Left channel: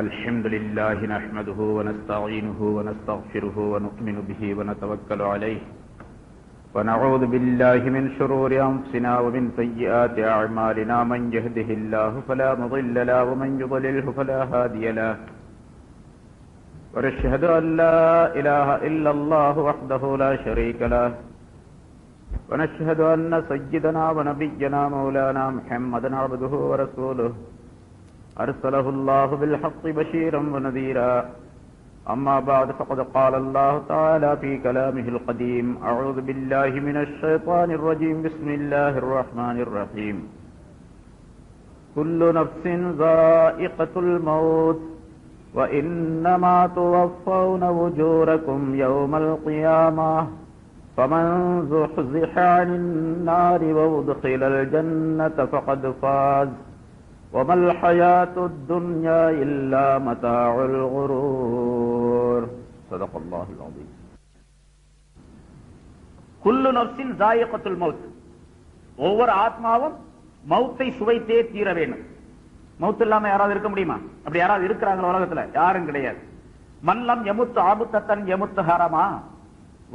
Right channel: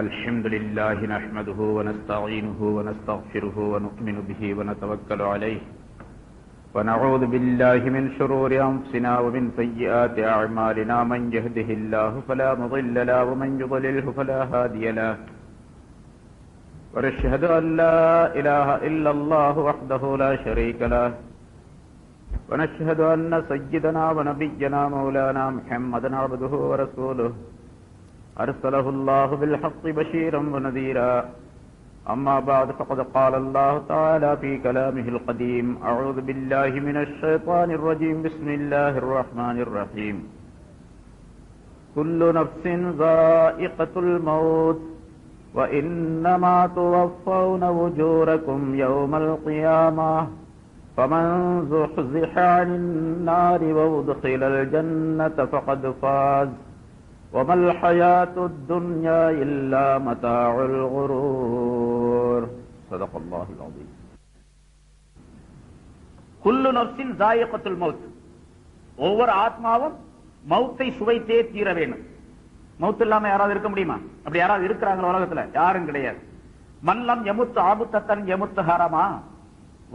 الحمد لله نحمده ونستعينه ونستغفره ونؤمن به ونتوكل عليه ونعوذ بالله من شرور أنفسنا ومن سيئات أعمالنا من يهده الله فلا مضل له ومن يضلله فلا هادي له ونشهد أن لا إله إلا الله وحده لا شريك له ونشهد أن سيدنا ونبينا مولانا محمدا عبده ورسوله أرسله الله بالحق بشيرا ونذيرا أما بعد فقد قال الله تعالى في كلامه القديم أعوذ بالله من الشيطان الرجيم بسم الله الرحمن الرحيم كل نفس ذائقة الموت وإنما توفون أجوركم يوم القيامة فمن زحزح عن النار وأدخل الجنة فقد فاز وما الحياة الدنيا إلا متاع الغرور صدق الله العظيم. كل نفس ذائقة الموت. ஒவ்வொரு ஆத்மாவும் மௌத்தை சுவைத்தே தீர வேண்டும். மௌத் இல்லாம யாராவது இருக்க முடியுமா? அப்படி யாராவது இருக்கிறாங்க உலகத்துல? யாரும் கிடையாது. மல்லம் யமுத்து ஆபுத்தன் யமுத்து ஹரமா.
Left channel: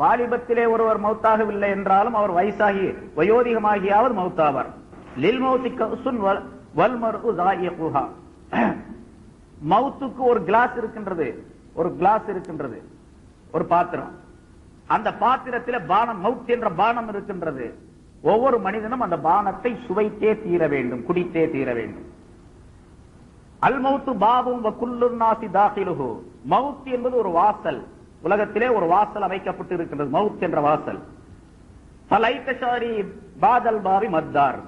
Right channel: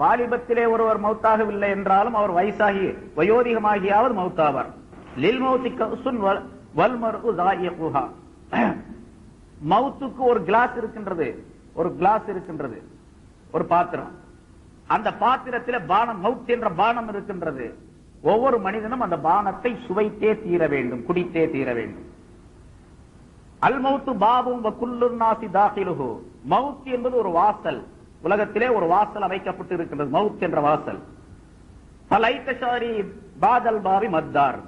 வாலிபத்திலே ஒருவர் மௌத்தாகவில்லை என்றாலும் அவர் வயசாகி வயோதிகமாகியாவது மௌத்தாவார். லில் மௌத்தி கௌசுன் வல்மர்உ ஸாயிகுஹா. மௌத்துக்கு ஒரு கிளாஸ் இருக்கின்றது, ஒரு பாத்திரம். அந்த பாத்திரத்தில் பானம், மௌத் என்ற பானம் இருக்கின்றது. ஒவ்வொரு மனிதனும் அந்த பானத்தை சுவைத்தே தீர வேண்டும், குடித்தே தீர வேண்டும். அல் மௌத்து பாபும் வ குல்லு நாஸி தாஹிலுஹு. மௌத் என்பது ஒரு வாசல். உலகத்திலே ஒரு வாசல் அமைக்கப்பட்டு இருக்கின்றது, மௌத் என்ற வாசல். ஃபலைத ஷாரி பாதல் பாரி மத்தார்.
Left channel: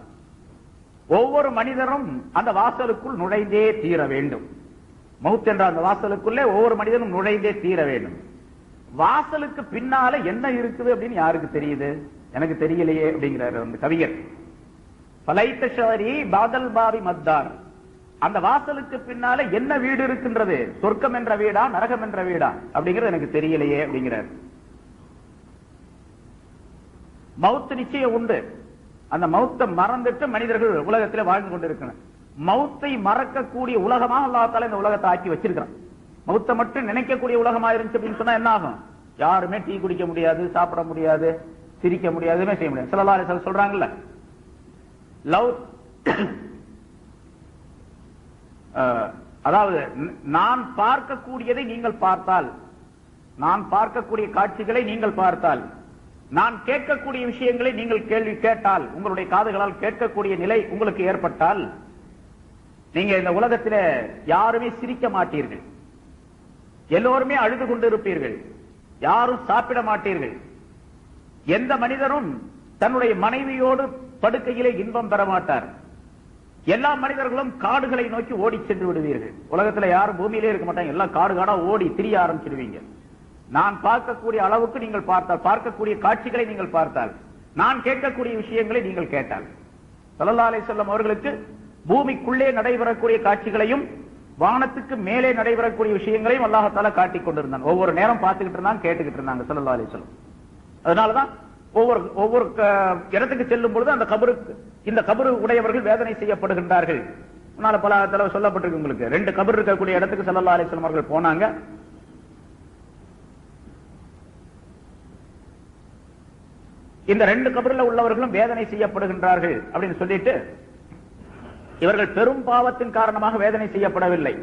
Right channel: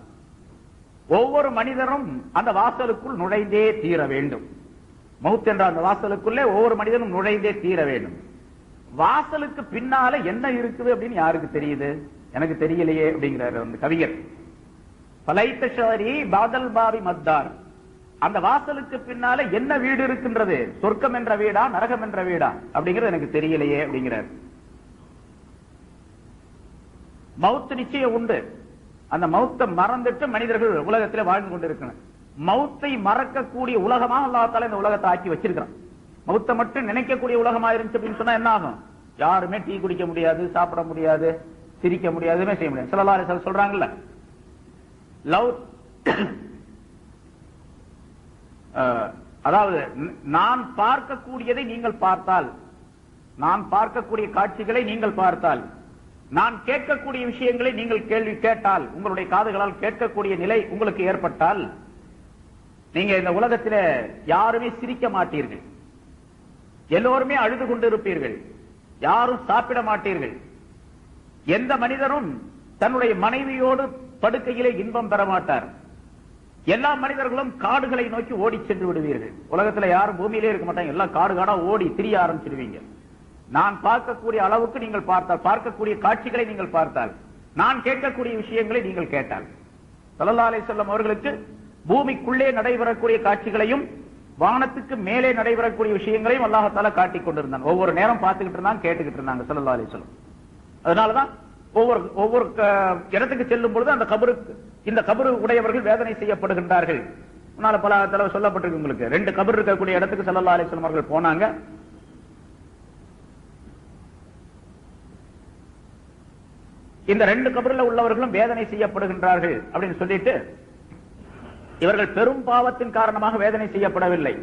ஒவ்வொரு மனிதரும் அந்த வாசலுக்குள் நுழைந்தே தீர வேண்டும். மௌத் என்ற அந்த வாசலுக்குள்ளே ஒவ்வொரு மனிதனும் நுழைந்தே தீர வேண்டும். வாசலுக்கு பின்னால என்ன இருக்குது அப்படின்னு யாருக்கு தெரியுது? எனக்கு தெரியலையே அப்படிங்கிறார் அந்த கவிஞர். ஃபலைத ஷாரி பாதல் பாரி மத்தார். அந்த வாசலுக்கு பின்னால என்ன வீடு இருக்கின்றது? சொர்க்கம் என்ற வீடா, நரகம் என்ற வீடா அப்படிங்கிறது எனக்கு தெரியலையே அப்படிங்கிறார். மௌத் நிச்சயம் உண்டு. அந்த மௌத்தை மறந்துட்டு மனிதர்கள் உலகத்தில் வாழ்ந்து கொண்டிருக்கிறார். மௌத்தை மறக்கக்கூடிய உலகமாக அல்லாஹ் தஆலா இந்த உலகத்தை ஆக்கி வச்சிருக்கிறான். மௌத்தை மட்டும் நினைக்கக்கூடிய உலகமா இருந்துச்சு அப்படின்னு சொன்னா என்ன ஆகும்? யாருமே டீ குடிக்க முடியாது, சாப்பிட முடியாது, சிரிக்க முடியாது, செய்ய முடியாது. ஸல்லல்லாஹு அலைஹி வஸல்லம் சொல்றாங்கல்ல, அதாவது நான் பார்க்கக்கூடியதை நீங்கள் பார்த்தால், நான் பார்க்கக்கூடிய காட்சிகளை நீங்கள் பார்த்தால், நான் கேட்கக்கூடிய விஷயங்களை நீங்கள் கேள்வி கேட்டால், உங்களுடைய காதுகளால் கேட்கக்கூடிய நிலை உங்களுக்கு ஏற்பட்டால், நீங்க இந்த உலகத்தில் யாருமே சிரிக்க மாட்டீர்கள், எல்லோருமே அழுது கொண்டிருப்பீர்கள், யாரும் சாப்பிட மாட்டீர்கள், எந்த மனிதரும் தன்னுடைய மனைவியோடு படுக்கையிலே இன்பம் பெற மாட்டார், எல்லா மனிதர்களும் காடுகளை நோக்கி ஓடி சென்று விடுவீர்கள். உலகத்தில் யாரும் பூமியிலே இருக்க மாட்டாங்க, எல்லாம் காடு காடா ஓடி திரிய ஆரம்பிச்சிருவீங்க. நான் பார்க்கக்கூடிய அளவுக்கு நீங்கள் பார்த்தால், பார்க்கக்கூடிய காட்சிகளை நீங்கள் பார்த்தால், நான் கேட்கக்கூடிய விஷயங்களை நீங்கள் கேட்டால், ஸல்லல்லாஹு அலைஹி வஸல்லம் அவர்களுக்கு பூமிக்குள்ளே நடைபெறக்கூடிய காட்சிகளையும் வானத்துக்கு மேலே நடைபெறக்கூடிய விஷயங்களையும் அல்லாஹ் தஆலா காட்டிக் கொண்டிருந்தாங்க. ஒவ்வொரு நேரம் பார்த்துக்கிட்டு இருந்தாங்க, கேட்டுக்கிட்டு இருந்தாங்க ஸல்லல்லாஹு அலைஹி வஸல்லம். அதனாலதான் ஒவ்வொரு இடத்துக்கு செல்லும் பொழுது அந்த கபருக்கு, இந்த கபரு உடையவர்கள் வேதனை செய்யப்படுகின்றார்கள். பல தடவை சொல்லப்பட்டிருக்கு உங்களுக்கு. 2 கபர் இருக்கக்கூடிய இடத்துக்கு ஸல்லல்லாஹு அலைஹி வஸல்லம் அவர்கள் போனாங்க. இந்த 2 கபரில் உள்ளவர்களும் வேதனை செய்யப்படுகின்றார்கள் அப்படின்னு சொல்லிட்டு, இவர்கள் பெரும் பாவத்தின் காரணமாக வேதனை செய்யப்படவில்லை.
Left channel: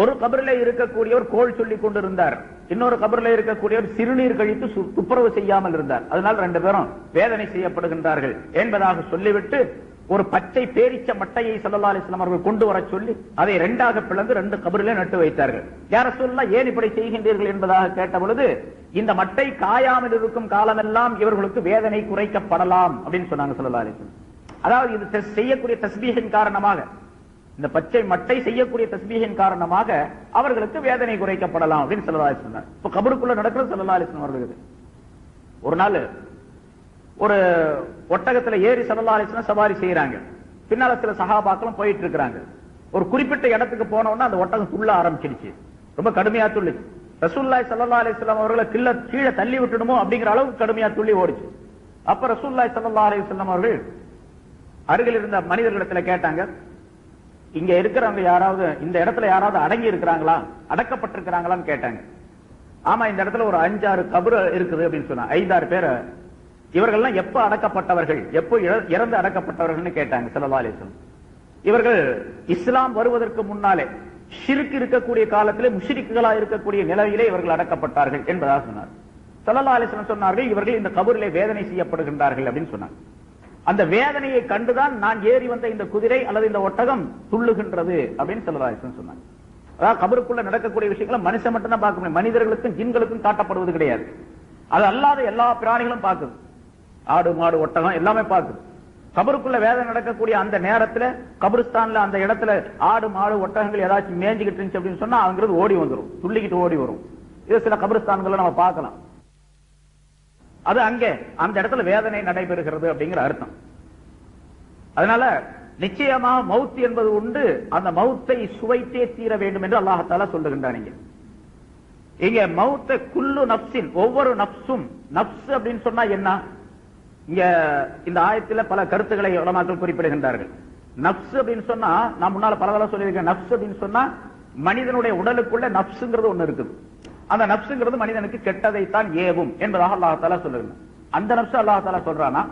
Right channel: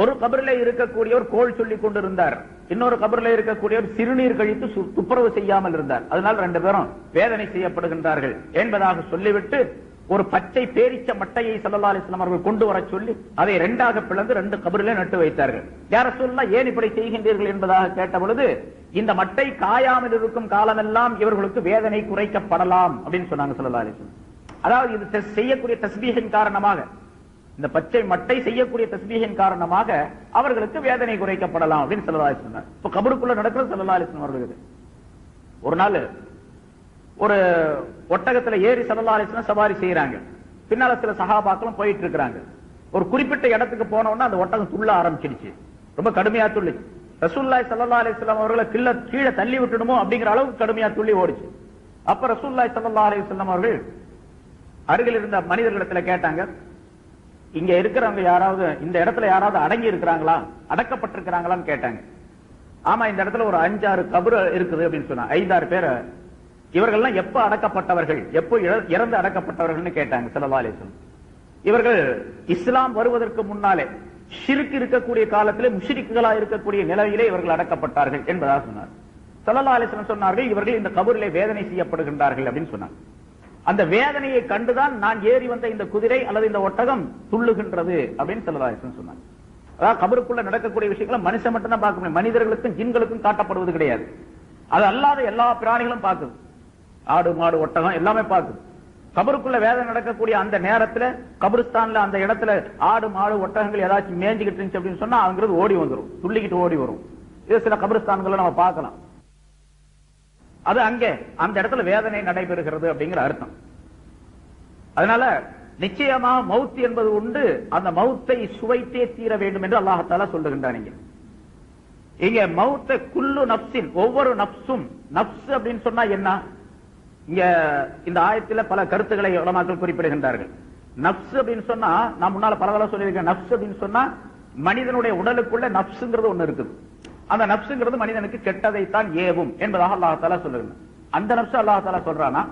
ஒரு கபரில் இருக்கக்கூடியவர் கோள் சொல்லிக் கொண்டிருந்தார், இன்னொரு கபரில் இருக்கக்கூடியவர் சிறுநீர் கழித்து துப்புரவு செய்யாமல் இருந்தார். அதனால் 2 பேரும் வேதனை செய்யப்படுகின்றார்கள் என்பதாக சொல்லிவிட்டு ஒரு பச்சை பேரிச்ச மட்டையை ஸல்லல்லாஹு அலைஹி வஸல்லம் அவர்கள் கொண்டு வர சொல்லி அதை 2ஆக பிளந்து 2 கபரிலே நட்டு வைத்தார்கள். யார சொல்லலாம், ஏன் இப்படி செய்கின்றீர்கள் என்பதாக கேட்ட பொழுது, இந்த மட்டை காயாமல் இருக்கும் காலமெல்லாம் இவர்களுக்கு வேதனை குறைக்கப்படலாம் அப்படின்னு சொன்னாங்க ஸல்லல்லாஹு அலைஹி வஸல்லம். அதாவது இது செய்யக்கூடிய தஸ்பீஹின் காரணமாக, இந்த பச்சை மட்டை செய்யக்கூடிய தஸ்பீஹின் காரணமாக அவர்களுக்கு வேதனை குறைக்கப்படலாம் அப்படின்னு ஸல்லல்லாஹு அலைஹி வஸல்லம். இப்ப கபருக்குள்ள நடக்கிறது ஸல்லல்லாஹு அலைஹி வஸல்லம் அவர்களுக்கு. ஒரு நாள் ஒரு ஒட்டகத்துல ஏறி ஸல்லல்லாஹு அலைஹி வஸல்லம் சவாரி செய்யறாங்க. பின்னால சில சஹாபாக்களும் போயிட்டு இருக்காங்க. ஒரு குறிப்பிட்ட இடத்துக்கு போனோம்னா அந்த ஒட்டகம் துள்ள ஆரம்பிச்சிடுச்சு, ரொம்ப கடுமையா துள்ளி. ரசூலுல்லாஹி ஸல்லல்லாஹு அலைஹி வஸல்லம் அவர்களை கீழே தள்ளி விட்டுடுமோ அப்படிங்கிற அளவுக்கு கடுமையா துள்ளி ஓடிச்சு. அப்ப ரசூலுல்லாஹி ஸல்லல்லாஹு அலைஹி வஸல்லம் அவர்கள் அருகில் இருந்த மனிதர்களிடத்துல கேட்டாங்க, இங்க இருக்கிறவங்க யாராவது இந்த இடத்துல யாராவது அடங்கி இருக்கிறாங்களா, அடக்கப்பட்டிருக்கிறாங்களான்னு கேட்டாங்க. ஆமா, இந்த இடத்துல ஒரு 5-6 கபர் இருக்குது அப்படின்னு சொன்னா 5-6 பேர். இவர்கள்லாம் எப்ப அடக்கப்பட்டவர்கள், எப்போ இறந்து அடக்கப்பட்டவர்கள் கேட்டாங்க ஸல்லல்லாஹு அலைஹி வஸல்லம். இவர்கள் இஸ்லாம் வருவதற்கு முன்னாலே ஷிர்க் இருக்கக்கூடிய காலத்திலே முஷ்ரிக்குகளா இருக்கக்கூடிய நிலையிலே இவர்கள் அடக்கப்பட்டார்கள் என்பதாக சொன்னார். ஸல்லல்லாஹு அலைஹி வஸல்லம் சொன்னார்கள், இவர்கள் இந்த கபரிலே வேதனை செய்யப்படுகின்றார்கள் அப்படின்னு சொன்னார். அந்த வேதனையை கண்டுதான் நான் ஏறி வந்த இந்த குதிரை அல்லது இந்த ஒட்டகம் துள்ளுகின்றது அப்படின்னு ஸல்லல்லாஹு அலைஹி வஸல்லம் சொன்னார். அதாவது கபருக்குள்ள நடக்கக்கூடிய விஷயங்களை மனுஷன் மட்டும் தான் பார்க்க முடியும், மனிதர்களுக்கும் ஜின்களுக்கும் காட்டப்படுவது கிடையாது. அது அல்லாத எல்லா பிராணிகளும் பார்க்குது, ஆடு மாடு ஒட்டகம் எல்லாமே பார்க்குது. கபருக்குள்ள வேதனை நடக்கக்கூடிய அந்த நேரத்துல கபருஸ்தான்ல அந்த இடத்துல ஆடு மாடு ஒட்டகங்கள் ஏதாச்சும் மேய்ஞ்சிக்கிட்டு இருந்துச்சு அப்படின்னு சொன்னா அங்கிறது ஓடி வந்துடும், துள்ளிக்கிட்டு ஓடி வரும். இது சில கபருஸ்தான்களை நம்ம பார்க்கலாம். அது அங்கே அந்த இடத்துல வேதனை நடைபெறுகிறது அப்படிங்கிற அர்த்தம். அதனால நிச்சயமா மவுத் என்பது உண்டு, அந்த மவுத்தை சுவைத்தே தீர வேண்டும் என்று அல்லாஹ் தஆலா சொல்லுகின்றான். இங்க மவுத்தை குல்லு நப்சின், ஒவ்வொரு நப்சும், நப்ஸ் அப்படின்னு சொன்னா என்ன? இங்க இந்த ஆயத்தில் பல கருத்துக்களை உலமாக்கள் குறிப்பிடுகின்றார்கள். நப்ஸ் அப்படின்னு சொன்னா நான் முன்னால பரவாயில்ல சொல்லியிருக்கேன். நப்ஸ் அப்படின்னு சொன்னா மனிதனுடைய உடலுக்குள்ள நப்சுங்கிறது ஒண்ணு இருக்குது. அந்த நப்சுங்கிறது மனிதனுக்கு கெட்டதைத்தான் ஏவும் என்பதாக அல்லாஹ் தஆலா சொல்லுங்க. அந்த நப்சு அல்லாஹ் தஆலா சொல்றானா,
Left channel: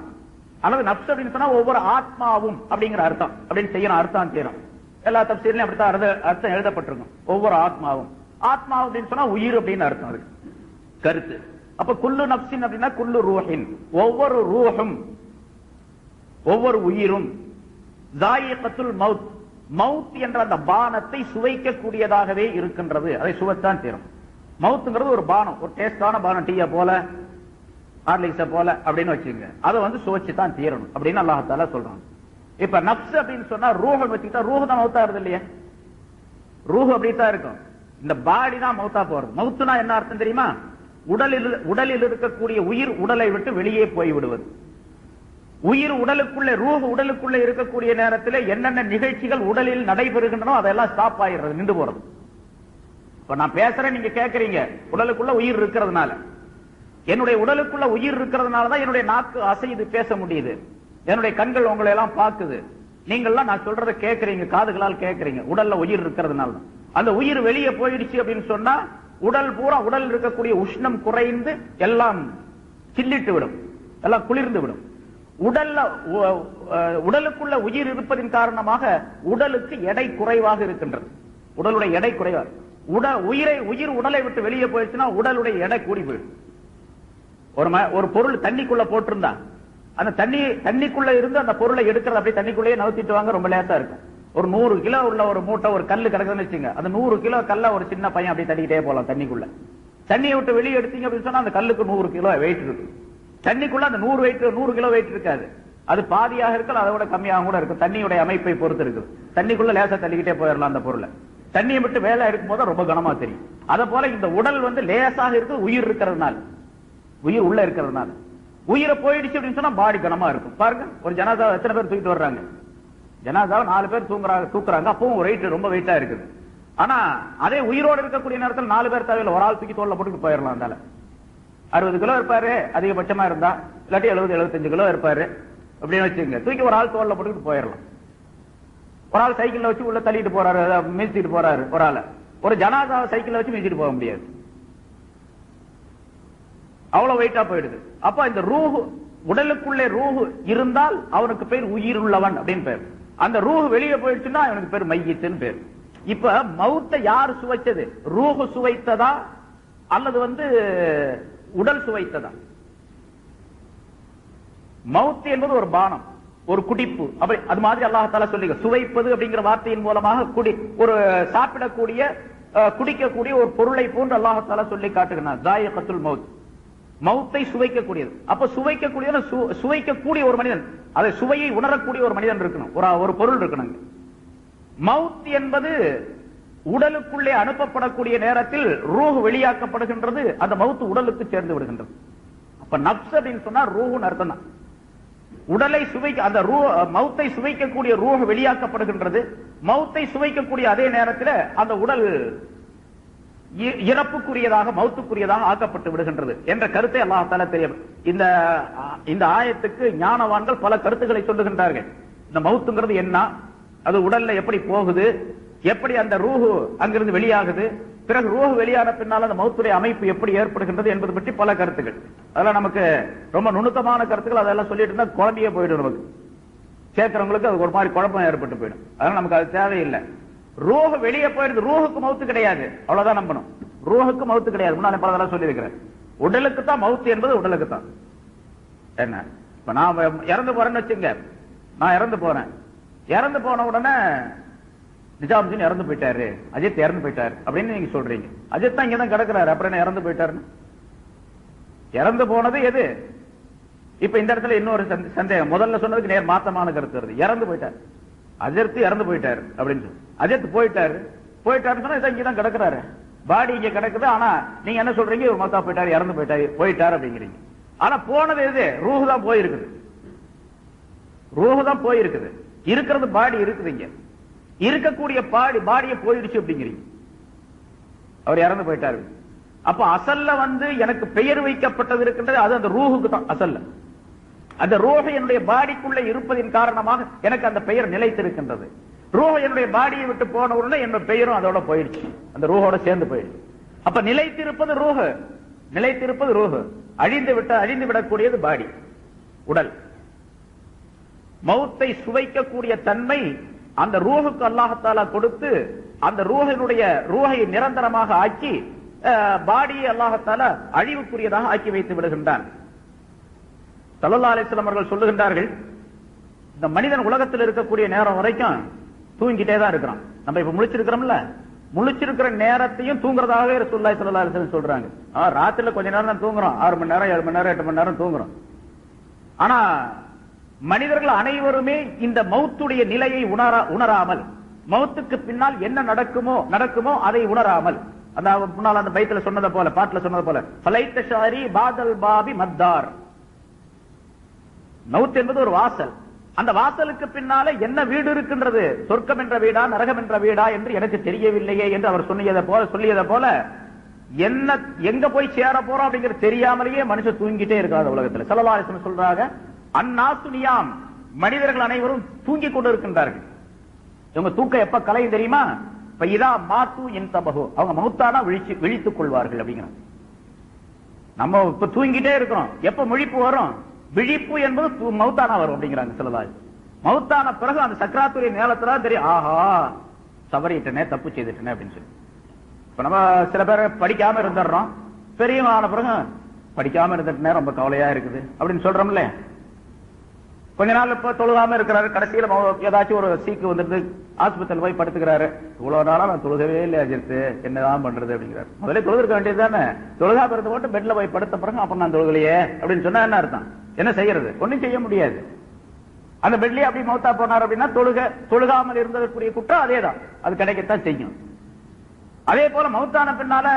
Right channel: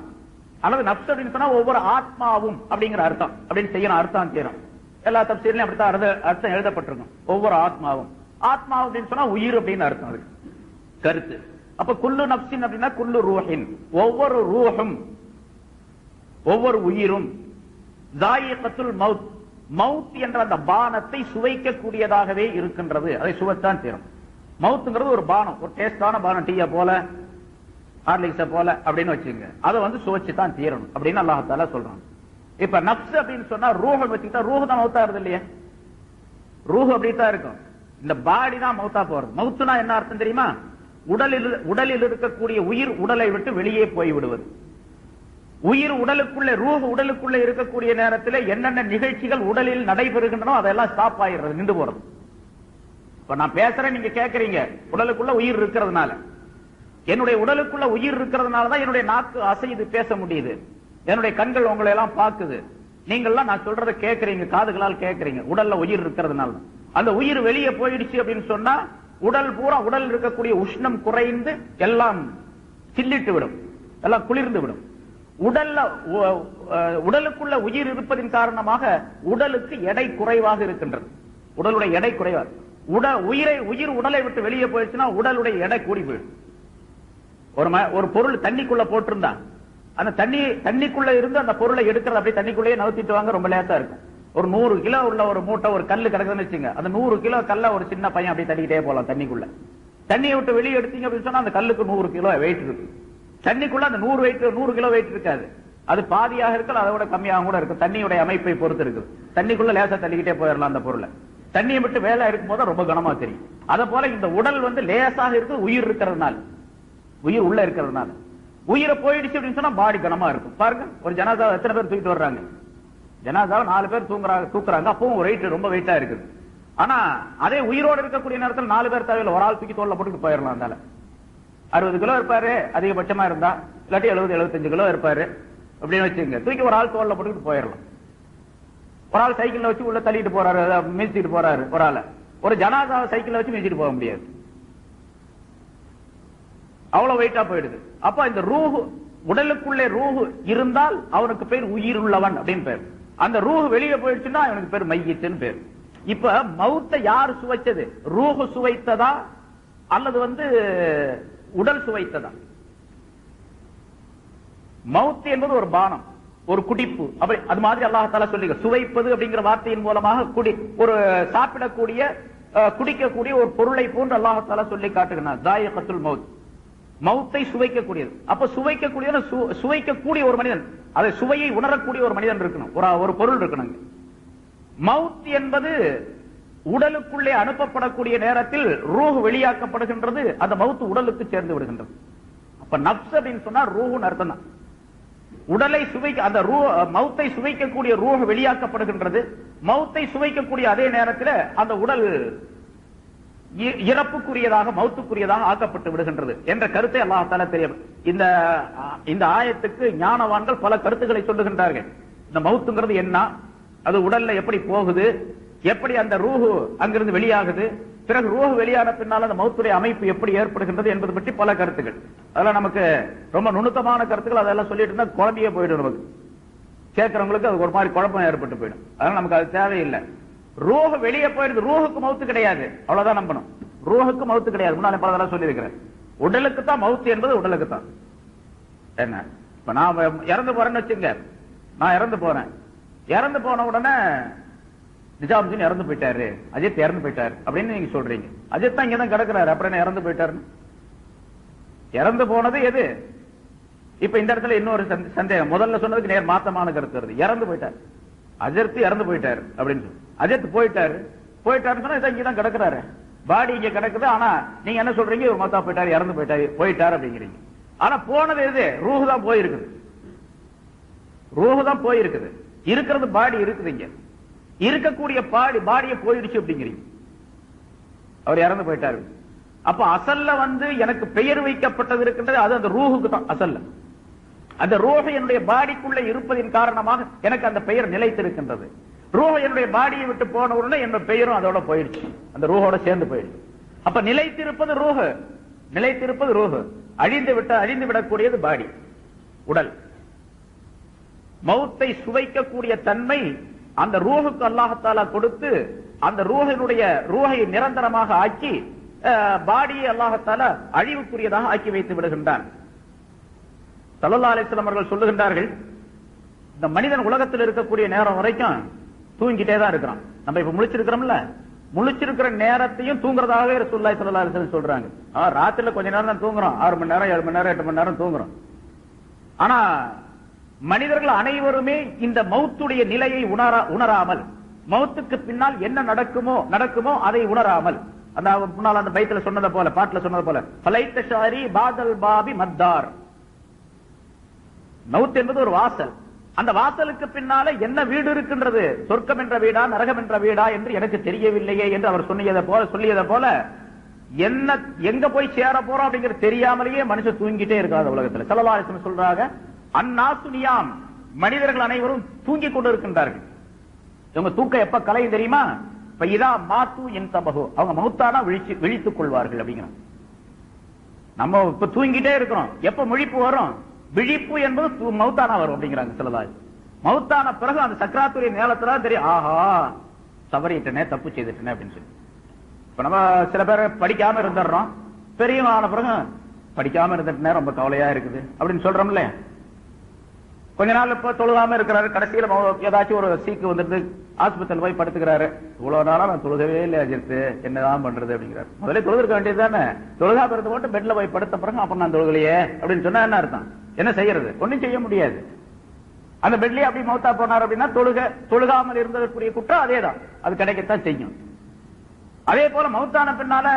அல்லது நப்ஸ் அப்படின்னு சொன்னா ஒவ்வொரு ஆத்மாவும் அப்படிங்கிற அர்த்தம் அப்படின்னு செய்யணும், அர்த்தம் செய்யணும். எல்லா தப்சீர்லயும் அப்படித்தான் அர்த்தம் எழுதப்பட்டிருக்கும். ஒவ்வொரு ஆத்மாவும், ஆத்மா அப்படின்னு சொன்னா உயிர் அப்படின்னு அர்த்தம் அது கருத்து. அப்ப குல்லு நப்சின் அப்படின்னா குல்லு ரூஹின், ஒவ்வொரு ரூஹும் ஒவ்வொரு உயிரும் தாயிகத்துல் மவுத், மவுத் என்ற அந்த பானத்தை சுவைக்கக்கூடியதாகவே இருக்கின்றது. அதை சுவைத்தான் தீரும். மவுத்துங்கிறது ஒரு பானம், ஒரு டேஸ்டான பானம், டீயா போல ஹார்லிக்ஸ போல அப்படின்னு வச்சுங்க, அதை சுவைச்சுதான் தீரணும் அப்படின்னு அல்லாஹ் தஆலா சொல்றாங்க. இப்ப நப்ஸ் அப்படின்னு சொன்னா ரூஹ் வச்சுக்கிட்டா ரூஹ் தான் மவுத்தா இருது இல்லையா? ரூஹ் அப்படித்தான் இருக்கும், இந்த பாடி தான் மவுத்தா போறது. மவுத்துனா என்ன அர்த்தம் தெரியுமா? உடலில் இருக்கக்கூடிய உயிர் உடலை விட்டு வெளியே போய் விடுவது. உயிர் உடலுக்குள்ளே, ரூஹ் உடலுக்குள்ளே இருக்கக்கூடிய நேரத்தில் என்னென்ன நிகழ்ச்சிகள் உடலில் நடைபெறுகின்றனோ அதெல்லாம் ஸ்டாப் ஆயிடுறது, நின்று போறது. இப்ப நான் பேசுறேன், நீங்க கேட்கறீங்க, உடலுக்குள்ள உயிர் இருக்கிறதுனால. என்னுடைய உடலுக்குள்ள உயிர் இருக்கிறதுனாலதான் என்னுடைய நாக்கு அசைது பேச முடியுது, என்னுடைய கண்கள் உங்களை எல்லாம் பார்க்குது, நீங்கள்லாம் நான் சொல்றதை கேட்கறீங்க, காதுகளால் கேட்கறீங்க, உடல்ல உயிர் இருக்கிறதுனால. அந்த உயிர் வெளியே போயிடுச்சு அப்படின்னு சொன்னா உடல் பூரா, உடல் இருக்கக்கூடிய உஷ்ணம் குறைந்து எல்லாம் சில்லிட்டு விடும், எல்லாம் குளிர்ந்து விடும். உடலுக்குள்ள உயிர் இருப்பதின் காரணமாக உடலுக்கு எடை குறைவாக இருக்கின்றது, உடலுடைய எடை குறைவாக. உயிர் உடலை விட்டு வெளியே போயிடுச்சுன்னா உடலுடைய எடை கூடி போயிடும். ஒரு பொருள் தண்ணிக்குள்ள போட்டிருந்தா அந்த தண்ணிக்குள்ள இருந்து அந்த பொருளை எடுக்கிறது அப்படியே தண்ணிக்குள்ளேயே நவுத்திட்டு வாங்க, ரொம்ப லேட்டா இருக்கும். ஒரு 100 கிலோ உள்ள ஒரு மூட்டை, ஒரு கல்லு கிடக்குதுன்னு வச்சுங்க, அந்த 100 கிலோ கல்ல ஒரு சின்ன பையன் அப்படியே தள்ளிக்கிட்டே போகலாம் தண்ணிக்குள்ள. தண்ணியை விட்டு வெளியே எடுத்தீங்க அப்படின்னு சொன்னா அந்த கல்லுக்கு 100 கிலோ வெயிட் இருக்கு. தண்ணிக்குள்ள அந்த 100 கிலோ வெயிட் இருக்காது, அது பாதியாக இருக்கலாம், அதோட கம்மியாக கூட இருக்கும், தண்ணியுடைய அமைப்பை பொறுத்து இருக்கு. தண்ணிக்குள்ள லேசா தள்ளிக்கிட்டே போயிடலாம் அந்த பொருளை. தண்ணியை விட்டு வேலை இருக்கும் போது ரொம்ப கனமா தெரியும். அத போல இந்த உடல் லேசாக இருக்கு, உயிர் இருக்கிறதுனால, உயிர் உள்ள இருக்கிறதுனால. உயிரை போயிடுச்சு அப்படின்னு சொன்னா பாடி கனமா இருக்கும். பாருங்க, ஒரு ஜனாதாவை எத்தனை பேர் தூக்கிட்டு வர்றாங்க, ஜனாதாவை 4 பேர் தூக்குறாங்க, அப்பவும் வெயிட் ரொம்ப வெயிட்டா இருக்குது. ஆனா அதே உயிரோடு இருக்கக்கூடிய நேரத்தில் 4 பேர் தேவையில்லை, ஒரு ஆள் தூக்கி தோல்ல போட்டு போயிடலாம். அதனால 60 கிலோ இருப்பாரு அதிகபட்சமா இருந்தா, இல்லாட்டி 70-75 கிலோ இருப்பாரு அப்படின்னு வச்சுங்க, தூக்கி ஒரு ஆள் தோல்ல போட்டு போயிடலாம். ஒரு ஆள் சைக்கிள்ல வச்சு உள்ள தள்ளிட்டு போறாரு, மிதிச்சிட்டு போறாரு ஒரு ஆளை. ஒரு ஜனாதாவை சைக்கிள்ல வச்சு மிதிச்சிட்டு போக முடியாது, அவ்வளவு வெயிட்டா போயிடுது. அப்ப இந்த ரூஹ், உடலுக்குள்ளே ரூஹ் இருந்தால் அவனுக்கு பேர் உயிர் உள்ளவன் அப்படின்னு பேர். அந்த ரூஹ் வெளியே போயிடுச்சுன்னா அவனுக்கு பேர் மையத்துன்னு பேர். இப்ப மவுத்தை யார் சுவைச்சது? ரூஹ் சுவைத்ததா அல்லது உடல் சுவைத்ததா? மவுத் என்பது ஒரு பானம், ஒரு குடிப்பு. அது மாதிரி அல்லாஹ் தஆலா சொல்லி சுவைப்பது அப்படிங்கிற வார்த்தையின் மூலமாக ஒரு சாப்பிடக்கூடிய, குடிக்கக்கூடிய ஒரு பொருளை போன்று அல்லாஹ் தஆலா சொல்லி காட்டுகிறார். தாயிகத்துல் மவுத், மவுத்தை சுவைக்கக்கூடியது. அப்ப சுவைக்கக்கூடிய ஒரு மனிதன், அதை சுவையை உணரக்கூடிய ஒரு மனிதன் இருக்கணும், ஒரு பொருள் இருக்கணும். மவுத் என்பது உடலுக்குள்ளே அனுப்பப்படக்கூடிய நேரத்தில் ரூஹ் வெளியாக்கப்படுகின்றது, அந்த மவுத் உடலுக்கு சேர்ந்து விடுகின்றது. அப்ப நப்ஸ் அப்படின்னு சொன்னா ரூஹ்னு அர்த்தம் தான். உடலை அந்த மவுத்தை சுவைக்கக்கூடிய ரூஹ் வெளியாக்கப்படுகின்றது. மவுத்தை சுவைக்கக்கூடிய அதே நேரத்தில் அந்த உடல் இறப்புக்குரியதாக, மவுத்துக்குரியதாக ஆக்கப்பட்டு விடுகின்றது என்ற கருத்தை அல்லாஹ் தஆலா தெரியும். இந்த ஆயத்துக்கு ஞானவான்கள் பல கருத்துக்களை சொல்லுகின்றார்கள். இந்த மவுத்துங்கிறது என்ன, அது உடல்ல எப்படி போகுது, எப்படி அந்த ரூஹு அங்கிருந்து வெளியாகுது, பிறகு ரூஹு வெளியான பின்னால் அந்த மௌத்துடைய அமைப்பு எப்படி ஏற்படுகின்றது என்பது பற்றி பல கருத்துக்கள். அதெல்லாம் நமக்கு ரொம்ப நுணுக்கமான கருத்துக்கள். அதெல்லாம் சொல்லிட்டு இருந்தா குழந்தையே போயிடும், நமக்கு கேட்கறவங்களுக்கு அது ஒரு மாதிரி குழப்பம் ஏற்பட்டு போயிடும். அதனால நமக்கு அது தேவையில்லை. ரூஹு வெளியே போயிடுது, ரூஹுக்கு மௌத்து கிடையாது, அவ்வளவுதான் நம்பணும். ரூஹுக்கு மௌத்து கிடையாது. முன்னாடி பல தடவை சொல்லி இருக்கிறேன். உடலுக்கு தான் மௌத்து என்பது உடலுக்கு தான். என்ன இப்ப நான் இறந்து போறேன்னு வச்சுங்க, நான் இறந்து போன உடனே நிஜாமுதீன் இறந்து போயிட்டாரு, அஜித் இறந்து போயிட்டாரு அப்படின்னு நீங்க சொல்றீங்க. அஜித் தான் இங்கதான் கிடக்கிறாரு, அப்புறம் என்ன இறந்து போயிட்டாருன்னு? இறந்து போனது எது? இப்ப இந்த இடத்துல இன்னொரு சந்தேகம். முதல்ல சொன்னதுக்கு நேர் மாத்தமான கருத்து வருது. இறந்து போயிட்டாரு, அஜித் இறந்து போயிட்டாரு அப்படின்னு சொல்லி. அஜித் போயிட்டாருன்னு சொன்னா இங்கதான் கிடக்கிறாரு, பாடி இங்க கிடக்குது. ஆனா நீங்க என்ன சொல்றீங்க? இவர் மத்தா போயிட்டாரு, இறந்து போயிட்டாரு அப்படிங்கிறீங்க. ஆனா போனது எது? ரூஹு தான் போயிருக்குது. ரூஹு தான் போயிருக்குது. இருக்கிறது பாடி இருக்குது. இங்க இருக்கக்கூடிய பாடிய போயிடுச்சு அப்படிங்கிறீங்க. அவர் இறந்து போயிட்டாரு. அப்ப அசல்ல எனக்கு பெயர் வைக்கப்பட்டது இருக்கின்றது, அது அந்த ரூஹுக்கு தான் அசல்ல. அந்த ரூஹு என்னுடைய பாடிக்குள்ள இருப்பதின் காரணமாக எனக்கு அந்த பெயர் நிலைத்திருக்கின்றது. ரூஹு என்னுடைய பாடியை விட்டு போன உடனே என்னோட பெயரும் அதோட போயிடுச்சு, அந்த ரூஹோட சேர்ந்து போயிடுச்சு. அப்ப நிலைத்திருப்பது ரூஹு, அழிந்து விடக்கூடியது பாடி, உடல். மௌத்தை சுவைக்கக்கூடிய தன்மை அந்த ரூஹுக்கு அல்லாஹ்தாலா கொடுத்து, அந்த ரூஹை நிரந்தரமாக ஆக்கி பாடியை அல்லாஹ்தாலா அழிவுக்குரியதாக ஆக்கி வைத்து விடுகின்றான். ஸல்லல்லாஹு அலைஹி வஸல்லம் அவர்கள் சொல்லுகின்றார்கள், இந்த மனிதன் உலகத்தில் இருக்கக்கூடிய நேரம் வரைக்கும் தூங்கிட்டே தான் இருக்கிறான். நம்ம இப்ப முழிச்சிருக்கிறோம்ல, முழிச்சிருக்கிற நேரத்தையும் தூங்குறதாகவே ரசூலுல்லாஹி ஸல்லல்லாஹு அலைஹி வஸல்லம் சொல்றாங்க. ராத்திரில கொஞ்ச நேரம் தான் தூங்குறோம், 6 மணி நேரம் 7 மணி நேரம் 8 மணி நேரம் தூங்குறோம். ஆனா மனிதர்கள் அனைவருமே இந்த மௌத்துடைய நிலையை உணராமல், மௌத்துக்கு பின்னால் என்ன நடக்குமோ அதை உணராமல், முன்னால் அந்த பைத்துல சொன்னதை போல, பாட்டுல சொன்னது போல, ஃபலைத்த ஷாரி பாதல் பாபி மத்தார். மௌத் என்பது ஒரு வாசல். அந்த வாசலுக்கு பின்னால என்ன வீடு இருக்கின்றது, சொர்க்கம் என்ற வீடா நரகம் என்ற வீடா என்று எனக்கு தெரியவில்லையே என்று அவர் சொல்லியதை போல எங்க போய் சேர போறோம் அப்படிங்கிறது தெரியாமலேயே மனுஷன் தூங்கிட்டே இருக்காது உலகத்தில். ஸல்லல்லாஹு அலைஹி வஸல்லம் சொல்றாங்க, அன்னாசு நியாம், மனிதர்கள் அனைவரும் தூங்கிக் கொண்டிருக்கின்றார்கள். இவங்க தூக்கம் எப்ப கலையும் தெரியுமா? இப்ப இதா மாத்து என் தபகோ, அவங்க மௌத்தானா விழித்துக் கொள்வார்கள் அப்படிங்கிறாங்க. நம்ம இப்ப தூங்கிட்டே இருக்கிறோம், எப்ப முழிப்பு வரும்? விழிப்பு என்பது மௌத்தானா வரும் அப்படிங்கிறாங்க ஸல்லல்லாஹு அலைஹி வஸல்லம். மௌத்தான பிறகு அந்த சக்கராத்துடைய நேரத்துல தெரியும், ஆஹா தவறிட்டனே, தப்பு செய்துட்டனே அப்படின்னு சொல்லி. இப்ப நம்ம சில பேர் படிக்காம இருந்துடுறோம், பெரியவங்க ஆன பிறகு படிக்காம இருந்துட்டனே ரொம்ப கவலையா இருக்குது அப்படின்னு சொல்றோம்ல. கொஞ்ச நாள் இப்ப தொழுகாம இருக்கிறாரு, கடைசியில ஏதாச்சும் ஒரு சீக்கு வந்துட்டு ஆஸ்பத்திரியில் போய் படுத்துக்கிறாரு. இவ்வளவு நாளா நான் தொழுகவே இல்லை அஜித், என்னதான் பண்றது அப்படிங்கிறாரு. முதல்ல தொழுக வேண்டியது தானே, தொழுகா படுத்து போட்டு பெட்ல போய் படுத்த பிறகு அப்புறம் நான் தொழுகலையே அப்படின்னு சொன்னா என்ன அர்த்தம்? என்ன செய்யறது? ஒன்னும் செய்ய முடியாது. அந்த பெட்லயே அப்படி மௌத்தா போனார் அப்படின்னா தொழுகாமல் இருந்ததற்குரிய குற்றம் அதேதான், அது கிடைக்கத்தான் செய்யும். அதே போல மௌத்தான பின்னால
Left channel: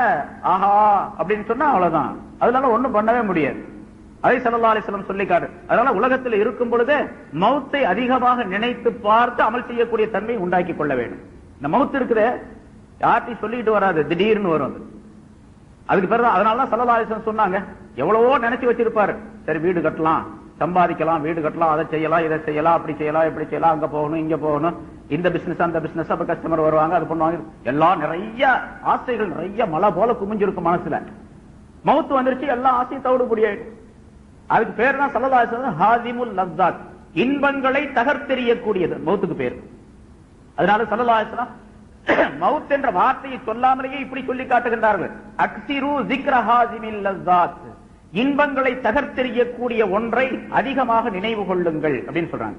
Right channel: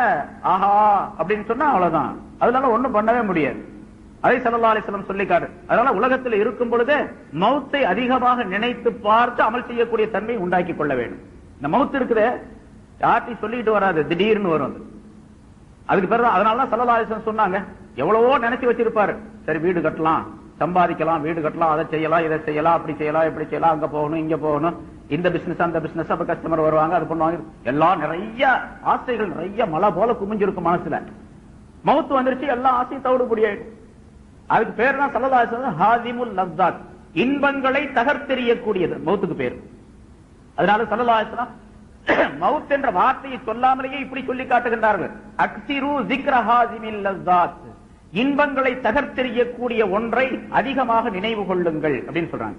ஆஹா அப்படின்னு சொன்னா அவ்வளவுதான், அதனால ஒண்ணும் பண்ணவே முடியாது. அதை ஸல்லல்லாஹு அலைஹி வஸல்லம் சொல்லிக்காரு. அதனால உலகத்தில் இருக்கும் பொழுது மௌத்தை அதிகமாக நினைத்து பார்த்து அமல் செய்யக்கூடிய தன்மை உண்டாக்கி கொள்ள வேண்டும். இந்த மௌத் இருக்குது யார்ட்டையும் சொல்லிட்டு வராது, திடீர்னு வரும். அதுக்கு பிறகு அதனாலதான் ஸல்லல்லாஹு அலைஹி வஸல்லம் சொன்னாங்க, எவ்வளவோ நினைச்சு வச்சிருப்பாரு, சரி வீடு கட்டலாம், சம்பாதிக்கலாம், வீடு கட்டலாம், அதை செய்யலாம், இதை செய்யலாம், அப்படி செய்யலாம், இப்படி செய்யலாம், அங்க போகணும், இங்க போகணும், இந்த பிசினஸ் அந்த பிசினஸ், அப்ப கஸ்டமர் வருவாங்க, அது பண்ணுவாங்க, எல்லாம் நிறைய ஆசைகள் நிறைய மலை போல குமிஞ்சிருக்கும் மனசுல. மௌத்து வந்துருச்சு, எல்லா ஆசையும் தவிடுபடியாயிடும். அதுக்கு பேர் தான் ஸல்லல்லாஹு அலைஹி வஸல்லம் ஹாதிமுல் லஸ்ஸாத், இன்பங்களை தகர்த்தெறியக்கூடியது மௌத்துக்கு பேர். அதனால ஸல்லல்லாஹு அலைஹி வஸல்லம் மௌத் என்ற வார்த்தையை சொல்லாமலேயே இப்படி சொல்லி காட்டுகின்றார்கள், அக்ஸிரு ஸிக்ர ஹாதிமில் லஸ்ஸாத், இன்பங்களை தகர்த்தெறியக்கூடிய ஒன்றை அதிகமாக நினைவு கொள்ளுங்கள் அப்படின்னு சொல்றாங்க.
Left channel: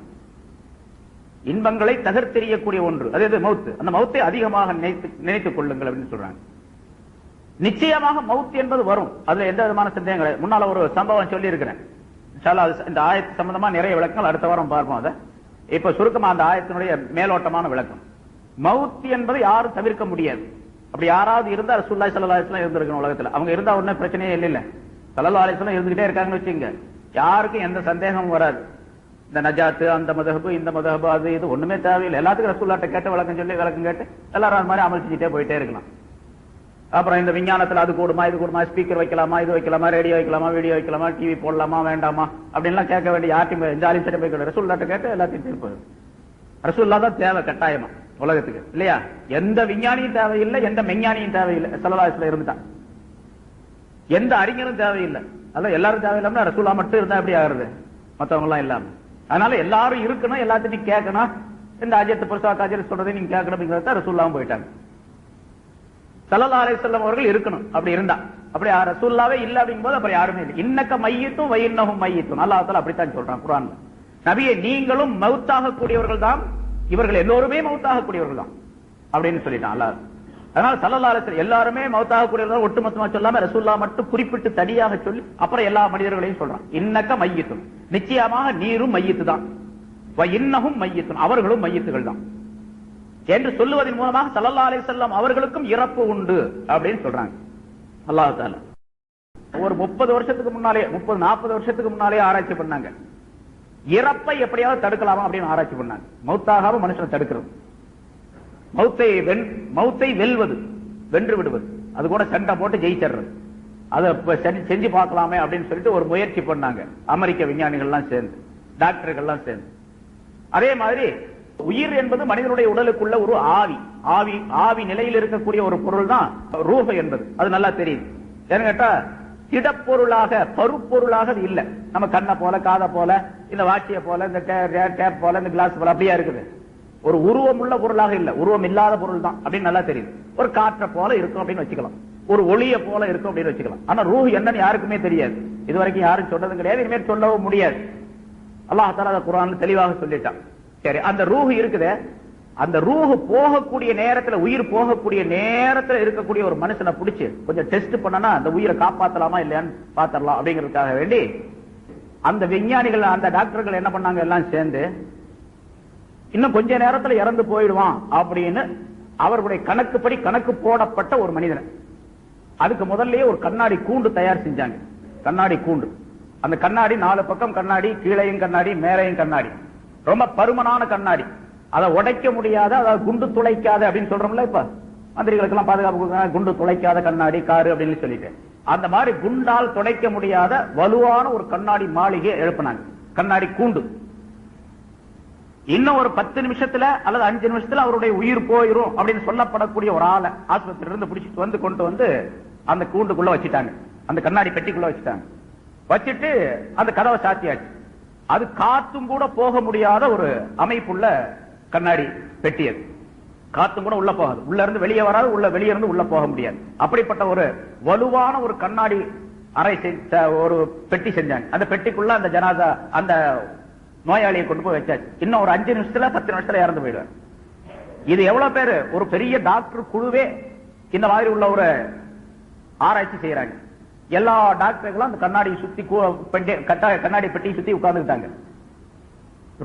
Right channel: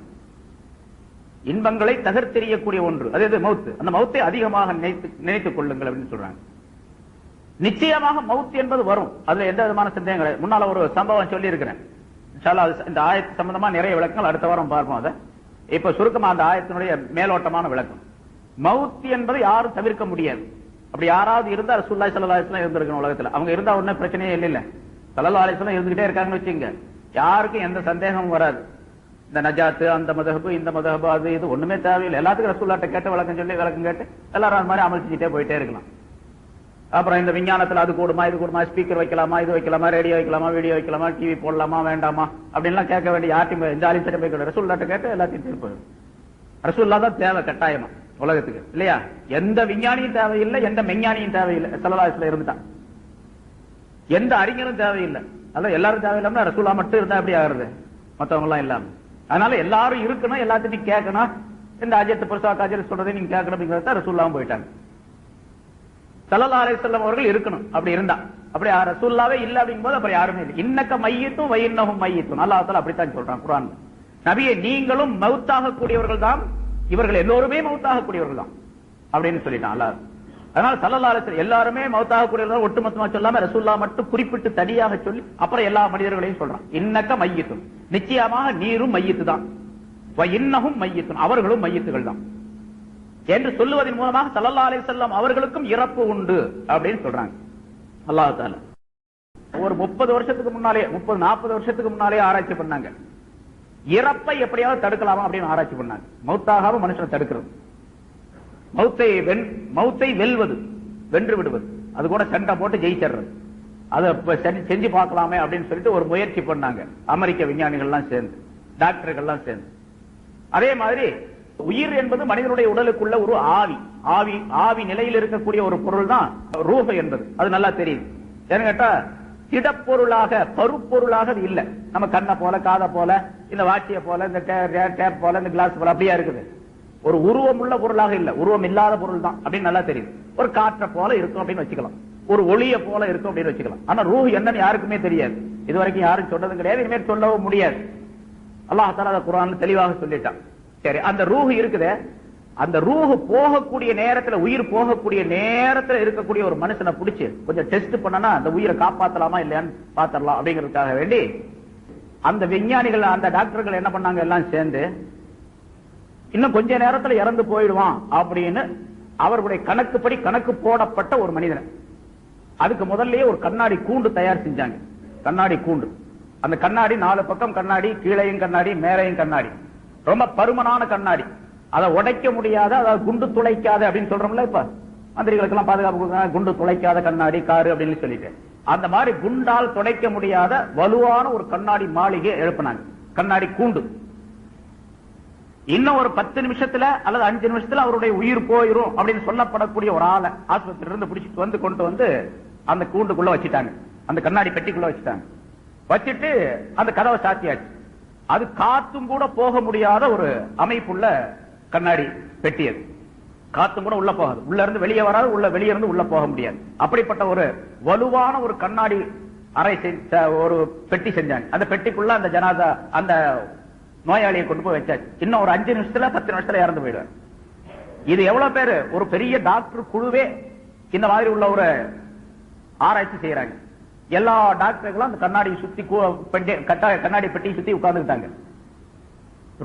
இன்பங்களை தகர்த்தெறியக்கூடிய ஒன்று, அது மௌத், அந்த மௌத்தை அதிகமாக நினைத்துக் கொள்ளுங்கள் அப்படின்னு சொல்றாங்க. நிச்சயமாக மௌத் என்பது வரும், அதுல எந்த விதமான சந்தேகம் கிடையாது. முன்னால ஒரு சம்பவம் சொல்லி இருக்கிறேன், இந்த ஆயத்து சம்பந்தமா நிறைய விளக்கங்கள் அடுத்த வாரம் பார்ப்போம். அதை இப்ப சுருக்கமா அந்த ஆயத்தினுடைய மேலோட்டமான விளக்கம். மௌத் என்பது யாரும் தவிர்க்க முடியாது. அப்படி யாராவது இருந்தா ரசூலுல்லாஹி ஸல்லல்லாஹு அலைஹி வஸல்லம் இருந்திருக்கணும் உலகத்துல. அவங்க இருந்தா ஒன்னும் பிரச்சனையே இல்ல. ஸல்லல்லாஹு அலைஹி வஸல்லம் இருந்துகிட்டே இருக்காங்கன்னு வச்சுங்க, யாருக்கும் எந்த சந்தேகமும் வராது. இந்த நஜாத்து, அந்த மதஹபு, இந்த மதஹபு, அது இது ஒண்ணுமே தேவையில்லை. எல்லாத்துக்கும் ரசூலுல்லாஹ்ட்ட கேட்டு விளக்கம் சொல்லி விளக்கம் கேட்டு எல்லாரும் அது மாதிரி அமல் செஞ்சுட்டே போயிட்டே இருக்கலாம். அப்புறம் இந்த விஞ்ஞானத்துல அது கூடுமா, இது கூடுமா, ஸ்பீக்கர் வைக்கலாமா, இது வைக்கலாமா, ரேடியோ வைக்கலாமா, வீடியோ வைக்கலாமா, டிவி போடலாமா, வேண்டாமா அப்படின்லாம் கேட்க வேண்டிய யார்ட்டையும் எந்த ஆலிம் போய் ரசூலுல்லாஹ்ட்ட கேட்டு எல்லாத்தையும் போயிடும். ரசூலுல்லாஹ் தான் தேவை கட்டாயமா உலகத்துக்கு, இல்லையா? எந்த விஞ்ஞானியும் தேவையில்லை, எந்த மெஞ்ஞானியும் தேவையில்லை. ஸல்லல்லாஹு அலைஹி வஸல்லம் இருந்தான். எந்த அறிஞரும் தேவையில்லை. அதான் எல்லாரும் தேவையில்லாம ரசூலுல்லாஹ் மட்டும் இருந்தா எப்படி ஆகுறது? மத்தவங்க எல்லாம் இல்லாம. அதனால எல்லாரும் இருக்கணும், எல்லாத்தையும் கேட்கணும். இந்த அஜயத்தை பெருசா காஜல் சொல்றதை நீங்க கேட்கணும். ரசூலுல்லாஹ் போயிட்டாங்க. ஸல்லல்லாஹு அலைஹி வஸல்லம் அவர்கள் இருக்கணும். அப்படி இருந்தா, அப்படி ரசூலுல்லாஹ்வே இல்ல அப்படிங்கும்போது அப்புறம் யாருமே இல்லை. இன்னக்க மையத்தும் வயின்னஹும் மையத்தும், அல்லாஹ் தஆலா அப்படித்தான் சொல்றான் குர்ஆன்ல. நபியே நீங்களும் மௌத்தாக கூடியவர்கள் தான், இவர்கள் எல்லோருமே மௌத்தாக கூடியவர்கள் தான் அப்படின்னு சொல்லிட்டான் அல்லாஹ். அதனால ஸல்லல்லாஹு அலைஹி வஸல்லம் எல்லாருமே மௌத்தாக கூடியவர்கள் ஒட்டுமொத்தமா சொல்லாம ரசூலுல்லாஹ் மட்டும் குறிப்பிட்டு தனியாக சொல்லி அப்புறம் எல்லா மனிதர்களையும் சொல்றான். இன்னக்க மையத்தும், நிச்சயமாக நீரும் மையத்து தான், வயின்னஹும் மையத்தும், அவர்களும் மையத்துகள் தான் என்று சொல்லுவதன் மூலமாக ஸல்லல்லாஹு அலைஹி வஸல்லம் அவர்களுக்கும் இறப்பு உண்டு அப்படின்னு சொல்றாங்க அல்லாஹ் தஆலா. ஒரு 30 வருஷத்துக்கு முன்னாலே, 30-40 வருஷத்துக்கு முன்னாலே ஆராய்ச்சி பண்ணாங்க. இறப்பை எப்படியாவது தடுக்கலாமா அப்படின்னு ஆராய்ச்சி பண்ணாங்க. மௌத்தாகாம மனுஷனை தடுக்கிறது, மௌத்தை வெல்வது, வென்று விடுவது, அது கூட சண்டை போட்டு ஜெயிச்சிடுறது, அதை செஞ்சு பார்க்கலாமே அப்படின்னு சொல்லிட்டு ஒரு முயற்சி பண்ணாங்க அமெரிக்க விஞ்ஞானிகள்லாம் சேர்ந்து, டாக்டர்கள்லாம் சேர்ந்து. அதே மாதிரி உயிர் என்பது மனிதனுடைய உடலுக்குள்ள ஒரு ஆவி நிலையில் இருக்கக்கூடிய ஒரு பொருள் தான் ரூஹ் என்பது. அது நல்லா தெரியும். ஏன்னு கேட்டா திடப்பொருளாக, பருப்பொருளாக அது இல்ல. நம்ம கண்ணை போல, காதை போல, இந்த வாட்சியை போல, இந்த டேப் போல, இந்த கிளாஸ் போல அப்படியா இருக்குது. ஒரு உருவம் உள்ள பொருளாக இல்ல, உருவம் இல்லாத பொருள் தான் அப்படின்னு நல்லா தெரியும். ஒரு காற்றை போல இருக்கும் அப்படின்னு வச்சுக்கலாம், ஒரு ஒளியை போல இருக்கும் அப்படின்னு வச்சுக்கலாம். ஆனா ரூஹ் என்னன்னு யாருக்குமே தெரியாது. இது வரைக்கும் யாரும் சொன்னதும் கிடையாது, இனிமேல் சொல்லவும் முடியாது. அல்லாஹ் தஆலா குர்ஆன்ல தெளிவாக சொல்லிட்டான். சரி, அந்த ரூஹ் இருக்குது, அந்த ரூஹ் போகக்கூடிய நேரத்துல, உயிர் போகக்கூடிய நேரத்துல இருக்கக்கூடிய ஒரு மனுஷனை பிடிச்சு கொஞ்சம் டெஸ்ட் பண்ணனா அந்த உயிரை காப்பாத்தலாமா இல்லையான்னு பாத்திரலாம் அப்படிங்கிறதுக்காக வேண்டி அந்த விஞ்ஞானிகள், அந்த டாக்டர்கள் என்ன பண்ணாங்க, எல்லாம் சேர்ந்து இன்னும் கொஞ்ச நேரத்துல இறந்து போயிடுவான் அப்படின்னு அவர்களுடைய கணக்குப்படி கணக்கு போடப்பட்ட ஒரு மனிதன். அதுக்கு முதல்லயே ஒரு கண்ணாடி கூண்டு தயார் செஞ்சாங்க. கண்ணாடி கூண்டு, அந்த கண்ணாடி 4 பக்கம் கண்ணாடி, கீழையும் கண்ணாடி, மேலையும் கண்ணாடி, ரொம்ப பருமனான கண்ணாடி, அதை உடைக்க முடியாத, அதாவது குண்டு துளைக்காத அப்படின்னு சொல்றோம்ல. இப்ப மந்திரிகளுக்கு எல்லாம் பாதுகாப்பு குண்டு துளைக்காத கண்ணாடி காரு அப்படின்னு சொல்லிட்டு, அந்த மாதிரி குண்டால் துடைக்க முடியாத வலுவான ஒரு கண்ணாடி மாளிகை எழுப்பினாங்க, கண்ணாடி கூண்டு. இன்னும் ஒரு 10 நிமிஷத்துல அல்லது 5 நிமிஷத்துல அவருடைய உயிர் போயிரும் அப்படின்னு சொல்லப்படக்கூடிய ஒரு ஆளை ஆஸ்பத்திரியில இருந்து பிடிச்சிட்டு வந்து கொண்டு வந்து அந்த கூண்டுக்குள்ள வச்சுட்டாங்க, அந்த கண்ணாடி பெட்டிக்குள்ள வச்சுட்டாங்க. வச்சுட்டு அந்த கதவை சாத்தியாச்சு. அது காத்தும் கூட போக முடியாத ஒரு அமைப்புள்ள கண்ணாடி பெட்டி. அது காத்தும் கூட உள்ள போகாது, உள்ள இருந்து வெளியே வராது, வெளியே இருந்து உள்ள போக முடியாது. அப்படிப்பட்ட ஒரு வலுவான ஒரு கண்ணாடி அறை ஒரு பெட்டி செஞ்சாங்க. அந்த பெட்டிக்குள்ள அந்த ஜனாதா, அந்த நோயாளியை கொண்டு போய் வச்சாச்சு. இன்னும் ஒரு 5 நிமிஷத்துல 10 நிமிஷத்துல இறந்து போயிடுவார். இது எவ்வளவு பேரு, ஒரு பெரிய டாக்டர் குழுவே இந்த மாதிரி உள்ள ஒரு ஆராய்ச்சி செய்யறாங்க. எல்லா டாக்டர்களும் அந்த கண்ணாடியை சுத்தி, கண்ணாடி பெட்டியை சுத்தி உட்கார்ந்துட்டாங்க.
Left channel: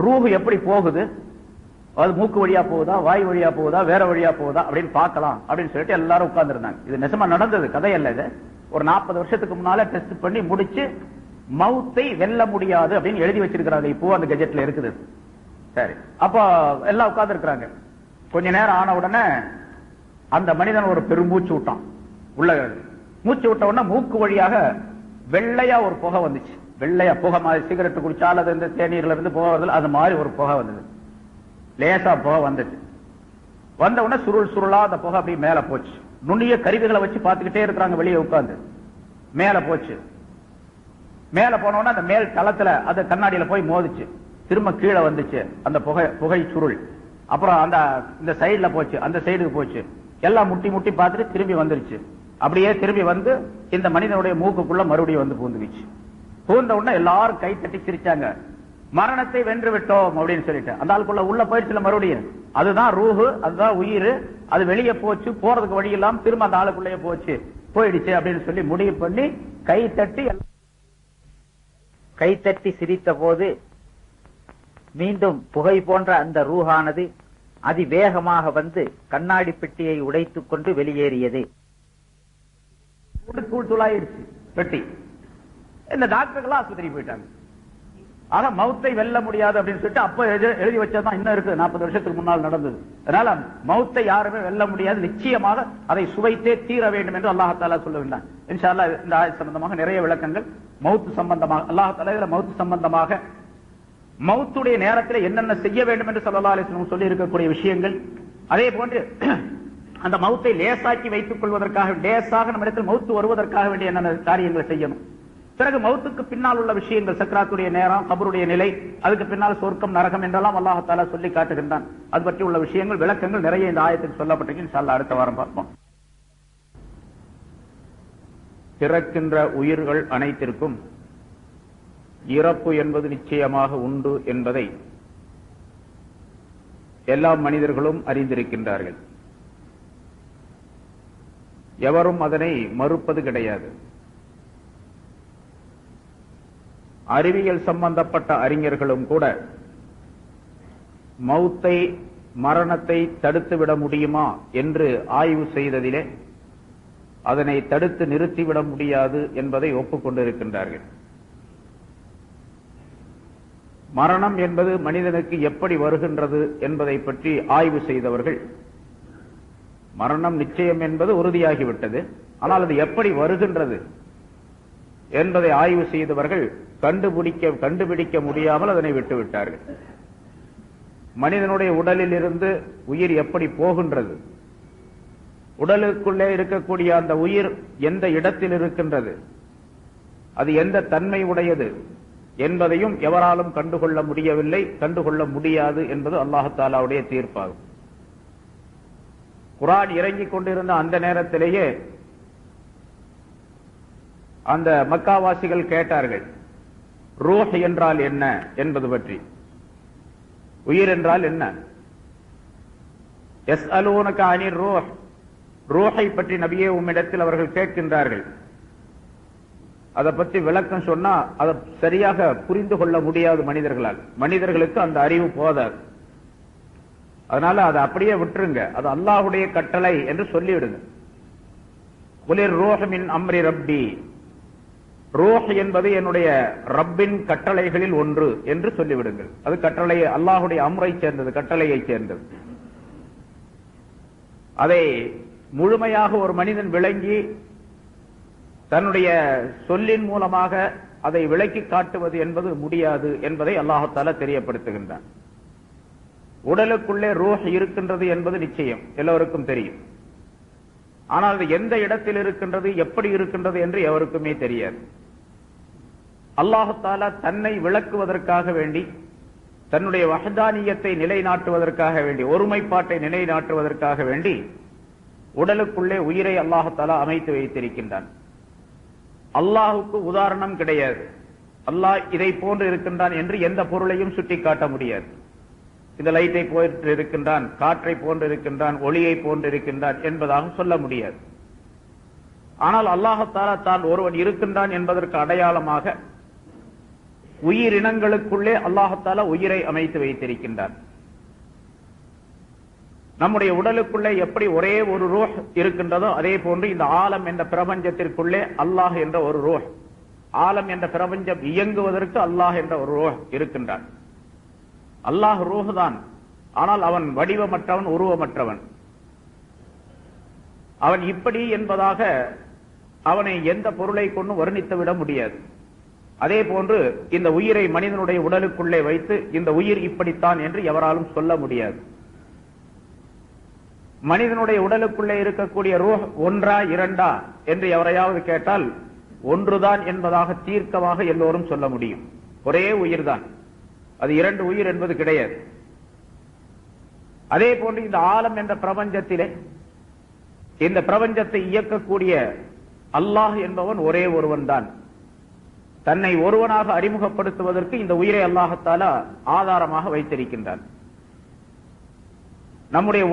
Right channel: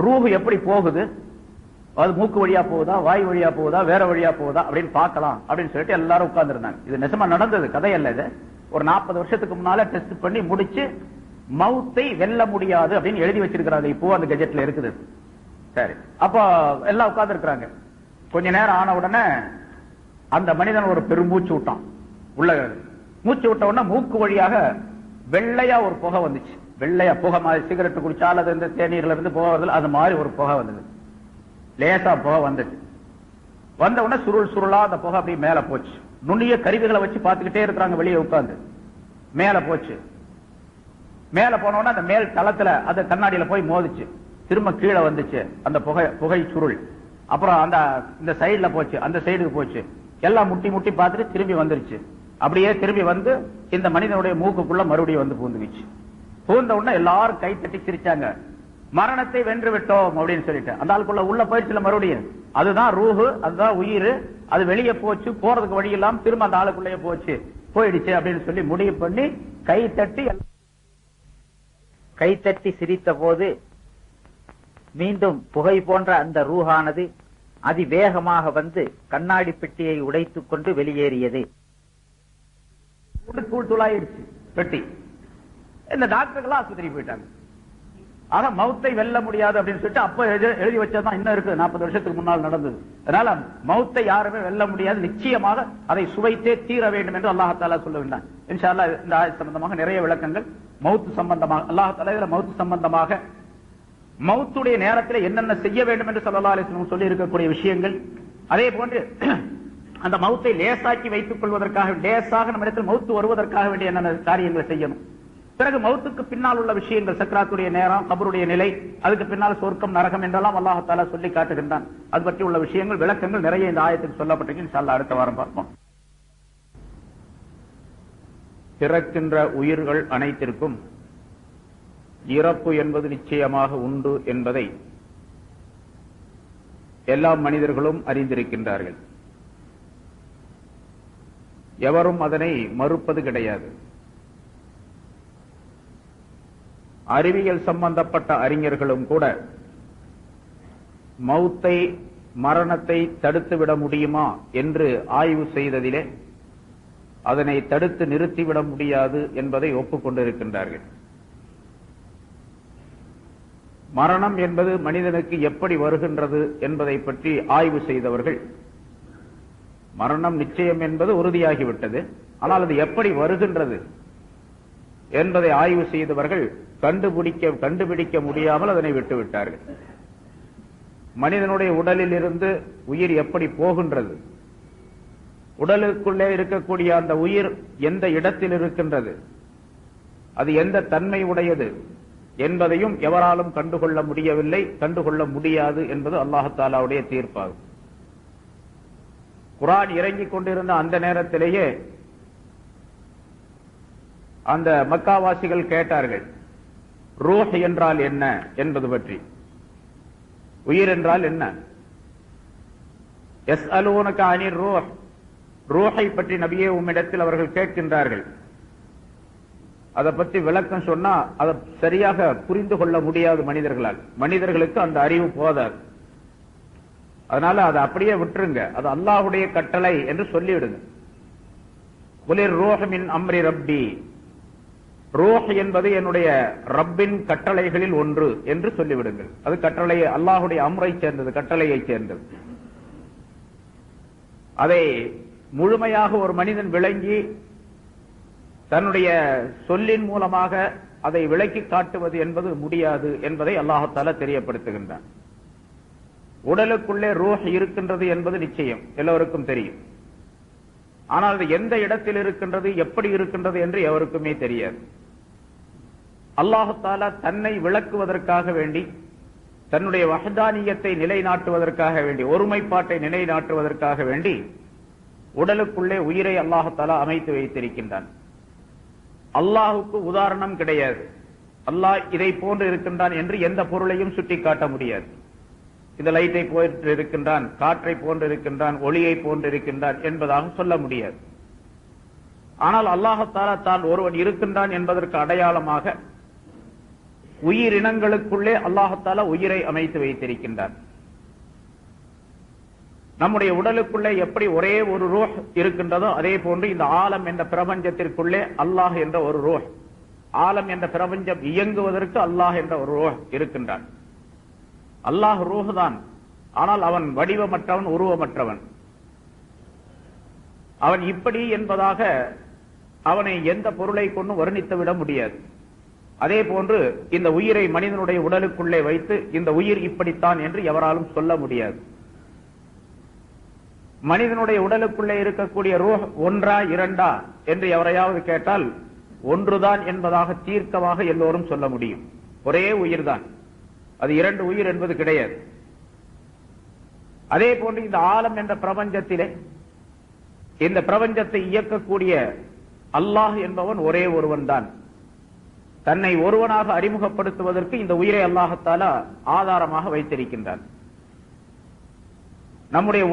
ரூஹ் எப்படி போகுது, அது மூக்கு வழியா போகுதா, வாய் வழியா போகுதா, வேற வழியா போகுதா அப்படின்னு பார்க்கலாம் அப்படின்னு சொல்லிட்டு எல்லாரும் உட்கார்ந்து இருந்தாங்க. இது நிஜமா நடந்தது, கதை அல்ல. இது ஒரு 40 வருஷத்துக்கு முன்னால டெஸ்ட் பண்ணி முடிச்சு மௌத்தை வெல்ல முடியாது அப்படின்னு எழுதி வச்சிருக்கிறாங்க. இப்போ அந்த கெஜெட்ல இருக்குது. சரி, அப்ப எல்லாம் உட்கார்ந்து இருக்கிறாங்க. கொஞ்ச நேரம் ஆன உடனே அந்த மனிதன் ஒரு பெருமூச்சு விட்டான். உள்ள மூச்சு விட்ட உடனே மூக்கு வழியாக வெள்ளையா ஒரு புகை வந்துச்சு. வெள்ளையா புகை மாதிரி, சிகரெட் குடிச்சால் அது இந்த தேநீர்ல இருந்து புகை வருது, அது மாதிரி ஒரு புகை வந்தது. லேசா புகை வந்துச்சு. வந்த உடனே சுருளா அந்த புகை அப்படியே மேல போச்சு. நுண்ணிய கருவிகளை வச்சு பார்த்துக்கிட்டே இருக்கிறாங்க வெளியே உட்கார்ந்து. மேல போச்சு. மேல போன உடனே அந்த மேல் தளத்துல அந்த கண்ணாடியில போய் மோதிச்சு. திரும்ப கீழே வந்துச்சு அந்த புகை சுருள். அப்புறம் இந்த சைடுல போச்சு, அந்த சைடுக்கு போச்சு. எல்லாம் முட்டி முட்டி பார்த்துட்டு திரும்பி வந்துருச்சு. அப்படியே திரும்பி வந்து இந்த மனிதனுடைய மூக்குக்குள்ள மறுபடியும் வந்து பூந்துச்சு. பூந்த உடனே எல்லாரும் கை தட்டி சிரிச்சாங்க. மரணத்தை வென்று விட்டோம் அப்படின்னு சொல்லிட்டு அந்த ஆளுக்குள்ள உள்ள போயிடுச்சுல மறுபடியும். அதுதான் ரூஹு, அதுதான் உயிர். அது வெளியே போச்சு, போறதுக்கு வழி இல்லாம திரும்ப அந்த ஆளுக்குள்ளே போயிடுச்சு அப்படின்னு சொல்லி முடிவு பண்ணி கை தட்டி சிரித்த போது மீண்டும் புகை போன்ற அந்த ரூஹானது அதிவேகமாக வந்து கண்ணாடி பெட்டியை உடைத்துக் கொண்டு வெளியேறியது. தூளாயிருச்சு பெட்டி. இந்த டாக்டர்கள் ஆஸ்பத்திரிக்கு போயிட்டாங்க. ஆனா மௌத்தை வெல்ல முடியாது அப்படின்னு சொல்லிட்டு அப்ப எழுதி வச்சதான் இன்னும் இருக்கு, 40 வருஷத்துக்கு முன்னால் நடந்தது. அதனால மௌத்தை யாருமே வெல்ல முடியாது, நிச்சயமாக அதை சுவைத்தே தீர வேண்டும் என்று அல்லாஹ் தஆலா சொல்லுகின்றான். இன்ஷா அல்லாஹ் இந்த ஆயத் சம்பந்தமாக நிறைய விளக்கங்கள் மௌத் சம்பந்தமாக, அல்லாஹ் தஆலா மௌத் சம்பந்தமாக மௌத்துடைய நேரத்தில் என்னென்ன செய்ய வேண்டும் என்று ஸல்லல்லாஹு அலைஹி வஸல்லம் சொல்லி இருக்கக்கூடிய விஷயங்கள், அதே போன்று அந்த மௌத்தை லேசாக்கி வைத்துக் கொள்வதற்காக, லேசாக நம்மிடத்தில் மௌத்து வருவதற்காக வேண்டிய என்னென்ன காரியங்களை செய்யணும், பிறகு மௌத்துக்கு பின்னால் உள்ள விஷயங்கள், சக்ராத்துடைய நேரம், கபருடைய நிலை, அதுக்கு பின்னால் சொர்க்கம் நரகம் என்றெல்லாம் அல்லாஹ் தஆலா சொல்லி காட்டுகின்றான். அது பற்றி உள்ள விஷயங்கள், விளக்கங்கள் நிறைய இந்த ஆயத்தில் சொல்லப்பட்டிருக்கு. இன்ஷா அல்லாஹ் அடுத்த வாரம் பார்ப்போம். பிறக்கின்ற உயிர்கள் அனைத்திற்கும் இறப்பு என்பது நிச்சயமாக உண்டு என்பதை எல்லா மனிதர்களும் அறிந்திருக்கின்றார்கள். எவரும் அதனை மறுப்பது கிடையாது. அறிவியல் சம்பந்தப்பட்ட அறிஞர்களும் கூட மௌத்தை, மரணத்தை தடுத்துவிட முடியுமா என்று ஆய்வு செய்ததிலே அதனை தடுத்து நிறுத்திவிட முடியாது என்பதை ஒப்புக்கொண்டிருக்கின்றார்கள். மரணம் என்பது மனிதனுக்கு எப்படி வருகின்றது என்பதை பற்றி ஆய்வு செய்தவர்கள், மரணம் நிச்சயம் என்பது உறுதியாகிவிட்டது, ஆனால் அது எப்படி வருகின்றது என்பதை ஆய்வு செய்தவர்கள் கண்டுபிடிக்க முடியாமல் அதனை விட்டுவிட்டார்கள். மனிதனுடைய உடலில் இருந்து உயிர் எப்படி போகின்றது, உடலுக்குள்ளே இருக்கக்கூடிய அந்த உயிர் எந்த இடத்தில் இருக்கின்றது, அது எந்த தன்மை உடையது என்பதையும் எவராலும் கண்டுகொள்ள முடியவில்லை, கண்டுகொள்ள முடியாது என்பது அல்லாஹ் தஆலாவுடைய தீர்ப்பாகும். குர்ஆன் இறங்கிக் கொண்டிருந்த அந்த நேரத்திலேயே அந்த மக்காவாசிகள் கேட்டார்கள், ரூஹ் என்றால் என்ன என்பது பற்றி. உயிர் என்றால் என்ன? யஸ்அலூனக அனிர் ரூஹ், ரூஹை பற்றி நபியே உம்மிடத்தில் அவர்கள் கேட்கின்றார்கள். அதை பற்றி விளக்கம் சொன்னா அதை சரியாக புரிந்து கொள்ள முடியாது மனிதர்களால். மனிதர்களுக்கு அந்த அறிவு போதாது. அதனால அதை அப்படியே விட்டுருங்க, அது அல்லாஹ்வுடைய கட்டளை என்று சொல்லிவிடுங்க. குலிர் ரூஹ் மின் அம்ரி ரப்பி, ரூஹ் என்பது என்னுடைய ரப்பின் கட்டளைகளில் ஒன்று என்று சொல்லிவிடுங்கள். அது கட்டளை, அல்லாஹ்வுடைய அம்ரை சேர்ந்தது, கட்டளையை சேர்ந்தது. அதை முழுமையாக ஒரு மனிதன் விளங்கி தன்னுடைய சொல்லின் மூலமாக அதை விளக்கி காட்டுவது என்பது முடியாது என்பதை அல்லாஹ் தஆலா தெரியப்படுத்துகின்றான். உடலுக்குள்ளே ரூஹ் இருக்கின்றது என்பது நிச்சயம், எல்லோருக்கும் தெரியும். ஆனால் அது எந்த இடத்தில் இருக்கின்றது, எப்படி இருக்கின்றது என்று எவருக்குமே தெரியாது. அல்லாஹ் தஆலா தன்னை விளக்குவதற்காக வேண்டி, தன்னுடைய வஹ்தானியத்தை நிலைநாட்டுவதற்காக வேண்டி, ஒருமைப்பாட்டை நிலைநாட்டுவதற்காக வேண்டி உடலுக்குள்ளே உயிரை அல்லாஹ் தஆலா அமைத்து வைத்திருக்கின்றான். அல்லாஹுக்கு உதாரணம் கிடையாது. அல்லாஹ் இதை போன்று இருக்கின்றான் என்று எந்த பொருளையும் சுட்டிக்காட்ட முடியாது. இந்த லைட்டை போன்று இருக்கின்றான், காற்றை போன்று இருக்கின்றான், ஒளியை போன்று இருக்கின்றான் என்பதாக சொல்ல முடியாது. ஆனால் அல்லாஹ் தஆலா தான் ஒருவன் இருக்கின்றான் என்பதற்கு அடையாளமாக உயிரினங்களுக்குள்ளே அல்லாஹ் தஆலா உயிரை அமைத்து வைத்திருக்கின்றான். நம்முடைய உடலுக்குள்ளே எப்படி ஒரே ஒரு ரூஹ் இருக்கின்றதோ அதே போன்று இந்த ஆலம் என்ற பிரபஞ்சத்திற்குள்ளே அல்லாஹ் என்ற ஒரு ரூஹ், ஆலம் என்ற பிரபஞ்சம் இயங்குவதற்கு அல்லாஹ் என்ற ஒரு ரூஹ் இருக்கின்றான். அல்லாஹ் ரூஹ் தான், ஆனால் அவன் வடிவமற்றவன், உருவமற்றவன். அவன் இப்படி என்பதாக அவனை எந்த பொருளை கொண்டு வர்ணித்து விட முடியாது. அதே போன்று இந்த உயிரை மனிதனுடைய உடலுக்குள்ளே வைத்து இந்த உயிர் இப்படித்தான் என்று எவராலும் சொல்ல முடியாது. மனிதனுடைய உடலுக்குள்ளே இருக்கக்கூடிய ரூஹ் ஒன்றா இரண்டா என்று எவரையாவது கேட்டால் ஒன்றுதான் என்பதாக தீர்க்கமாக எல்லோரும் சொல்ல முடியும். ஒரே உயிர் தான், அது இரண்டு உயிர் என்பது கிடையாது. அதே போன்று இந்த ஆலம் என்ற பிரபஞ்சத்திலே இந்த பிரபஞ்சத்தை இயக்கக்கூடிய அல்லாஹ் என்பவன் ஒரே ஒருவன் தான். தன்னை ஒருவனாக அறிமுகப்படுத்துவதற்கு இந்த உயிரை அல்லாஹ் தஆலா ஆதாரமாக வைத்திருக்கின்றான். நம்முடைய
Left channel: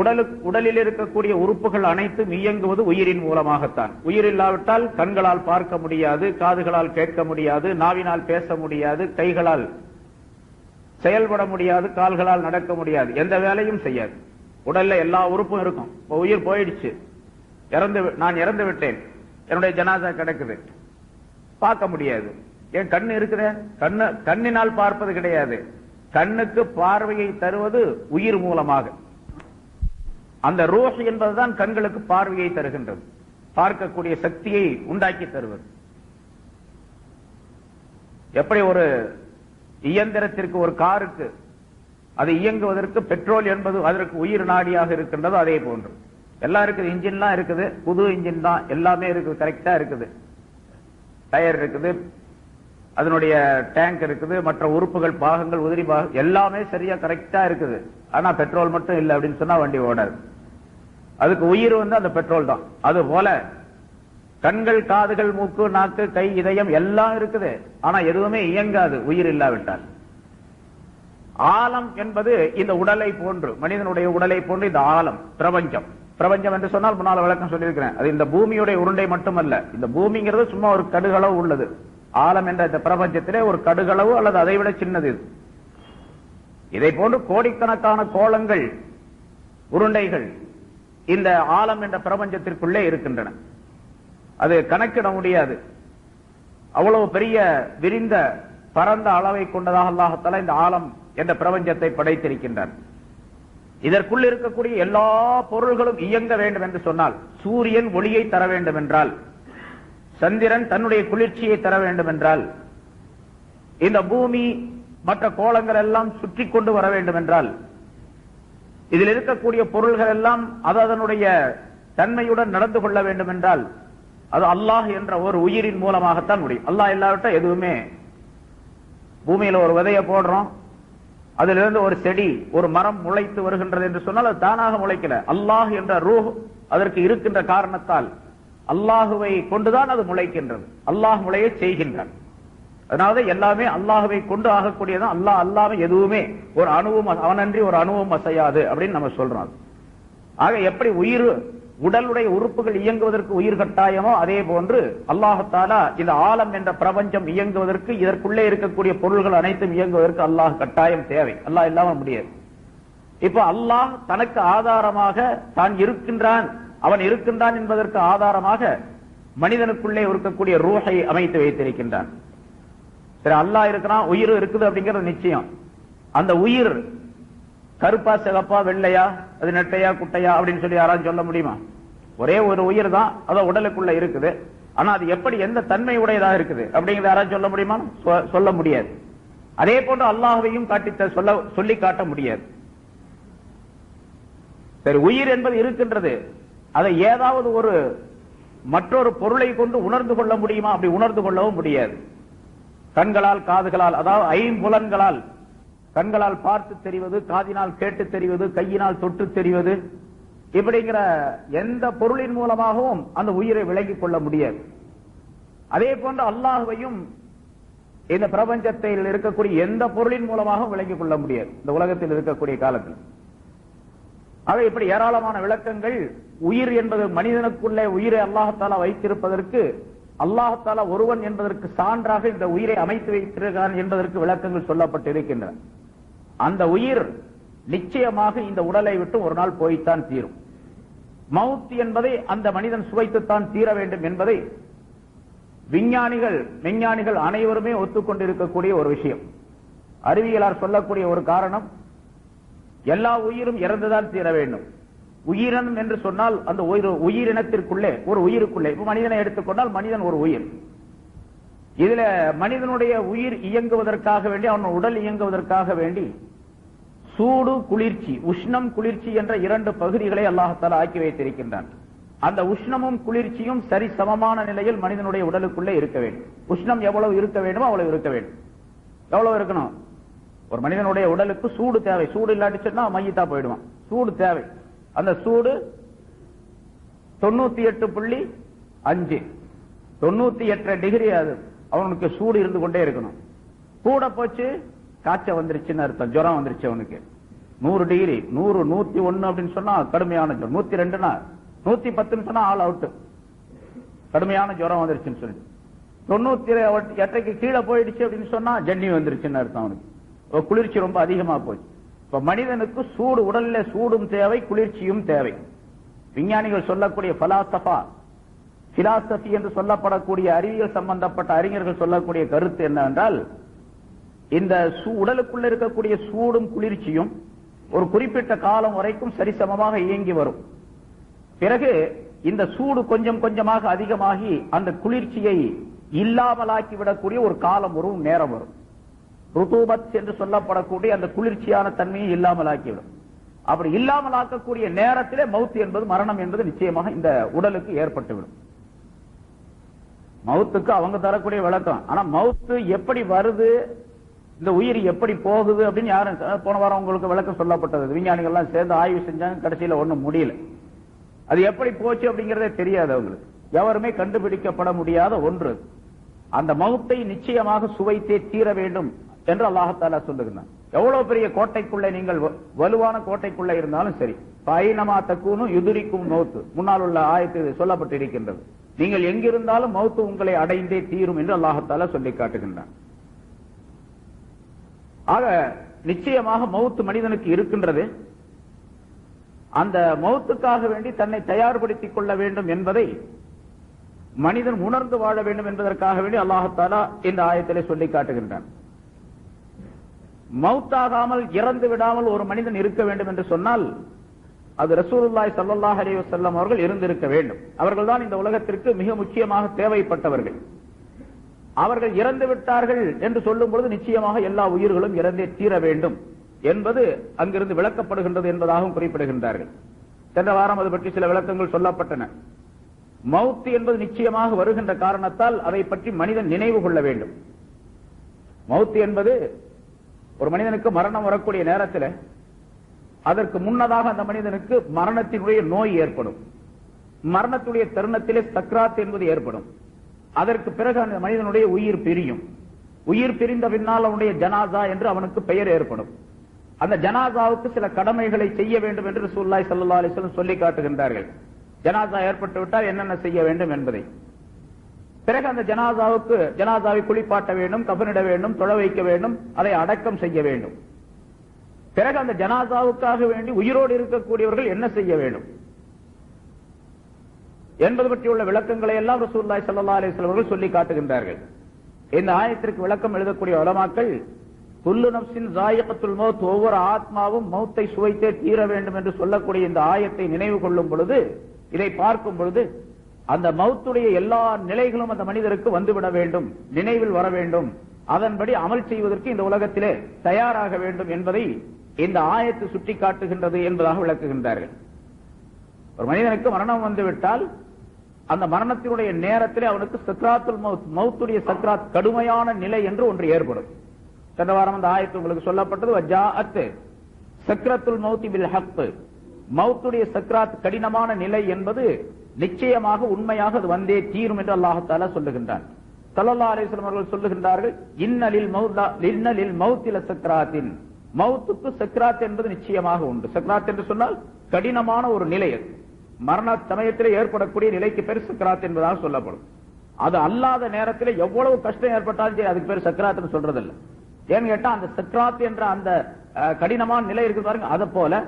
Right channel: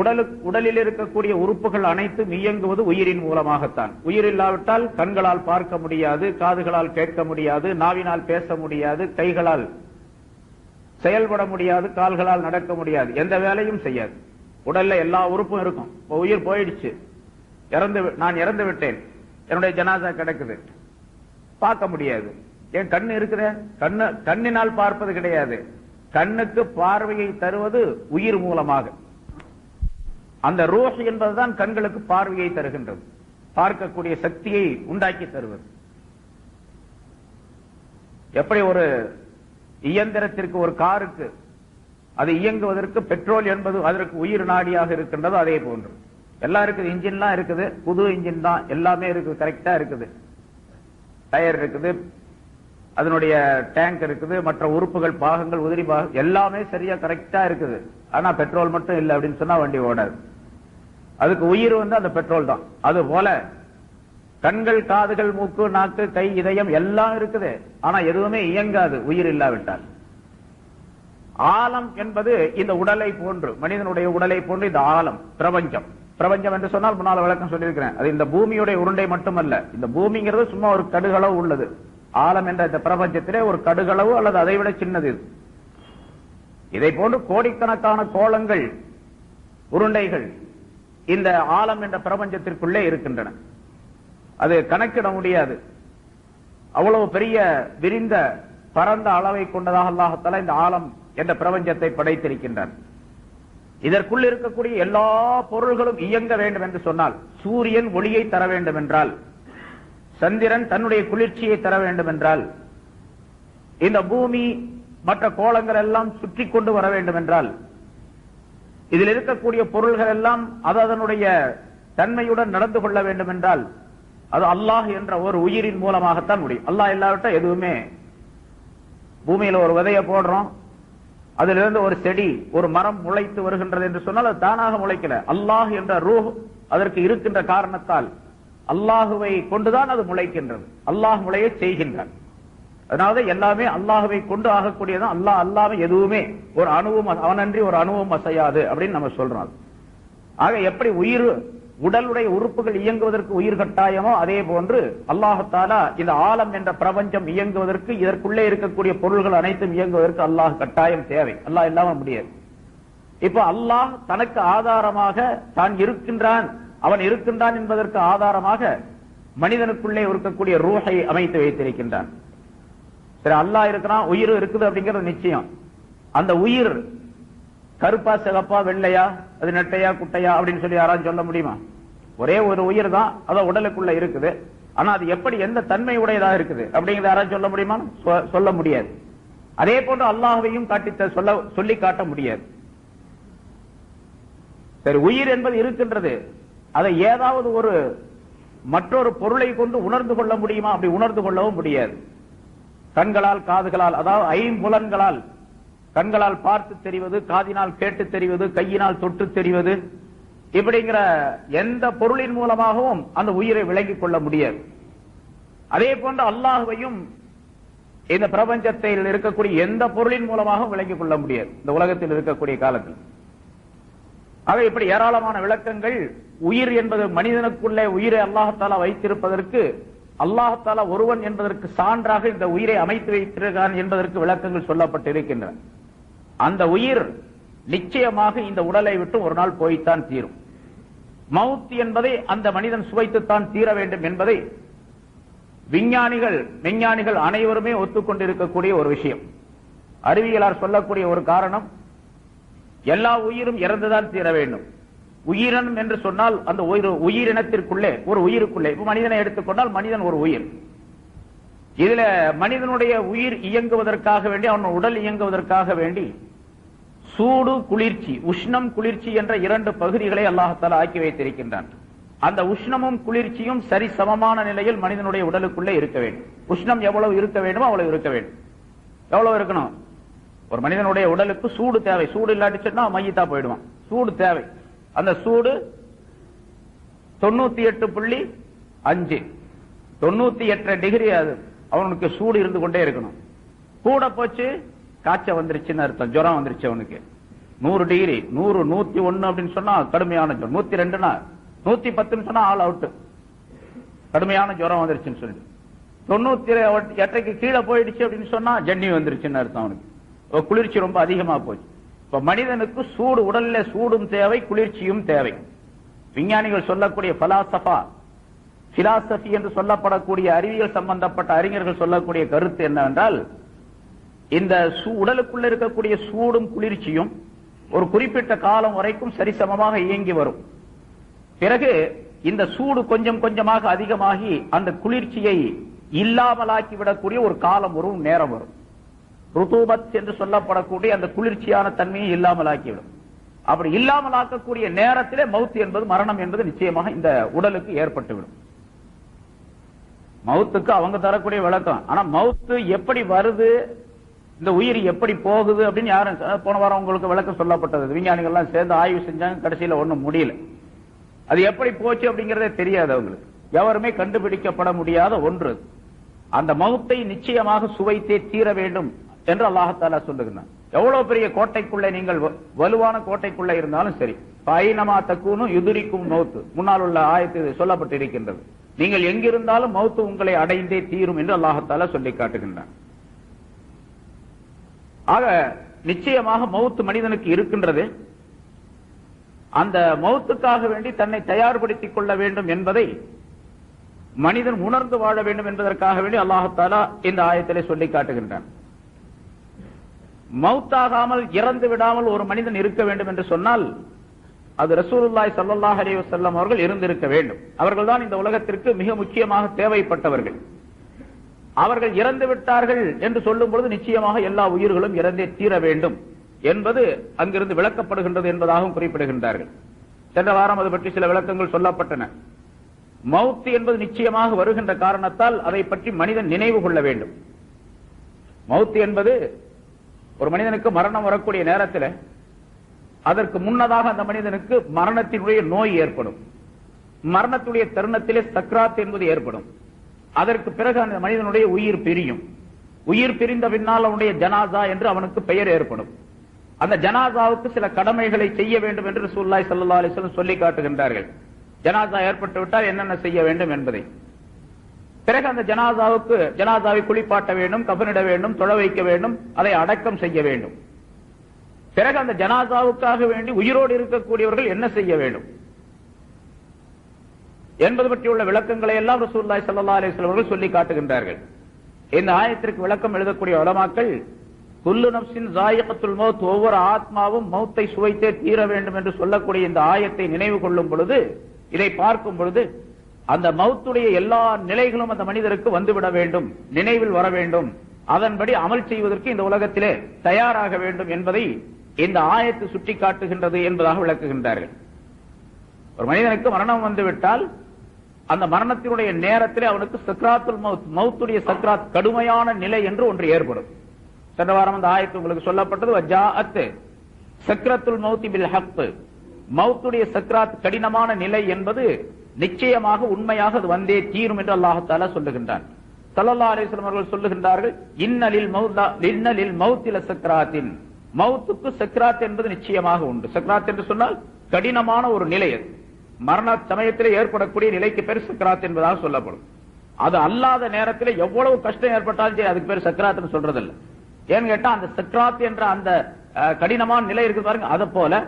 உடலில் இருக்கக்கூடிய உறுப்புகள் அனைத்தும் இயங்குவது உயிரின் மூலமாகத்தான். உயிர் இல்லாவிட்டால் கண்களால் பார்க்க முடியாது, காதுகளால் கேட்க முடியாது, நாவினால் பேச முடியாது, கைகளால் செயல்பட முடியாது, கால்களால் நடக்க முடியாது, எந்த வேலையும் செய்யாது. உடல்ல எல்லா உறுப்பும் இருக்கும். உயிர் போயிடுச்சு, நான் இறந்து விட்டேன், என்னுடைய ஜனாசா கிடக்குது, பார்க்க முடியாது. ஏன் கண்ணு இருக்குது, கண்ணினால் பார்ப்பது கிடையாது. கண்ணுக்கு பார்வையை தருவது உயிர் மூலமாக. அந்த ரூஹ் என்பதுதான் கண்களுக்கு பார்வையை தருகின்றது, பார்க்கக்கூடிய சக்தியை உண்டாக்கி தருவது. எப்படி ஒரு இயந்திரத்திற்கு, ஒரு காருக்கு அது இயங்குவதற்கு பெட்ரோல் என்பது அதற்கு உயிர் நாடியாக இருக்கின்றது. அதே போன்று எல்லாம் இருக்குது, இன்ஜின்லாம் இருக்குது, புது இன்ஜின் தான், எல்லாமே இருக்குது, கரெக்டா இருக்குது, டயர் இருக்குது, அதனுடைய டேங்க் இருக்குது, மற்ற உறுப்புகள், பாகங்கள், உதிரி பாகம் எல்லாமே சரியா கரெக்டா இருக்குது. ஆனா பெட்ரோல் மட்டும் இல்லை அப்படின்னு சொன்னா வண்டி ஓடாது. அதுக்கு உயிர் அந்த பெட்ரோல் தான். அது போல கண்கள், காதுகள், மூக்கு, நாக்கு, கை, இதயம் எல்லாம் இருக்குது. ஆனா எதுவுமே இயங்காது உயிர் இல்லாவிட்டால். ஆலம் என்பது இந்த உடலை போன்று, மனிதனுடைய உடலை போன்று இந்த ஆலம், பிரபஞ்சம். பிரபஞ்சம் என்று சொன்னால் முன்னால் விளக்கம் சொல்லியிருக்கிறேன். அது இந்த பூமியுடைய உருண்டை மட்டுமல்ல. இந்த பூமிங்கிறது சும்மா ஒரு கடுகளவு உள்ளது. ஆலம் என்ற இந்த பிரபஞ்சத்திலே ஒரு கடுகளவு அல்லது அதை விட சின்னது. இதை போன்று கோடிக்கணக்கான கோளங்கள், உருண்டைகள் இந்த ஆலம் என்ற பிரபஞ்சத்திற்குள்ளே இருக்கின்றன. அது கணக்கிட முடியாது. அவ்வளவு பெரிய விரிந்த பரந்த அளவை கொண்டதாக அல்லாஹ் தஆலா இந்த ஆலம் என்ற பிரபஞ்சத்தை படைத்திருக்கின்றார். இதற்குள் இருக்கக்கூடிய எல்லா பொருள்களும் இயங்க வேண்டும் என்று சொன்னால், சூரியன் ஒளியை தர வேண்டும் என்றால், சந்திரன் தன்னுடைய குளிர்ச்சியை தர வேண்டும் என்றால், இந்த பூமி மற்ற கோளங்கள் எல்லாம் சுற்றி கொண்டு வர வேண்டும் என்றால், இதில் இருக்கக்கூடிய பொருள்கள் எல்லாம் அது அதனுடைய தன்மையுடன் நடந்து கொள்ள வேண்டும் என்றால், அது அல்லாஹ் என்ற ஒரு உயிரின் மூலமாகத்தான் முடியும். அல்லாஹ் இல்லாவிட்டா எதுவுமே. பூமியில ஒரு விதையை போடுறோம், அதிலிருந்து ஒரு செடி, ஒரு மரம் முளைத்து வருகின்றது என்று சொன்னால் அது தானாக முளைக்கல. அல்லாஹ் என்ற ரூஹ் அதற்கு இருக்கின்ற காரணத்தால் அல்லாஹுவை கொண்டுதான் அது முளைக்கின்றது. அல்லாஹ் முளையை செய்கின்றான். அதனால எல்லாமே அல்லாஹுவை கொண்டு ஆகக்கூடியதான். அல்லாஹ் அல்லாம எதுவுமே ஒரு அணுவும், அவனன்றி ஒரு அணுவும் அசையாது அப்படின்னு நம்ம சொல்றோம். ஆக எப்படி உயிர், உடலுடைய உறுப்புகள் இயங்குவதற்கு உயிர் கட்டாயமோ அதே போன்று அல்லாஹ் தஆலா இந்த ஆலம் என்ற பிரபஞ்சம் இயங்குவதற்கு, இதற்குள்ளே இருக்கக்கூடிய பொருள்கள் அனைத்தும் இயங்குவதற்கு அல்லாஹ் கட்டாயம் தேவை. அல்லாஹ் இல்லாம முடியாது. இப்ப அல்லாஹ் தனக்கு ஆதாரமாக தான் இருக்கின்றான், அவன் இருக்கின்றான் என்பதற்கு ஆதாரமாக மனிதனுக்குள்ளே இருக்கக்கூடிய ரூஹை அமைத்து வைத்திருக்கின்றான். அல்லாஹ் இருக்கிறான், உயிர் இருக்குது அப்படிங்கிறது நிச்சயம். அந்த உயிர் கருப்பா, சிகப்பா, வெள்ளையா, அது நெட்டையா, குட்டையா அப்படின்னு சொல்லி யாராவது சொல்ல முடியுமா? ஒரே ஒரு உயிர் தான், அத உடலுக்குள்ள இருக்குது. ஆனா அது எப்படி, எந்த தன்மை உடையதாக இருக்குது அப்படிங்கிறத யாராவது சொல்ல முடியுமா? சொல்ல முடியாது. அதே போன்று அல்லாஹ்வையும் சொல்லி காட்ட முடியாது. சரி, உயிர் என்பது இருக்கின்றது, அதை ஏதாவது ஒரு மற்றொரு பொருளை கொண்டு உணர்ந்து கொள்ள முடியுமா? அப்படி உணர்ந்து கொள்ளவும் முடியாது. கண்களால், காதுகளால், அதாவது ஐம்புலன்களால், கண்களால் பார்த்து தெரிவது, காதினால் கேட்டு தெரிவது, கையினால் தொட்டு தெரிவது, இப்படிங்கிற எந்த பொருளின் மூலமாகவும் அந்த உயிரை விளங்கிக் கொள்ள முடியாது. அதே போன்று அல்லாஹ்வையும் இந்த பிரபஞ்சத்தில் இருக்கக்கூடிய எந்த பொருளின் மூலமாகவும் விளங்கிக் கொள்ள முடியாது இந்த உலகத்தில் இருக்கக்கூடிய காலத்தில். ஆக இப்படி ஏராளமான விளக்கங்கள். உயிர் என்பது மனிதனுக்குள்ளே உயிரை அல்லாஹ் தஆலா வைத்திருப்பதற்கு, அல்லாஹ் தஆலா ஒருவன் என்பதற்கு சான்றாக இந்த உயிரை அமைத்து வைத்திருக்கிறான் என்பதற்கு விளக்கங்கள் சொல்லப்பட்டிருக்கின்றன. அந்த உயிர் நிச்சயமாக இந்த உடலை விட்டு ஒரு நாள் போய்த்தான் தீரும். மவுத் என்பதை அந்த மனிதன் சுவைத்துத்தான் தீர வேண்டும் என்பதை விஞ்ஞானிகள் அனைவருமே ஒத்துக்கொண்டிருக்கக்கூடிய ஒரு விஷயம். அறிவியலார் சொல்லக்கூடிய ஒரு காரணம், எல்லா உயிரும் இறந்துதான் தீர வேண்டும். உயிரினம் என்று சொன்னால் அந்த உயிரினத்திற்குள்ளே, ஒரு உயிருக்குள்ளே, இப்ப மனிதனை எடுத்துக்கொண்டால் மனிதன் ஒரு உயிர். இதுல மனிதனுடைய உயிர் இயங்குவதற்காக வேண்டி, அவன் உடல் இயங்குவதற்காக வேண்டி சூடு, குளிர்ச்சி, உஷ்ணம், குளிர்ச்சி என்ற இரண்டு பகுதிகளை அல்லாஹ் தஆலா ஆக்கி வைத்திருக்கின்றான். அந்த உஷ்ணமும் குளிர்ச்சியும் சரி சமமான நிலையில் மனிதனுடைய உடலுக்குள்ளே இருக்க வேண்டும். உஷ்ணம் எவ்வளவு இருக்க வேண்டுமோ அவ்வளவு இருக்க வேண்டும். எவ்வளவு இருக்கணும்? ஒரு மனிதனுடைய உடலுக்கு சூடு தேவை. சூடு இல்லாட்டிச்சுன்னா மையத்தா போயிடுவான். சூடு தேவை. அந்த சூடு 98.5 98 டிகிரி அது அவனுக்கு சூடு இருந்து கொண்டே இருக்கணும். கூட போச்சு காய்ச்ச வந்துருச்சுன்னு அர்த்தம், ஜுரம் வந்துருச்சு அவனுக்கு. 100 டிகிரி, 100, 101 அப்படின்னு சொன்னா கடுமையான ஜுரம், 102னா 110 சொன்னா ஆல் அவுட், கடுமையான ஜுரம் வந்துருச்சுன்னு சொல்லி. 98க்கு கீழே போயிடுச்சு அப்படின்னு சொன்னா ஜன்னி வந்துருச்சுன்னு அர்த்தம் அவனுக்கு. குளிர்ச்சி ரொம்ப அதிகமா போச்சு. இப்ப மனிதனுக்கு சூடு, உடல்ல சூடும் தேவை, குளிர்ச்சியும் தேவை. விஞ்ஞானிகள் சொல்லக்கூடிய பிலாசபி என்று சொல்லப்படக்கூடிய அறிவியல் சம்பந்தப்பட்ட அறிஞர்கள் சொல்லக்கூடிய கருத்து என்னவென்றால், இந்த உடலுக்குள்ள இருக்கக்கூடிய சூடும் குளிர்ச்சியும் ஒரு குறிப்பிட்ட காலம் வரைக்கும் சரிசமமாக இயங்கி வரும். பிறகு இந்த சூடு கொஞ்சம் கொஞ்சமாக அதிகமாகி அந்த குளிர்ச்சியை இல்லாமலாக்கி விடக்கூடிய ஒரு காலம் வரும், நேரம் வரும். ருதூபத் என்று சொல்லப்படக்கூடிய அந்த குளிர்ச்சியான தன்மையை இல்லாமல் ஆக்கிவிடும். அப்படி இல்லாமல் ஆக்கக்கூடிய நேரத்திலே மவுத் என்பது, மரணம் என்பது நிச்சயமாக இந்த உடலுக்கு ஏற்பட்டுவிடும். மவுத்துக்கு அவங்க தரக்கூடிய விளக்கம். ஆனா மவுத்து எப்படி வருது, இந்த உயிர் எப்படி போகுது அப்படின்னு யாரும் போன வாரம் உங்களுக்கு விளக்கம் சொல்லப்பட்டது. விஞ்ஞானிகள் எல்லாம் சேர்ந்து ஆய்வு செஞ்சாங்க, கடைசியில ஒண்ணும் முடியல. அது எப்படி போச்சு அப்படிங்கறதே தெரியாது அவங்களுக்கு. எவருமே கண்டுபிடிக்கப்பட முடியாத ஒன்று. அந்த மவுத்தை நிச்சயமாக சுவைத்தே தீர வேண்டும் என்று அல்லாஹ் சொல்லுகிறான். எவ்வளவு பெரிய கோட்டைக்குள்ளே நீங்கள் வலுவான கோட்டைக்குள்ளே இருந்தாலும் சரி, பைனமா தக்கூனும் யுதுரிக்கும் மவுத்து, முன்னால் உள்ள ஆயத்தில் சொல்லப்பட்டு இருக்கின்றது. நீங்கள் எங்கிருந்தாலும் மவுத்து உங்களை அடைந்தே தீரும் என்று அல்லாஹ் சொல்லி காட்டுகின்றான். ஆக நிச்சயமாக மவுத்து மனிதனுக்கு இருக்கின்றது. அந்த மவுத்துக்காக வேண்டி தன்னை தயார்படுத்திக் கொள்ள வேண்டும் என்பதை மனிதன் உணர்ந்து வாழ வேண்டும் என்பதற்காக வேண்டி அல்லாஹ் இந்த ஆயத்திலே சொல்லி காட்டுகின்றான். மவுத்தாகாமல் இறந்து விடாமல் ஒரு மனிதன் இருக்க வேண்டும் என்று சொன்னால் அது ரசூலுல்லாஹி ஸல்லல்லாஹு அலைஹி வஸல்லம் அவர்கள் இருந்திருக்க வேண்டும். அவர்கள் தான் இந்த உலகத்திற்கு மிக முக்கியமாக தேவைப்பட்டவர்கள். அவர்கள் இறந்து விட்டார்கள் என்று சொல்லும் பொழுது நிச்சயமாக எல்லா உயிர்களும் இறந்தே தீர வேண்டும் என்பது அங்கிருந்து விளக்கப்படுகின்றது என்பதாகவும் குறிப்பிடுகின்றார்கள். சென்ற வாரம் அது பற்றி சில விளக்கங்கள் சொல்லப்பட்டன. மவுத் என்பது நிச்சயமாக வருகின்ற காரணத்தால் அதை பற்றி மனிதன் நினைவு கொள்ள வேண்டும். மவுத் என்பது ஒரு மனிதனுக்கு மரணம் வரக்கூடிய நேரத்தில் அதற்கு முன்னதாக அந்த மனிதனுக்கு மரணத்தினுடைய நோய் ஏற்படும். மரணத்துடைய தருணத்திலே சக்ராத் என்பது ஏற்படும். அதற்கு பிறகு அந்த மனிதனுடைய உயிர் பிரியும். உயிர் பிரிந்த பின்னால் அவனுடைய ஜனாசா என்று அவனுக்கு பெயர் ஏற்படும். அந்த ஜனாசாவுக்கு சில கடமைகளை செய்ய வேண்டும் என்று ரசூலுல்லாஹி ஸல்லல்லாஹு அலைஹி வஸல்லம் சொல்லி காட்டுகின்றார்கள். ஜனாசா ஏற்பட்டு விட்டால் என்னென்ன செய்ய வேண்டும் என்பதை. பிறகு அந்த ஜனாசாவை குளிப்பாட்ட வேண்டும், கஃனிட வேண்டும், தொழ வைக்க வேண்டும், அதை அடக்கம் செய்ய வேண்டும். பிறகு அந்த ஜனாசாவுக்காக வேண்டி உயிரோடு இருக்கக்கூடியவர்கள் என்ன செய்ய வேண்டும் என்பது பற்றியுள்ள விளக்கங்களை எல்லாம் ரசூலுல்லாஹி ஸல்லல்லாஹு அலைஹி வஸல்லம் அவர்கள் சொல்லி காட்டுகின்றார்கள். இந்த ஆயத்திற்கு விளக்கம் எழுதக்கூடிய உலமாக்கள் குல்லு நஃப்ஸின் ஸாயிகத்துல் மௌத், ஒவ்வொரு ஆத்மாவும் மௌத்தை சுவைத்தே தீர வேண்டும் என்று சொல்லக்கூடிய இந்த ஆயத்தை நினைவு கொள்ளும் பொழுது, இதை பார்க்கும் பொழுது அந்த மௌத்துடைய எல்லா நிலைகளும் அந்த மனிதருக்கு வந்துவிட வேண்டும், நினைவில் வர வேண்டும், அதன்படி அமல் செய்வதற்கு இந்த உலகத்திலே தயாராக வேண்டும் என்பதை இந்த ஆயத்து சுட்டி காட்டுகின்றது என்பதாக விளக்குகின்றார்கள். ஒரு மனிதனுக்கு மரணம் வந்துவிட்டால் அந்த மரணத்தினுடைய நேரத்திலே அவனுக்கு சக்ராத்துல் மௌத், மௌத்துடைய சக்ராத், கடுமையான நிலை என்று ஒன்று ஏற்படும். சென்ற வாரம் அந்த ஆயத்து உங்களுக்கு சொல்லப்பட்டது. வஜாஅத் சக்ரத்துல் மௌத் பில் ஹக், மௌத்துடைய சக்ராத் கடினமான நிலை என்பது நிச்சயமாக உண்மையாக அது வந்தே தீரும் என்று அல்லாஹ் தஆலா சொல்லுகின்றான். ஸல்லல்லாஹு அலைஹி வஸல்லம் அவர்கள் சொல்லுகின்றார்கள், இன்னலில் மௌத்தி லசக்ராத்தின், மௌத்துக்கு சக்ராத் என்பது நிச்சயமாக உண்டு. சக்ராத் என்று சொன்னால் கடினமான ஒரு நிலை. மரண சமயத்திலே ஏற்படக்கூடிய நிலைக்கு பேர் சக்ராத் என்பதாக சொல்லப்படும். அது அல்லாத நேரத்தில் எவ்வளவு கஷ்டம் ஏற்பட்டாலும் சரி, அதுக்கு பேர் சக்ராத்னு சொல்றதில்லை. ஏன்னு கேட்டா அந்த சக்ராத் என்ற அந்த கடினமான நிலை இருக்கு பாருங்க, அது போல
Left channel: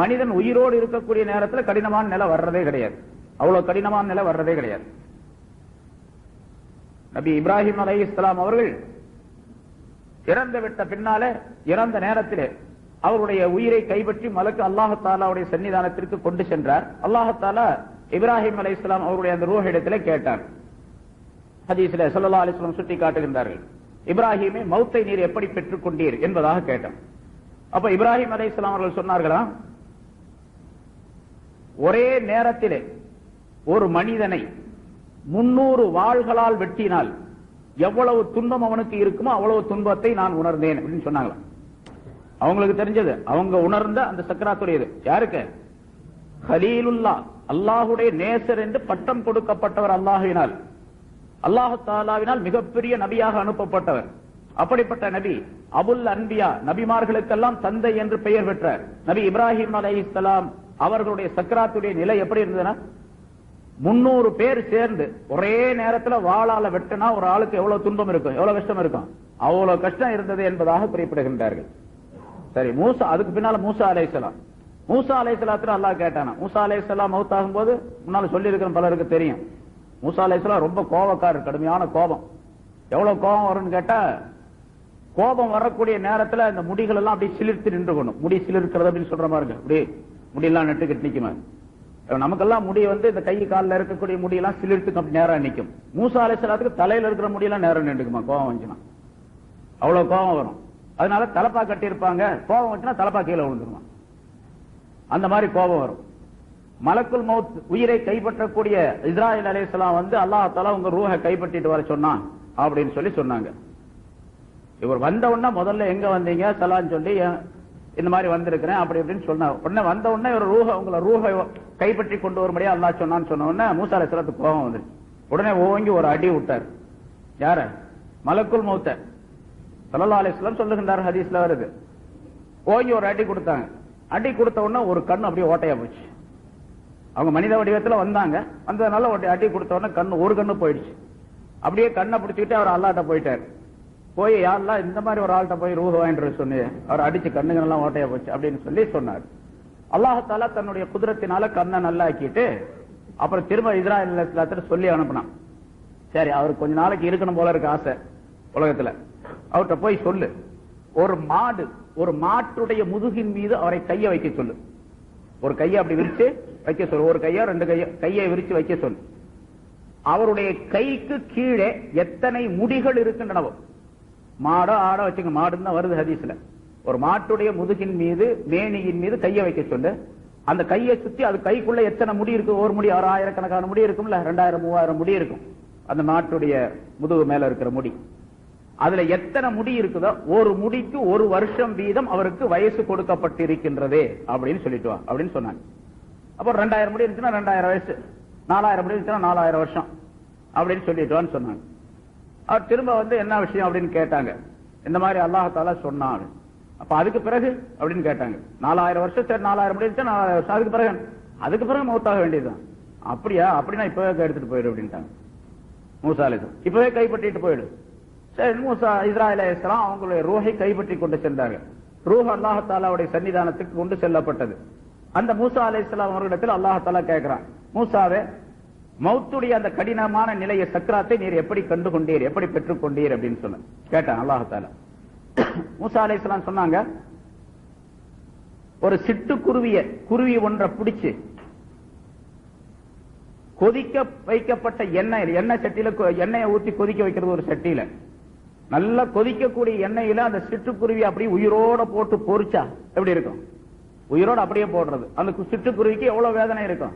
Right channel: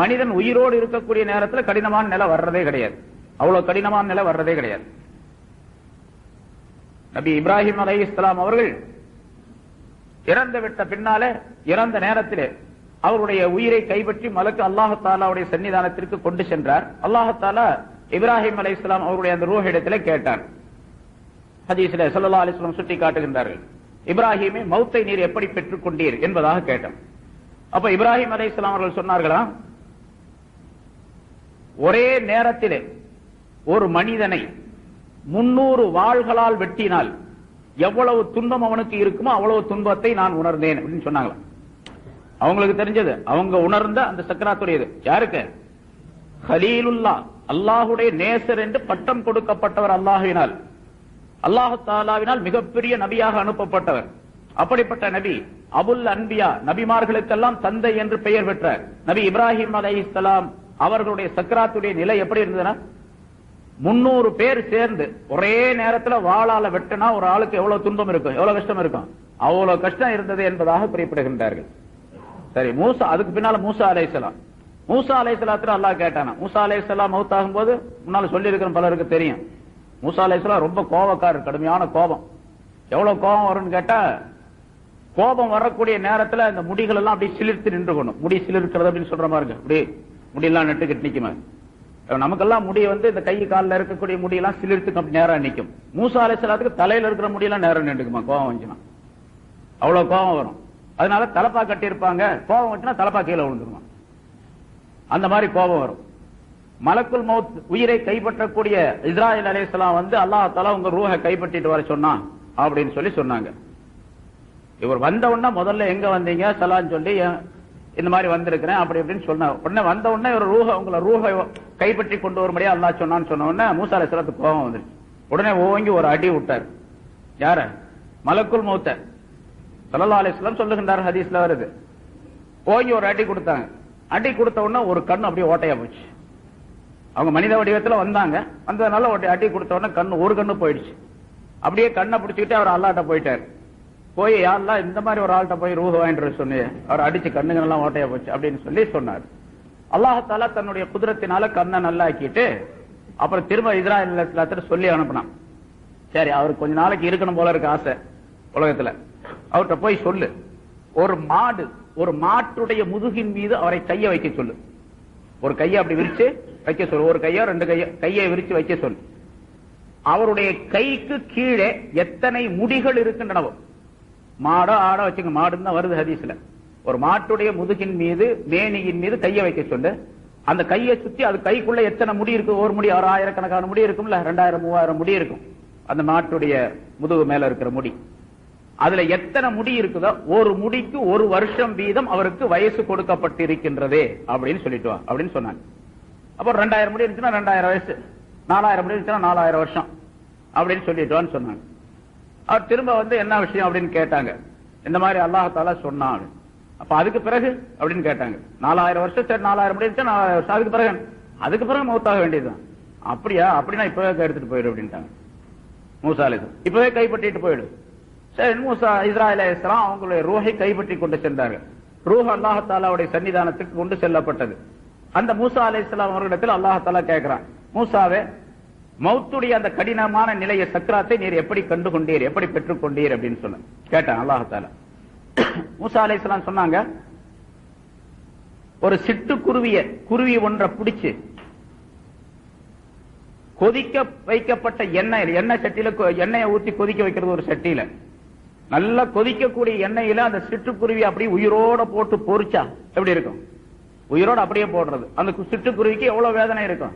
மனிதன் உயிரோடு இருக்கக்கூடிய நேரத்தில் கடினமான நிலை வர்றதே கிடையாது. அவ்வளவு கடினமான நிலை வர்றதே கிடையாது. நபி இப்ராஹிம் அலைஹிஸ்ஸலாம் அவர்கள் இறந்து விட்ட பின்னாலே, இறந்த நேரத்திலே அவருடைய உயிரை கைப்பற்றி மலக்கு அல்லாஹ் தஆலாவுடைய சன்னிதானத்திற்கு கொண்டு சென்றார். அல்லாஹ் தஆலா இப்ராஹிம் அலைஹிஸ்ஸலாம் அவருடைய அந்த ரூஹ் இடத்திலே கேட்டார். ஹதீஸிலே ஸல்லல்லாஹு அலைஹி வஸல்லம் சுட்டி காட்டுகின்றார்கள், இப்ராஹிமே மௌத்தை நீர் எப்படி பெற்றுக் கொண்டீர் என்பதாக கேட்டார். அப்ப இப்ராஹிம் அலைஹிஸ்ஸலாம் அவர்கள் சொன்னார்களா, ஒரே நேரத்திலே ஒரு மனிதனை 300 வாள்களால் வெட்டினால் எவ்வளவு துன்பம் அவனுக்கு இருக்குமோ அவ்வளவு துன்பத்தை நான் உணர்ந்தேன் அப்படின்னு சொன்னாங்களா. அவங்களுக்கு தெரிஞ்சது, அவங்க உணர்ந்த அந்த சக்கராத்துடையது. யாருக்கு? கலீலுல்லாஹ், அல்லாஹுடைய நேசர் என்று பட்டம் கொடுக்கப்பட்டவர் அல்லாஹ்வினால், அல்லாஹ் தஆலாவினால் மிகப்பெரிய நபியாக அனுப்பப்பட்டவர். அப்படிப்பட்ட நபி அபுல் அன்பியா, நபிமார்களுக்கெல்லாம் தந்தை என்று பெயர் பெற்ற நபி இப்ராஹிம் அலைஹிஸ்ஸலாம் அவர்களுடைய சக்கராத்துடைய நிலை எப்படி இருந்ததுன்னா, 300 பேர் சேர்ந்து ஒரே நேரத்தில் வாளால வெட்டினா ஒரு ஆளுக்கு எவ்வளவு துன்பம் இருக்கும், எவ்வளவு கஷ்டம் இருக்கும், அவ்வளவு கஷ்டம் இருந்தது என்பதாக குறிப்பிடுகின்றார்கள். சரி, மூசா, அதுக்கு பின்னால மூசா அலைஹிஸ்ஸலாம், மூசா அலைஹிஸ்ஸலாத்துல அல்லாஹ் கேட்டானா. மூசா அலைஹிஸ்ஸலாம் மௌத்தாகும் போது முன்னால சொல்லி இருக்கிற பலருக்கு தெரியும், மூசா அலைஹிஸ்ஸலாம் ரொம்ப கோபக்காரர், கடுமையான கோபம். எவ்வளவு கோபம் வரும்னு கேட்டா, கோபம் வரக்கூடிய நேரத்தில் அந்த முடிகள் எல்லாம் அப்படி சிலிர்த்து நின்று கொள்ளும். முடி சிலிர்க்கிறது அப்படின்னு சொல்ற மாதிரி இருக்கு, அப்படி முடியெல்லாம் நட்டுக்கிட்டு நிக்குமா. நமக்கெல்லாம் முடி இந்த கை காலில் இருக்கக்கூடிய முடியெல்லாம் சிலிர்த்து அப்படி நேரம் நிற்கும். மூசா அலைஹிஸ்ஸலாத்துக்கு தலையில இருக்கிற முடியெல்லாம் நேரம் நின்றுக்குமா கோபம் வந்துச்சுன்னா, அவ்வளவு கோபம் வரும். அதனால தலப்பா கட்டி இருப்பாங்க, கோபம் வந்துச்சுன்னா தலப்பா கீழே விழுந்துருவான். அந்த மாதிரி கோபம் வரும். மலக்குல் மௌத் உயிரை கைப்பற்றக்கூடிய இஸ்ராயீல் அலைஹிஸ்ஸலாம் வந்து அல்லாஹ் தஆலா உங்க ரூஹை கைப்பற்றிட்டு வர சொன்னான் அப்படின்னு சொல்லி சொன்னாங்க. இவர் வந்த உடனே முதல்ல எங்க வந்தீங்க சலான்னு சொல்லி இந்த மாதிரி வந்திருக்கிறேன் அப்படி இப்படின்னு சொன்னார். உடனே வந்த உடனே ஒரு உங்களை ரூஹை கைப்பற்றி கொண்டு வரும்படியா அல்லாஹ் சொன்னான்னு சொன்ன உடனே மூசா அலைஹிஸ்ஸலாத்துக்கு கோபம் வந்துருச்சு. உடனே ஓங்கி ஒரு அடி விட்டார். யார? மலக்குல் மௌத்த. ஸல்லல்லாஹு அலைஹி வஸல்லம் சொல்லுகின்றார், ஹதீஸ்ல வருது. ஓங்கி ஒரு அடி கொடுத்தாங்க. அடி கொடுத்த உடனே ஒரு கண்ணு அப்படியே ஓட்டையா போச்சு. அவங்க மனித வடிவத்தில் வந்தாங்க, வந்ததுனால அடி கொடுத்த உடனே கண்ணு ஒரு கண்ணு போயிடுச்சு. அப்படியே கண்ணை பிடிச்சிக்கிட்டு அவர் அல்லாஹ்ட்ட போயிட்டார். போய் யாரெல்லாம் இந்த மாதிரி ஒரு ஆள்கிட்ட போய் ரூஹ் வாங்கிட்டு சொன்னீங்க, அவர் அடிச்சு கண்ணுங்கெல்லாம் ஓட்டையா போச்சு அப்படின்னு சொல்லி சொன்னார். அல்லாஹ் தஆலா தன்னுடைய குதிரத்தினால கண்ணை நல்லா ஆக்கிட்டு அப்புறம் திரும்ப இஸ்ராயீல் அலைஹிஸ்ஸலாத்துக்கு சொல்லி அனுப்பினான். சரி, அவருக்கு கொஞ்ச நாளைக்கு இருக்கணும் போல இருக்கு ஆசை உலகத்துல, அவர்கிட்ட போய் சொல்லு, ஒரு மாட்டுடைய முதுகின் மீது அவரை கையை வைக்க சொல்லு. ஒரு கையை அப்படி விரிச்சு வைக்க சொல்லு, ஒரு கையோ ரெண்டு கையை விரிச்சு வைக்க சொல்லு. அவருடைய கைக்கு கீழே எத்தனை முடிகள் இருக்கின்றனவோ, மாடோ ஆடோ வச்சுங்க, மாடுன்னு தான் வருது ஹதீஸ்ல, ஒரு மாட்டுடைய முதுகின் மீது மேனியின் மீது கையை வைக்க சொல்லு. அந்த கையை சுத்தி அது கைக்குள்ள எத்தனை முடி இருக்கு, ஒரு முடி 1000கணக்கான முடி இருக்கும்ல, 2000 3000 முடி இருக்கும் அந்த மாட்டுடைய முதுகு மேல இருக்கிற முடி. அதுல எத்தனை முடி இருக்குதோ ஒரு முடிக்கு 1 வருஷம் வீதம் அவருக்கு வயசு கொடுக்கப்பட்டிருக்கின்றதே அப்படின்னு சொல்லிட்டு வா அப்படின்னு சொன்னாங்க. அப்புறம் 2000 முடி இருந்துச்சுன்னா 2000 வயசு, 4000 முடி இருந்துச்சுன்னா 4000 வருஷம் அப்படின்னு சொல்லிட்டு வான்னு சொன்னாங்க. அவர் திரும்ப வந்து என்ன விஷயம் அப்படின்னு கேட்டாங்க. இந்த மாதிரி அல்லாஹ் தஆலா சொன்னான். அப்ப அதுக்கு பிறகு அப்படின்னு கேட்டாங்க. 4000 வருஷம், சரி 4000 முடி இருந்துச்சா 4000 வருஷம், அதுக்கு பிறகு மௌத்தாக வேண்டியதுதான். அப்படியா? அப்படின்னா இப்பவே எடுத்துட்டு போயிடு அப்படின்ட்டாங்க மூசா அலைஹிஸ்ஸலாம். இப்பவே கைப்பற்றிட்டு போயிடு. சரி, மூசா இஸ்ராயீல் அலைஹிஸ்ஸலாம் அவங்களுடைய ரூஹை கைப்பற்றி கொண்டு சென்றார்கள். ரூஹ் அல்லாஹ் தஆலாவுடைய சன்னிதானத்துக்கு கொண்டு செல்லப்பட்டது. அந்த மூசா அலைஹிஸ்ஸலாம் அவர்களிடத்தில் அல்லாஹ் தஆலா கேட்கிறான், மூசாவே, மௌத்துடைய அந்த கடினமான நிலையை சக்கராத்தை நீர் எப்படி கண்டு கொண்டீர், எப்படி பெற்றுக் கொண்டீர் அப்படின்னு சொன்ன கேட்டான் அல்லாஹ் தஆலா. மூசா அலைஹிஸ்ஸலாம் சொன்னாங்க, ஒரு சிட்டு குருவி ஒன்றை பிடிச்சு கொதிக்க வைக்கப்பட்ட எண்ணெய் சட்டியில எண்ணெயை ஊற்றி கொதிக்க வைக்கிறது, ஒரு சட்டியில நல்லா கொதிக்கக்கூடிய எண்ணெயில அந்த சிட்டுக்குருவி அப்படியே உயிரோட போட்டு பொரிச்சா எப்படி இருக்கும்? உயிரோட அப்படியே போடுறது. அந்த சிட்டுக்குருவிக்கு எவ்வளவு வேதனை இருக்கும்?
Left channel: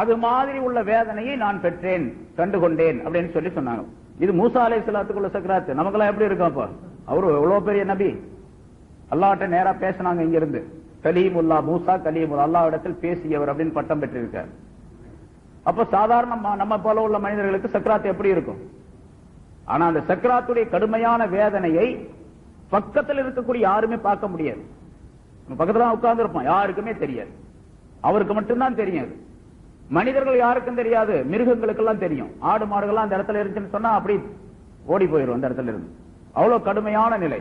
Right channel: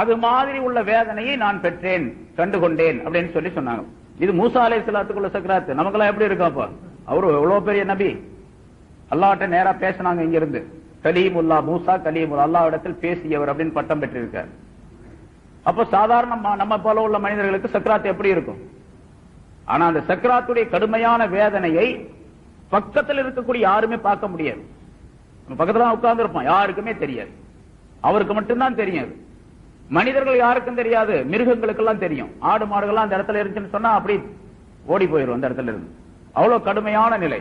அது மாதிரி உள்ள வேதனையை நான் பெற்றேன், கண்டுகொண்டேன் அப்படின்னு சொல்லி சொன்னாங்க. இது மூசா அலைஹிஸ்ஸலாத்துக்குள்ள சக்கராத்து. நமக்கெல்லாம் எப்படி இருக்கும்? அப்ப அவரு எவ்வளவு பெரிய நபி, அல்லாஹ்ட்ட நேரா பேசினாங்க இங்க இருந்து. கலீமுல்லா, மூசா கலீமுல்லா, அல்லாஹ்விடத்தில் பேசியவர் அப்படின்னு பட்டம் பெற்றிருக்கார். அப்ப சாதாரண நம்ம போல உள்ள மனிதர்களுக்கு சக்கராத்து எப்படி இருக்கும்? ஆனா அந்த சக்கராத்துடைய கடுமையான வேதனையை பக்கத்தில் இருக்கக்கூடிய யாருமே பார்க்க முடியாது. பக்கத்துல உட்கார்ந்து இருப்பான், யாருக்குமே தெரியாது, அவருக்கு மட்டும்தான் தெரியாது. மனிதர்கள் யாருக்கும் தெரியாது, மிருகங்களுக்கெல்லாம் தெரியும். ஆடு மாடுகள்லாம் அந்த இடத்துல இருந்துச்சுன்னு சொன்னா அப்படி ஓடி போயிடும் அந்த இடத்துல இருந்து. அவ்வளவு கடுமையான நிலை.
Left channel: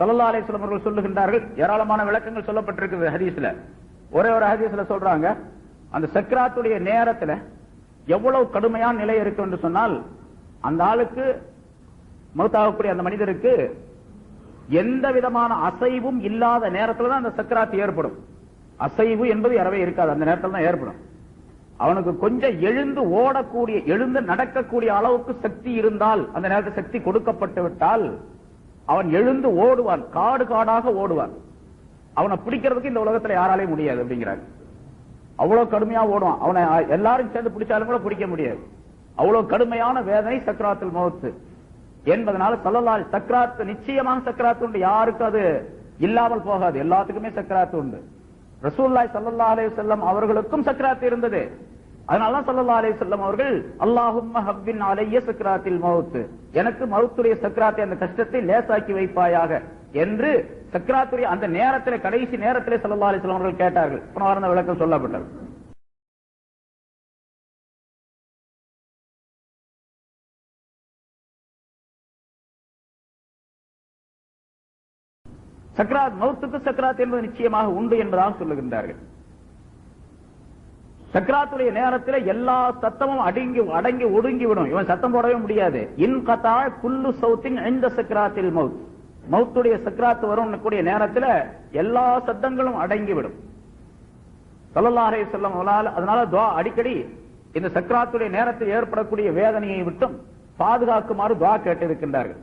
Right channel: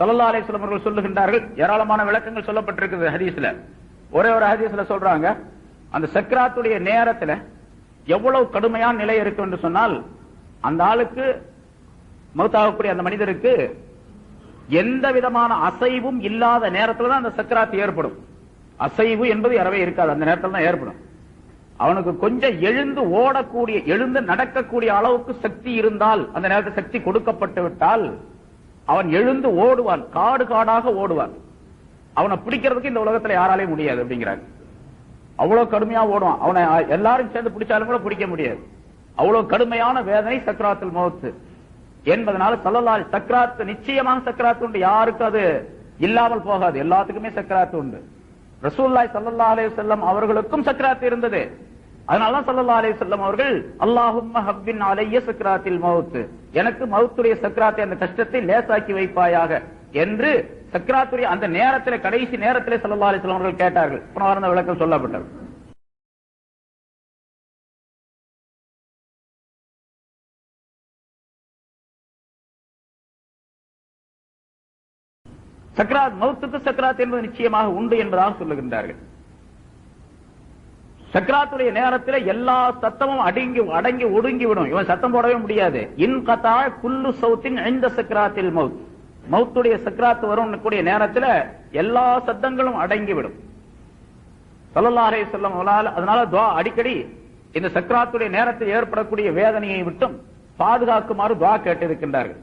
ஸல்லல்லாஹு அலைஹி வஸல்லம் அவர்கள் சொல்லுகின்றார்கள், ஏராளமான விளக்கங்கள் சொல்லப்பட்டிருக்கிறது ஹதீஸ்ல. ஒரே ஒரு ஹதீஸ்ல சொல்றாங்க, அந்த சக்கராத்துடைய நேரத்துல எவ்வளவு கடுமையான நிலை இருக்கு என்று சொன்னால், அந்த ஆளுக்கு மௌத்தாகக்கூடிய அந்த மனிதருக்கு எந்த விதமான அசைவும் இல்லாத நேரத்தில் தான் அந்த சக்கராத்து ஏற்படும். அசைவு என்பது அறவே இருக்காது, அந்த நேரத்தில் தான் ஏற்படும். அவனுக்கு கொஞ்சம் எழுந்து நடக்கக்கூடிய அளவுக்கு சக்தி இருந்தால், அந்த நேரத்தில் சக்தி கொடுக்கப்பட்டு விட்டால் அவன் எழுந்து ஓடுவான், காடு காடாக ஓடுவான். அவனை பிடிக்கிறதுக்கு இந்த உலகத்தில் யாராலையும் முடியாது அப்படிங்கிறாங்க. அவ்வளவு கடுமையா ஓடுவான். அவனை எல்லாரும் சேர்ந்து பிடிச்சாலும் கூட பிடிக்க முடியாது. அவ்வளவு கடுமையான வேதனை சக்கராத்துல் மௌத் என்பதனால ஸல்லல்லாஹு சக்கராத்து, நிச்சயமாக சக்கராத்து உண்டு, யாருக்கு அது இல்லாமல் போகாது, எல்லாத்துக்குமே சக்கராத்து உண்டு. ரசூலுல்லாஹி ஸல்லல்லாஹு அலைஹி வஸல்லம் அவர்களுக்கும் சக்கராத்து இருந்தது. அதனால ஸல்லல்லாஹு அலைஹி வஸல்லம் அவர்கள் அல்லாஹும்ம ஹவ்வின் அலைய சக்கராத்தில் மௌத், எனக்கு மௌத்துடைய சக்கராத்தை, அந்த கஷ்டத்தை லேசாக்கி வைப்பாயாக என்று சக்கராத்துடைய அந்த நேரத்தில், கடைசி நேரத்தில் ஸல்லல்லாஹு அலைஹி வஸல்லம் அவர்கள் கேட்டார்கள். புனரார்ந்த விளக்கம் சொல்லப்பட்டது. சக்கராத், மௌத்துக்கு சக்கராத் என்பது நிச்சயமாக உண்டு என்பதாக சொல்லுகின்றார்கள். சக்கராத்துடைய நேரத்தில் எல்லா சத்தமும் அடங்கி ஒடுங்கிவிடும். இவன் சத்தம் போடவே முடியாது. இன் கதா குல்லு சௌத்தின் இந்த சக்கராத்தில் மௌத், மௌத்துடைய சக்கராத்து வரும் கூடிய நேரத்தில் எல்லா சத்தங்களும் அடங்கிவிடும். ஸல்லல்லாஹு அலைஹி வஸல்லம் அதனால துஆ அடிக்கடி இந்த சக்கராத்துடைய நேரத்தில் ஏற்படக்கூடிய வேதனையை விட்டும் பாதுகாக்குமாறு துஆ கேட்டிருக்கின்றார்கள்.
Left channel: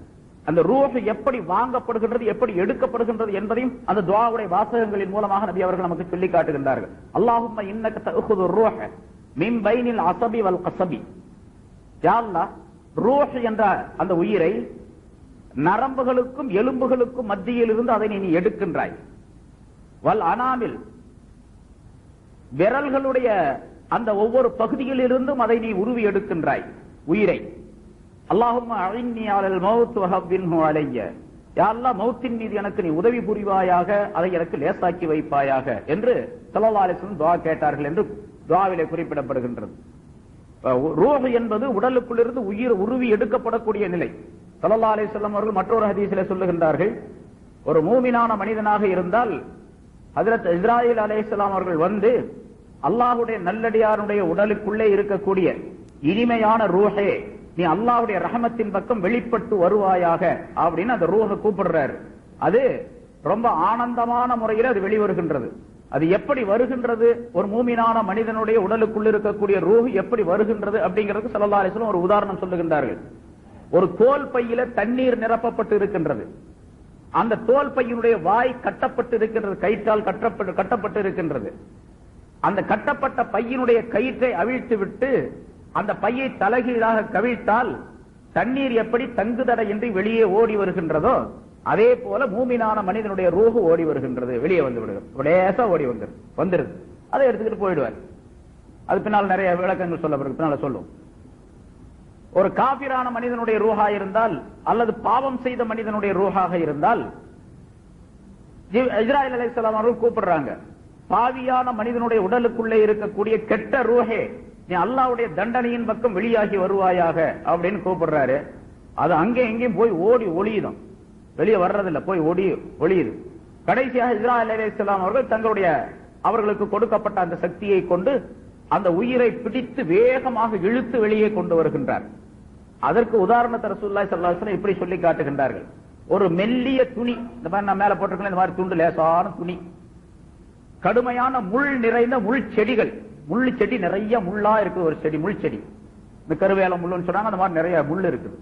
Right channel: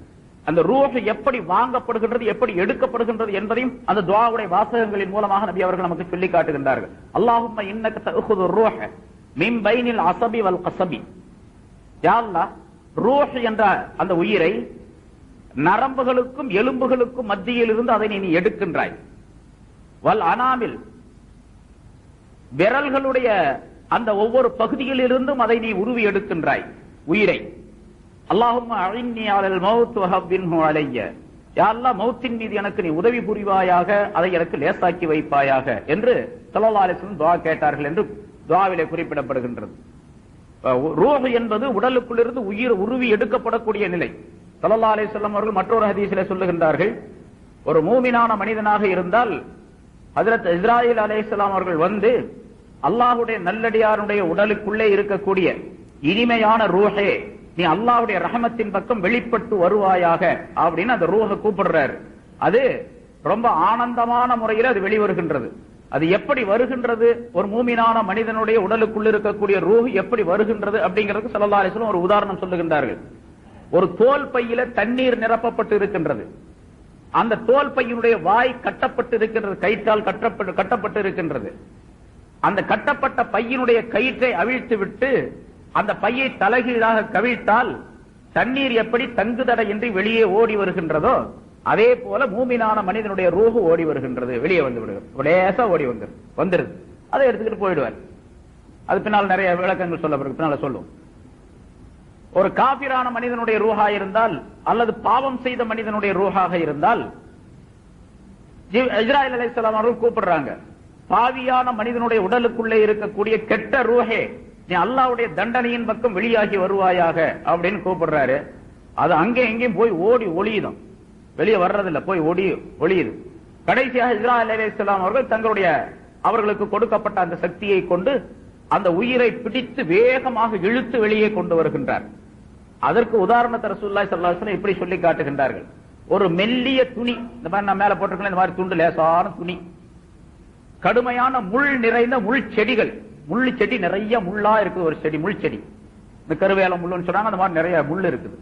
அந்த ரூஹ் எப்படி வாங்கப்படுகின்றது, எப்படி எடுக்கப்படுகின்றது என்பதையும் அந்த துஆவுடைய வாசகங்களின் மூலமாக நபி அவர்கள் நமக்கு சொல்லி காட்டுகின்றார்கள். அல்லாஹும்ம இன்னக தஅഖுது ரூஹ மின் பைனில் அஸபி வல் கஸபி. யா அல்லாஹ், ரூஹ் என்ற அந்த உயிரை நரம்புகளுக்கும் எலும்புகளுக்கும் மத்தியில் இருந்து அதை நீ எடுக்கின்றாய். வல் அனாமில், விரல்களுடைய அந்த ஒவ்வொரு பகுதியில் இருந்தும் அதை நீ உருவி எடுக்கின்றாய் உயிரை. அல்லாஹும்ம அஇன்னி அலல் மௌத் வஹவ்வின்ஹு அலைய. யா அல்லாஹ், மௌத்தின் மீது எனக்கு நீ உதவி புரிவாயாக, அதை எனக்கு லேசாக்கி வைப்பாயாக என்று ஸல்லல்லாஹு அலைஹி வஸல்லம் துஆ கேட்டார்கள் என்று துஆவிலே குறிப்பிடப்படுகின்றது. ரூஹ் என்பது உடலுக்குள்ளிருந்து உயிர் உருவி எடுக்கப்படக்கூடிய நிலை. ஸல்லல்லாஹு அலைஹி வஸல்லம் அவர்கள் மற்றொரு ஹதீஸிலே சொல்லுகின்றார்கள், ஒரு மூமினான மனிதனாக இருந்தால் ஹஜ்ரத் இஸ்ராயீல் அலைஹிஸ்ஸலாம் அவர்கள் வந்து அல்லாஹ்வுடைய நல்லடியாருடைய உடலுக்குள்ளே இருக்கக்கூடிய இனிமையான ரூஹே, நீ அல்லாஹ்வுடைய ரஹமத்தின் பக்கம் வெளிப்பட்டு வருவாயாக அப்படின்னு அந்த ரூஹை கூப்பிடுறாரு. அது ரொம்ப ஆனந்தமான முறையில் அது வெளிவருகின்றது. அது எப்படி வருகின்றது, ஒரு மூமினான மனிதனுடைய உடலுக்குள் இருக்கக்கூடிய ரூஹ் எப்படி வருகின்றது அப்படிங்கிறதுக்கு ஸல்லல்லாஹு அலைஹி வஸல்லம் ஒரு உதாரணம் சொல்லுகின்றார்கள். ஒரு தோல் பையில தண்ணீர் நிரப்பப்பட்டு இருக்கின்றது. அந்த தோல் பையினுடைய வாய் கட்டப்பட்டு இருக்கின்றது, கயிற்றால் கட்டப்பட்டு இருக்கின்றது. அந்த கட்டப்பட்ட பையினுடைய கயிற்றை அவிழ்த்து விட்டு அந்த பையை தலைகீழாக கவிழ்த்தால் தண்ணீர் எப்படி தங்குதடையின்றி வெளியே ஓடி வருகின்றதோ அதே போல மூமினான மனிதனுடைய ரூஹ் ஓடி வருகின்றது, வெளியே வந்து லேசா ஓடி வந்துருது. அதை எடுத்துக்கிட்டு போயிடுவார். அது பின்னால் நிறைய விளக்கங்கள் சொல்ல சொல்லும். ஒரு காபிரான மனிதனுடைய ரூஹா இருந்தால் அல்லது பாவம் செய்த மனிதனுடைய ரூஹாக இருந்தால் இஸ்ராயீல் அலைஹிஸ்ஸலாம் அவர்கள் கூப்பிடுறாங்க, பாவியான மனிதனுடைய உடலுக்குள்ளே இருக்கக்கூடிய கெட்ட ரூஹே, நீ அல்லாஹ்வுடைய தண்டனையின் பக்கம் வெளியாகி வருவாயாக அப்படின்னு கூப்பிடுறாரு. அது அங்கே எங்கேயும் போய் ஓடி ஒளியுதும், வெளியே வர்றதில்லை, போய் ஒளியுது. கடைசியாக இஸ்ராயீல் அலைஹிஸ்ஸலாம் அவர்கள் தங்களுடைய அவர்களுக்கு கொடுக்கப்பட்ட அந்த சக்தியை கொண்டு அந்த உயிரை பிடித்து வேகமாக இழுத்து வெளியே கொண்டு வருகின்றார். அதற்கு உதாரணத்தை ரசூலுல்லாஹி ஸல்லல்லாஹு அலைஹி வஸல்லம் இப்படி சொல்லி காட்டுகின்றார்கள். ஒரு மெல்லிய துணி, இந்த மாதிரி நான் மேல போட்டிருக்கேன், இந்த மாதிரி துண்டு லேசான துணி, கடுமையான முள் நிறைந்த முள் செடிகள், முள்ளு செடி நிறைய முள்ளா இருக்கு, ஒரு செடி முள் செடி, இந்த கருவேல முள்ளுன்னு சொன்னாங்க, அந்த மாதிரி நிறைய முள் இருக்குது.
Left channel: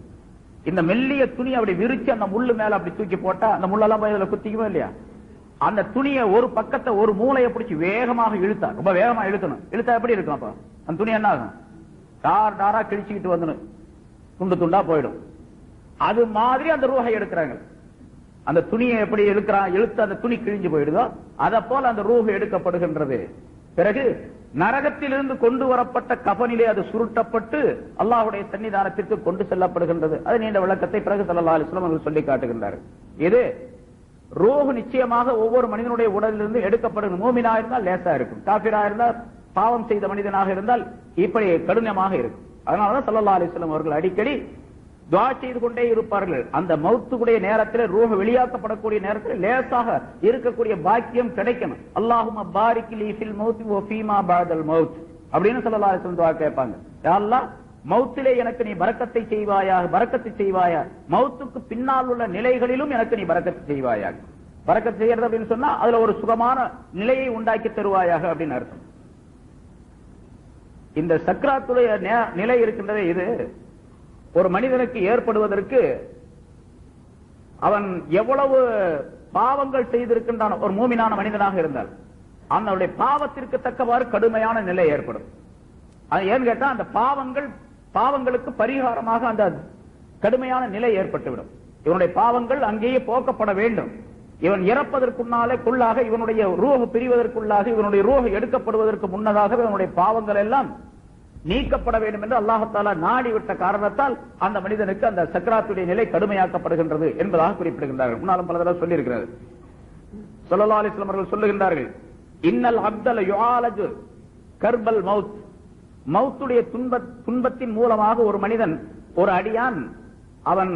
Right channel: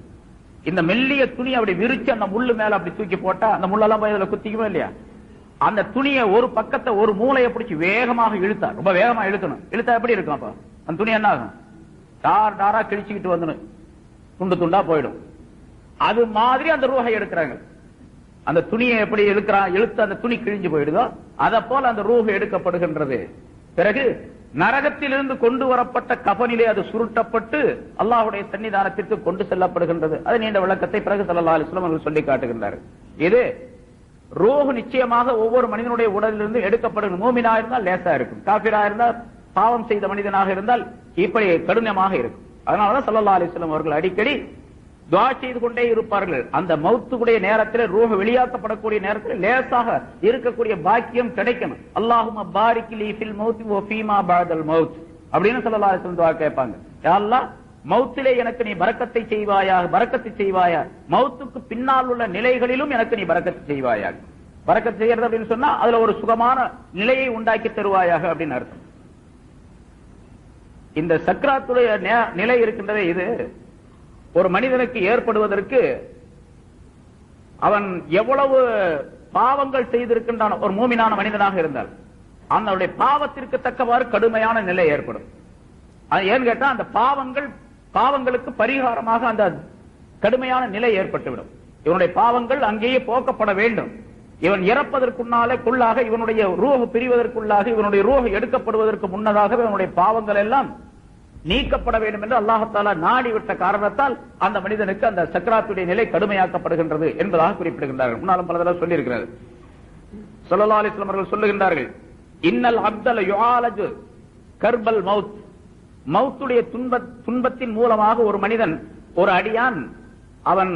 இந்த மெல்லிய துணி அப்படி விரிச்சு அந்த முள்ளு மேல அப்படி தூக்கி போட்டா அந்த முள்ளெல்லாம் போய் அதுல குத்திக்குமே இல்லையா? அந்த துணியை ஒரு பக்கத்தை ஒரு மூளையை பிடிச்சி வேகமாக இழுத்தா, ரொம்ப வேகமா இழுக்கணும். இழுத்தா எப்படி இருக்கும்? அப்ப அந்த துணி என்ன ஆகும்? டார் டாரா கிழிச்சுக்கிட்டு வந்து துண்டு துண்டா போயிடும். அது மாதிரி அந்த ரூஹை எடுக்கிறாங்க. அந்த துணியை எப்படி இழுத்து அந்த துணி கிழிஞ்சு போயிடுதோ அதை போல அந்த ரூஹ் எடுக்கப்படுகின்றது. பிறகு நரகத்திலிருந்து கொண்டு வரப்பட்ட கஃனிலே அது சுருட்டப்பட்டு அல்லாஹ்வுடைய சன்னிதானத்திற்கு கொண்டு செல்லப்படுகின்றது. அது நீண்ட விளக்கத்தை பிறகு ஸல்லல்லாஹு அலைஹி வஸல்லம் சொல்லி காட்டுகின்றார். இது ரூஹ் நிச்சயமாக ஒவ்வொரு மனிதனுடைய உடலிலிருந்து எடுக்கப்படும். மூமினா இருந்தால் லேசா இருக்கும், காபிரா இருந்தால் பாவம் செய்த மனிதனாக இருந்தால் இப்படி கடுமையாக இருக்கும். அதனாலதான் ஸல்லல்லாஹு அலைஹி வஸல்லம் அவர்கள் அடிக்கடி துஆ செய்து கொண்டே இருப்பார்கள். அந்த மௌத்துடைய நேரத்தில் ரூஹ் வெளியாக்கப்படக்கூடிய நேரத்தில் லேசாக இருக்கக்கூடிய பாக்கியம் கிடைக்கணும். அல்லாஹும்ம பாரிக் லீ ஃபில் மௌத் வ ஃபீமா பஅதல் மௌத் அப்படின்னு ஸல்லல்லாஹு அலைஹி வஸல்லம் துஆ கேட்பாங்க. யா அல்லாஹ், மௌத்திலே எனக்கு நீ பரக்கத்தை செய்வாயா, மௌத்துக்கு பின்னால் உள்ள நிலைகளிலும் எனக்கு நீ பரக்கத்தை செய்வாயாக. பரக்கத்து செய்யறது அப்படின்னு சொன்னா அதுல ஒரு சுகமான நிலையை உண்டாக்கி தருவாயாக அப்படின்னு அர்த்தம். இந்த சக்ராத்துடைய நிலை இருக்கின்றதே, இது ஒரு மனிதனுக்கு ஏற்படுவதற்கு அவன் எவ்வளவு பாவங்கள் செய்திருக்கின்றான், ஒரு மூமினான மனிதனாக இருந்தால் அவனுடைய பாவத்திற்கு தக்கவாறு கடுமையான நிலை ஏற்படும். அது ஏன்னு கேட்டா அந்த பாவங்களுக்கு பரிகாரமாக அந்த கடுமையான நிலை ஏற்பட்டுவிடும். இவனுடைய பாவங்கள் அங்கேயே போக்கப்பட வேண்டும். இவன் இறப்பதற்குள்ளாக இவனுடைய ரூஹ் பிரிவதற்குள்ளாக இவனுடைய ரூஹ் எடுக்கப்படுவதற்கு முன்னதாக இவனுடைய பாவங்கள் எல்லாம் நீக்கப்பட வேண்டும் என்று அல்லாஹ் தஆலா நாடிவிட்ட காரணத்தால் அந்த மனிதனுக்கு அந்த சக்ராத்துடைய நிலை கடுமையாக்கப்படுகின்றது என்பதாக குறிப்பிடுகின்றார்கள். முன்னாலும் பல தடவை சொல்லி இருக்கிறார்கள். ஸல்லல்லாஹு அலைஹி வஸல்லம் அவர்கள் சொல்லுகின்றார்கள், இன்னல் அப்தல யுஆலஜு கர்பல் மௌத், மௌத்துடைய துன்பத்தின் மூலமாக ஒரு மனிதன், ஒரு அடியான் அவன்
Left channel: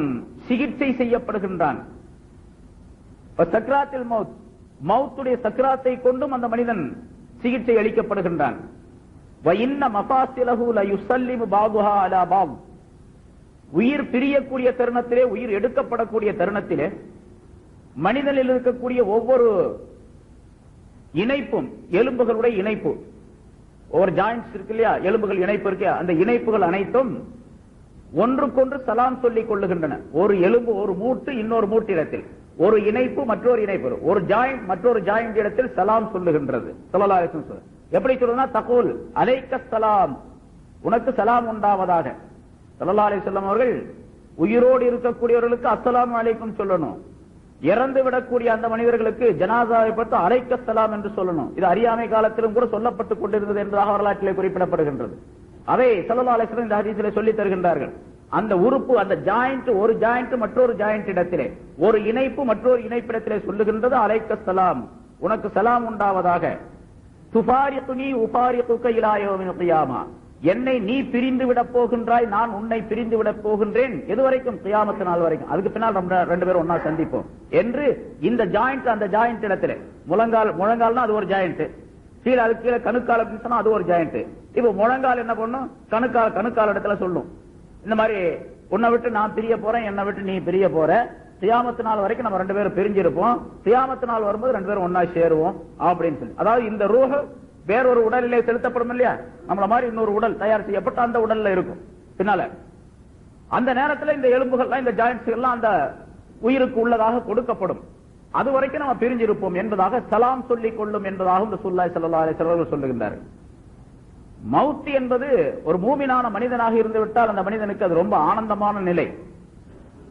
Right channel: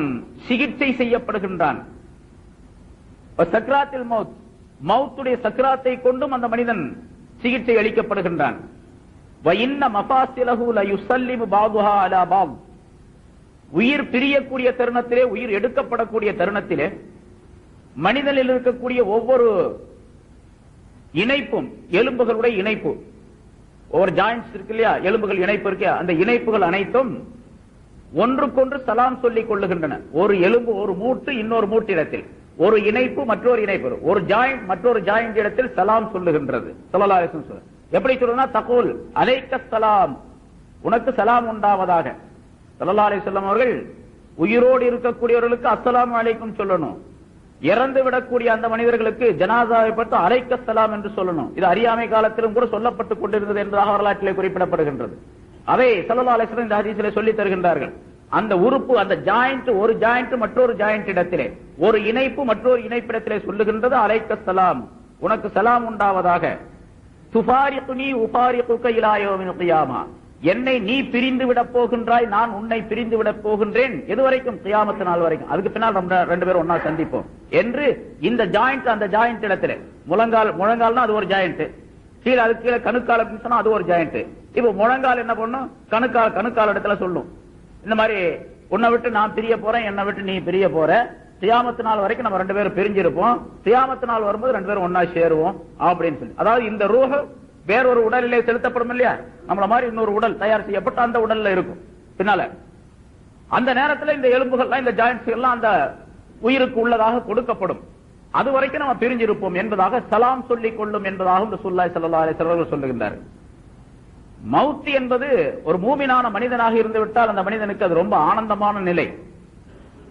சிகிச்சை செய்யப்படுகின்றான். சக்ராத்தில் மௌத், மௌத்துடைய சக்ராத்தை கொண்டும் அந்த மனிதன் சிகிச்சை அளிக்கப்படுகின்றான். உயிர் பிரியக்கூடிய தருணத்திலே, உயிர் எடுக்கப்படக்கூடிய தருணத்திலே மனிதனில் இருக்கக்கூடிய ஒவ்வொரு இணைப்பும், எலும்புகளுடைய இணைப்பு, ஒவ்வொரு ஜாயின்ட்ஸ் இருக்கு இல்லையா, எலும்புகள் இணைப்பு இருக்கு, அந்த இணைப்புகள் அனைத்தும் ஒன்றுக்கொன்று சலாம் சொல்லிக் கொள்ளுகின்றன. ஒரு எலும்பு, ஒரு மூட்டு இன்னொரு மூட்டிடத்தில், ஒரு இணைப்பு மற்றொரு இணைப்பு, ஒரு ஜாயிண்ட் மற்றொரு ஜாயிண்ட் இடத்தில் சலாம் சொல்லுகின்றது. ஸல்லல்லாஹு அலைஹி வஸல்லம் எப்படி சொல்றா? தகூல் அலைக்க சலாம், உனக்கு சலாம் உண்டாவதாக. ஸல்லல்லாஹு அலைஹி வஸல்லம் அவர்கள் உயிரோடு இருக்கக்கூடியவர்களுக்கு அஸ்ஸலாமு அலைக்கும் சொல்லணும். இறந்து விடக்கூடிய அந்த மனிதர்களுக்கு ஜனாசாவை பார்த்து அலைக்க சலாம் என்று சொல்லணும். இது அறியாமை காலத்திலும் கூட சொல்லப்பட்டுக் கொண்டிருந்தது என்பதாக வரலாற்றிலே குறிப்பிடப்படுகின்றது. அதை ஸல்லல்லாஹு அலைஹி வஸல்லம் இந்த ஹதீஸிலே சொல்லி தருகின்றார்கள். அந்த உறுப்பு, அந்த ஜாயிண்ட், ஒரு ஜாயிண்ட் மற்றொரு ஜாயிண்ட் இடத்திலே, ஒரு இணைப்பு மற்றொரு இணைப்பிடத்திலே சொல்லுகின்றது அலைக்க சலாம், உனக்கு சலாம் உண்டாவதாக. துஃபாரிகுனி உஃபாரிகுக இலா யௌமில் கியாமா, என்னை நீ பிரிந்து விட போகின்றாய், நான் உன்னை பிரிந்து விட போகின்றேன், எதுவரைக்கும்? கியாமத் நாள் வரைக்கும். அதுக்கு பின்னால் ரெண்டு பேரும் ஒன்னா சந்திப்போம் என்று இந்த ஜாயிண்ட், அந்த ஜாயிண்ட் இடத்துல முழங்கால்னா அது ஒரு ஜாயிண்ட், கீழே அதுக்கு கீழே கணுக்கால பிடிச்சா அது ஒரு ஜாயிண்ட். இப்ப முழங்கால் என்ன பண்ணும்? கணுக்கால் இடத்துல சொல்லும், இந்த மாதிரி உன்னை விட்டு நான் பிரிய போறேன், என்னை விட்டு நீ பிரிய போற, கியாமத் நாள் வரைக்கும் நம்ம ரெண்டு பேரும் பிரிஞ்சிருப்போம், கியாமத் நாள் வரும்போது ரெண்டு பேரும் ஒன்னா சேருவோம் அப்படின்னு சொல்லி. அதாவது இந்த ரூஹ் வேறொரு உடலிலே செலுத்தப்படும் இல்லையா, நம்மள மாதிரி இன்னொரு உடல் தயார் செய்யப்பட்ட அந்த உடல்ல இருக்கும் பின்னால. அந்த நேரத்தில் இந்த எலும்புகள்லாம், இந்த ஜாயிண்ட்ஸ் எல்லாம் அந்த உயிருக்கு உள்ளதாக கொடுக்கப்படும். அது வரைக்கும் நம்ம பிரிஞ்சிருப்போம் என்பதாக சலாம் சொல்லிக் கொள்ளும் என்பதாக ரசூலுல்லாஹி ஸல்லல்லாஹு அலைஹி வஸல்லம் சொல்லுகின்றார்கள். மவுத் என்பது ஒரு மூமினான மனிதனாக இருந்து விட்டால் அந்த மனிதனுக்கு அது ரொம்ப ஆனந்தமான நிலை.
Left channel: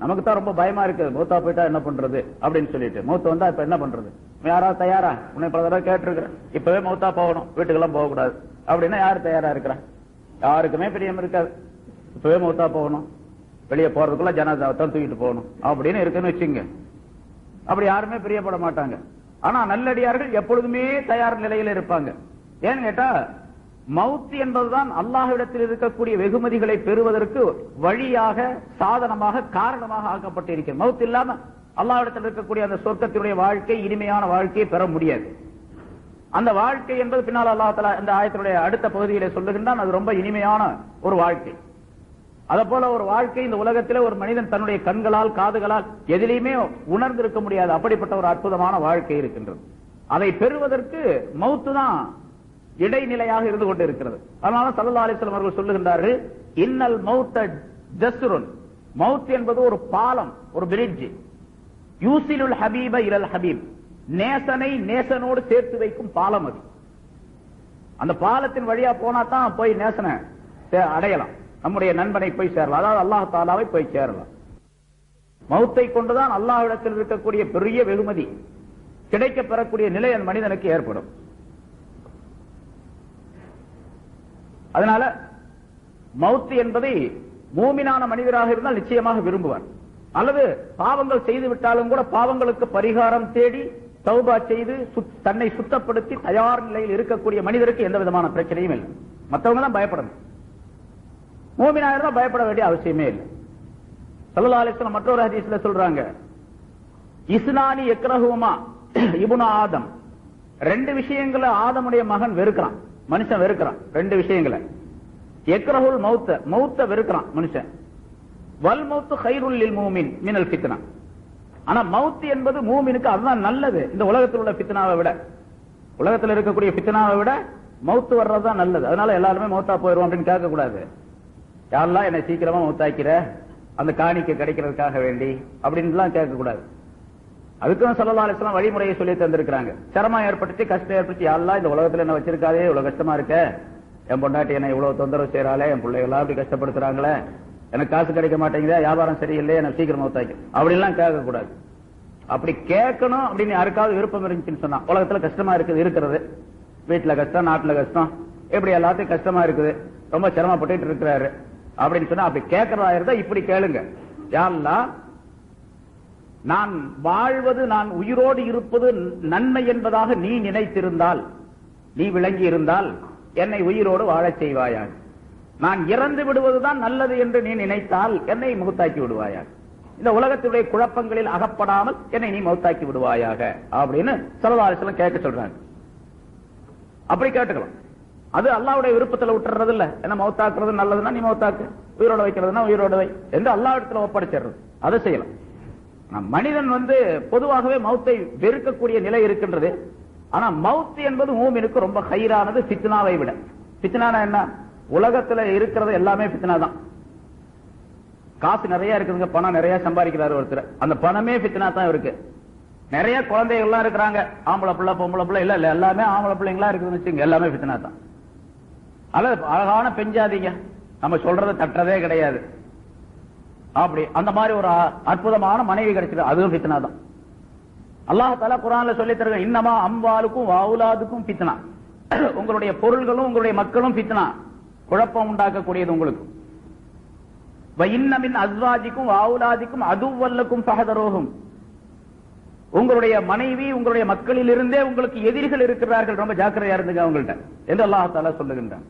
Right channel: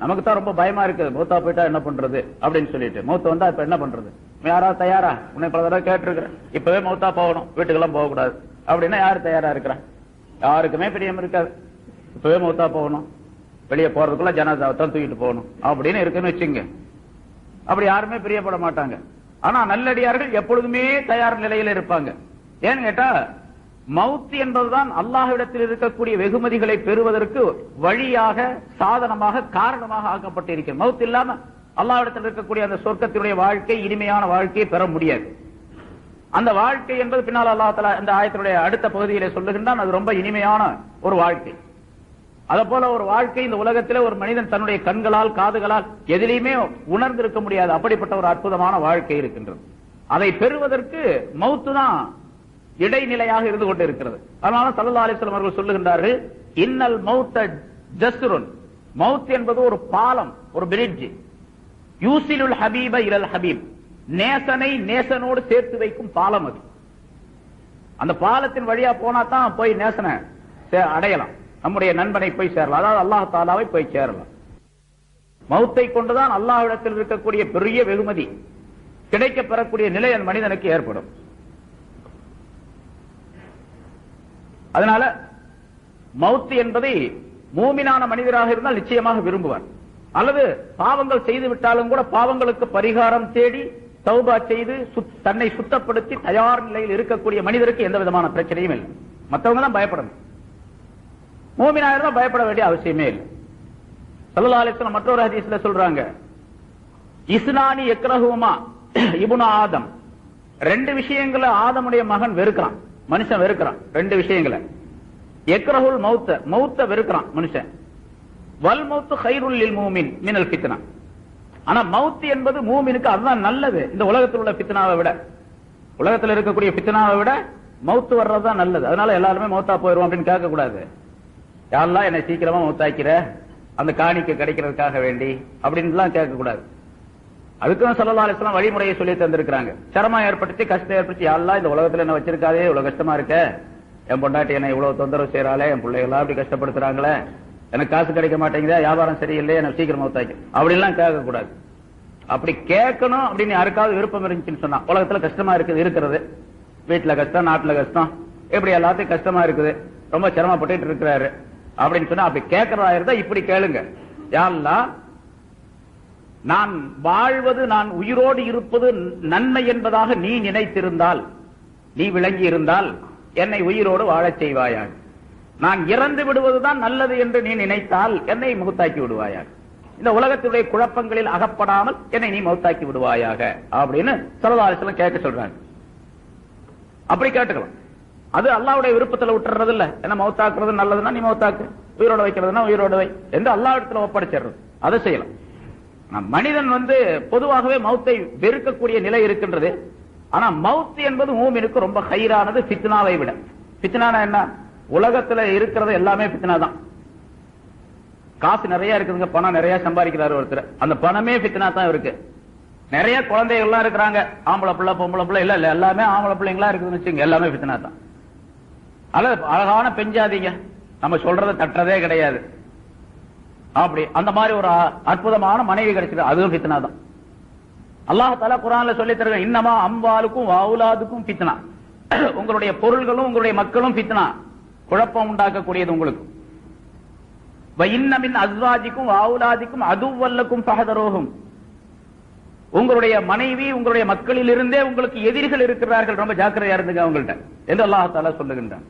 நமக்கு தான் ரொம்ப பயமா இருக்குது, மௌத்தா போயிட்டா என்ன பண்றது அப்படின்னு சொல்லிட்டு. மௌத்த வந்தா இப்ப என்ன பண்றது? யாராவது தயாரா? உன்னை பல தடவை கேட்டிருக்கிறேன், இப்பவே மௌத்தா போகணும், வீட்டுக்கெல்லாம் போக கூடாது அப்படின்னா யாரு தயாரா இருக்கிறான்? யாருக்குமே பிரியம் இருக்காது. இப்பவே மௌத்தா போகணும், வெளியே போறதுக்குள்ள ஜனாசாவை தான் தூக்கிட்டு போகணும் அப்படின்னு இருக்குன்னு வச்சுங்க. அப்படி யாருமே பிரியப்பட மாட்டாங்க. ஆனா நல்லடியார்கள் எப்பொழுதுமே தயார் நிலையில் இருப்பாங்க. ஏன்னு கேட்டா, மவுத் என்பதுதான் அல்லாஹ்விடத்தில் இருக்கக்கூடிய வெகுமதிகளை பெறுவதற்கு வழியாக, சாதனமாக, காரணமாக ஆக்கப்பட்டிருக்கிறது. மவுத் இல்லாம அல்லாஹ்விடத்தில் இருக்கக்கூடிய அந்த சொர்க்கத்தினுடைய வாழ்க்கை, இனிமையான வாழ்க்கையை பெற முடியாது. அந்த வாழ்க்கை என்பது பின்னால் அல்லாஹ் தஆலா இந்த ஆயத்தினுடைய அடுத்த பகுதியிலே சொல்லுகின்றான், அது ரொம்ப இனிமையான ஒரு வாழ்க்கை. அதே போல ஒரு வாழ்க்கை இந்த உலகத்திலே ஒரு மனிதன் தன்னுடைய கண்களால், காதுகளால் எதிலையுமே உணர்ந்திருக்க முடியாது. அப்படிப்பட்ட ஒரு அற்புதமான வாழ்க்கை இருக்கின்றது. அதை பெறுவதற்கு மவுத்து தான் இடைநிலையாக இருந்து கொண்டு இருக்கிறது. அதனால ஸல்லல்லாஹு அலைஹி வஸல்லம் அவர்கள் சொல்லுகின்றார்கள், இன்னல் மௌத்த ஜஸ்ருன், மவுத் என்பது ஒரு பாலம், ஒரு பிரிட்ஜ். யூசிலுல் ஹபீப இலல் ஹபீப், நேசனை நேசனோடு சேர்த்து வைக்கும் பாலம் அது. அந்த பாலத்தின் வழியா போனா தான் போய் நேசனை அடையலாம், நம்முடைய நண்பனை போய் சேரலாம், அதாவது அல்லாஹ் தஆலாவை போய் சேரலாம். மவுத்தை கொண்டுதான் அல்லாஹ்விடத்தில் இருக்கக்கூடிய பெரிய வெகுமதி கிடைக்க பெறக்கூடிய நிலை அந்த மனிதனுக்கு ஏற்படும். அதனால மவுத் என்பதை மூமினான மனிதராக இருந்தால் நிச்சயமாக விரும்புவார். அல்லது பாவங்கள் செய்து விட்டாலும் கூட பாவங்களுக்கு பரிகாரம் தேடி தௌபா செய்து தன்னை சுத்தப்படுத்தி தயார் நிலையில் இருக்கக்கூடிய மனிதருக்கு எந்த விதமான பிரச்சனையும் இல்லை. மற்றவங்க தான் பயப்படணும், மூமினாக இருந்தால் பயப்பட வேண்டிய அவசியமே இல்லை. ஸல்லல்லாஹு அலைஹி வஸல்லம் மற்றொரு ஹதீஸ்ல சொல்றாங்க, இஸ்னானி யக்ரஹுமா இப்னு ஆதம், ரெண்டு விஷயங்களை ஆதமுடைய மகன் வெறுக்கிறான், மனுஷன் வெறுக்கிறான். ரெண்டு விஷயங்களை, யக்ரஹுல் மௌத்த, மௌத்த வெறுக்கிறான் மனுஷன். வல் மௌத்து கைருல் லில் மூமின் மினல் ஃபித்னா, ஆனா மௌத் என்பது மூமினுக்கு அதுதான் நல்லது. இந்த உலகத்தில் உள்ள ஃபித்னாவை விட, உலகத்தில் இருக்கக்கூடிய ஃபித்னாவை விட மௌத்து வர்றதுதான் நல்லது. அதனால எல்லாருமே மௌத்தா போயிடும் அப்படின்னு கேட்க கூடாது. யாரெல்லாம் என்னை சீக்கிரமா மௌத்தாக்கிற, அந்த காணிக்கை கிடைக்கிறதுக்காக வேண்டி அப்படின்னு கேட்க கூடாது. அதுக்கும் ஸல்லல்லாஹு அலைஹி வஸல்லம் வழிமுறையை சொல்லி தந்திருக்கிறாங்க. சிரமம் ஏற்பட்டுச்சு, கஷ்டம் ஏற்பட்டுச்சு, யாரெல்லாம் இந்த உலகத்துல என்ன வச்சிருக்காதே, இவ்வளவு கஷ்டமா இருக்க, என் பொண்டாட்டி என்ன இவ்வளவு தொந்தரவு செய்யறாளே, என் பிள்ளைகளா அப்படி கஷ்டப்படுத்துறாங்களே, எனக்கு காசு கிடைக்க மாட்டேங்குதா, வியாபாரம் சரியில்லை, எனக்கு சீக்கிரம் மௌத்தாக்கி அப்படின்லாம் கேட்க கூடாது. அப்படி கேட்கணும் அப்படின்னு யாருக்காவது விருப்பம் இருந்துச்சுன்னு சொன்னா, உலகத்துல கஷ்டமா இருக்குது, இருக்கிறது வீட்டுல கஷ்டம், நாட்டுல கஷ்டம், இப்படி எல்லாத்தையும் கஷ்டமா இருக்குது, ரொம்ப சிரமப்பட்டு இருக்கிறாரு அப்படின்னு சொன்னா, அப்படி கேட்கறதா இருந்தா இப்படி கேளுங்க, யா அல்லாஹ், நான் வாழ்வது, நான் உயிரோடு இருப்பது நன்மை என்பதாக நீ நினைத்திருந்தால், நீ விளங்கி இருந்தால் என்னை உயிரோடு வாழச் செய்வாயாக. நான் இறந்து விடுவதுதான் நல்லது என்று நீ நினைத்தால் என்னை மௌத்தாக்கி விடுவாயாக. இந்த உலகத்துடைய குழப்பங்களில் அகப்படாமல் என்னை நீ மௌத்தாக்கி விடுவாயாக அப்படின்னு ஸல்லல்லாஹு அலைஹி வஸல்லம் கேட்க சொல்றாங்க. அப்படி கேட்டுக்கலாம். அது அல்லாஹ்வுடைய விருப்பத்துல விட்டுறது இல்ல. என்ன மௌத்தாக்குறது நல்லதுன்னா நீ மௌத்தாக்கு, உயிரோட வைக்கிறதுனா உயிரோட வை என்று அல்லாஹ்விடத்துல ஒப்படைச்சிடுறது, அதை செய்யலாம். மனிதன் பொதுவாகவே மௌத்தை வெறுக்கக்கூடிய நிலை இருக்கின்றது. ஆனா மௌத் என்பது மூமினுக்கு ரொம்ப ஹைரானது ஃபித்னாவை விட. ஃபித்னானா என்ன? உலகத்துல இருக்கிறது எல்லாமே ஃபித்னா தான். காசு நிறைய இருக்குதுங்க, பணம் நிறைய சம்பாதிக்கிறாரு ஒருத்தர், அந்த பணமே ஃபித்னா தான் இருக்கு. நிறைய குழந்தைகள் எல்லாம் இருக்கிறாங்க, ஆம்பளை பிள்ளை பொம்பளை பிள்ளை இல்ல எல்லாமே ஆம்பளை பிள்ளைங்களா இருக்குதுன்னு வச்சுங்க, எல்லாமே ஃபித்னா தான். அல்லது அழகான பெஞ்சாதீங்க, நம்ம சொல்றதை தட்டுறதே கிடையாது, அப்படி அந்த மாதிரி ஒரு அற்புதமான மனைவி கிடைச்சது, அதுவும் ஃபித்னா தான். அல்லாஹ் தஆலா குர்ஆன்ல சொல்லி தருங்க, இன்னமா அம்வாலுக்கும் வஅவுலாதுக்கும் ஃபித்னா, உங்களுடைய பொருள்களும் உங்களுடைய மக்களும் ஃபித்னா, குழப்பம் உண்டாக்கக்கூடியது உங்களுக்கு. வ இன்ன மின் அஸ்வாஜிக்கும் வஅவுலாதிக்கும் அதுவல்லக்கும் ஃபஹதரூஹும், உங்களுடைய மனைவி உங்களுடைய மக்களில் இருந்தே உங்களுக்கு எதிரிகள் இருக்கிறார்கள், ரொம்ப ஜாக்கிரதையா இருந்துங்க அவங்கள்ட்ட என்று அல்லாஹ் தஆலா சொல்லுகின்றான்.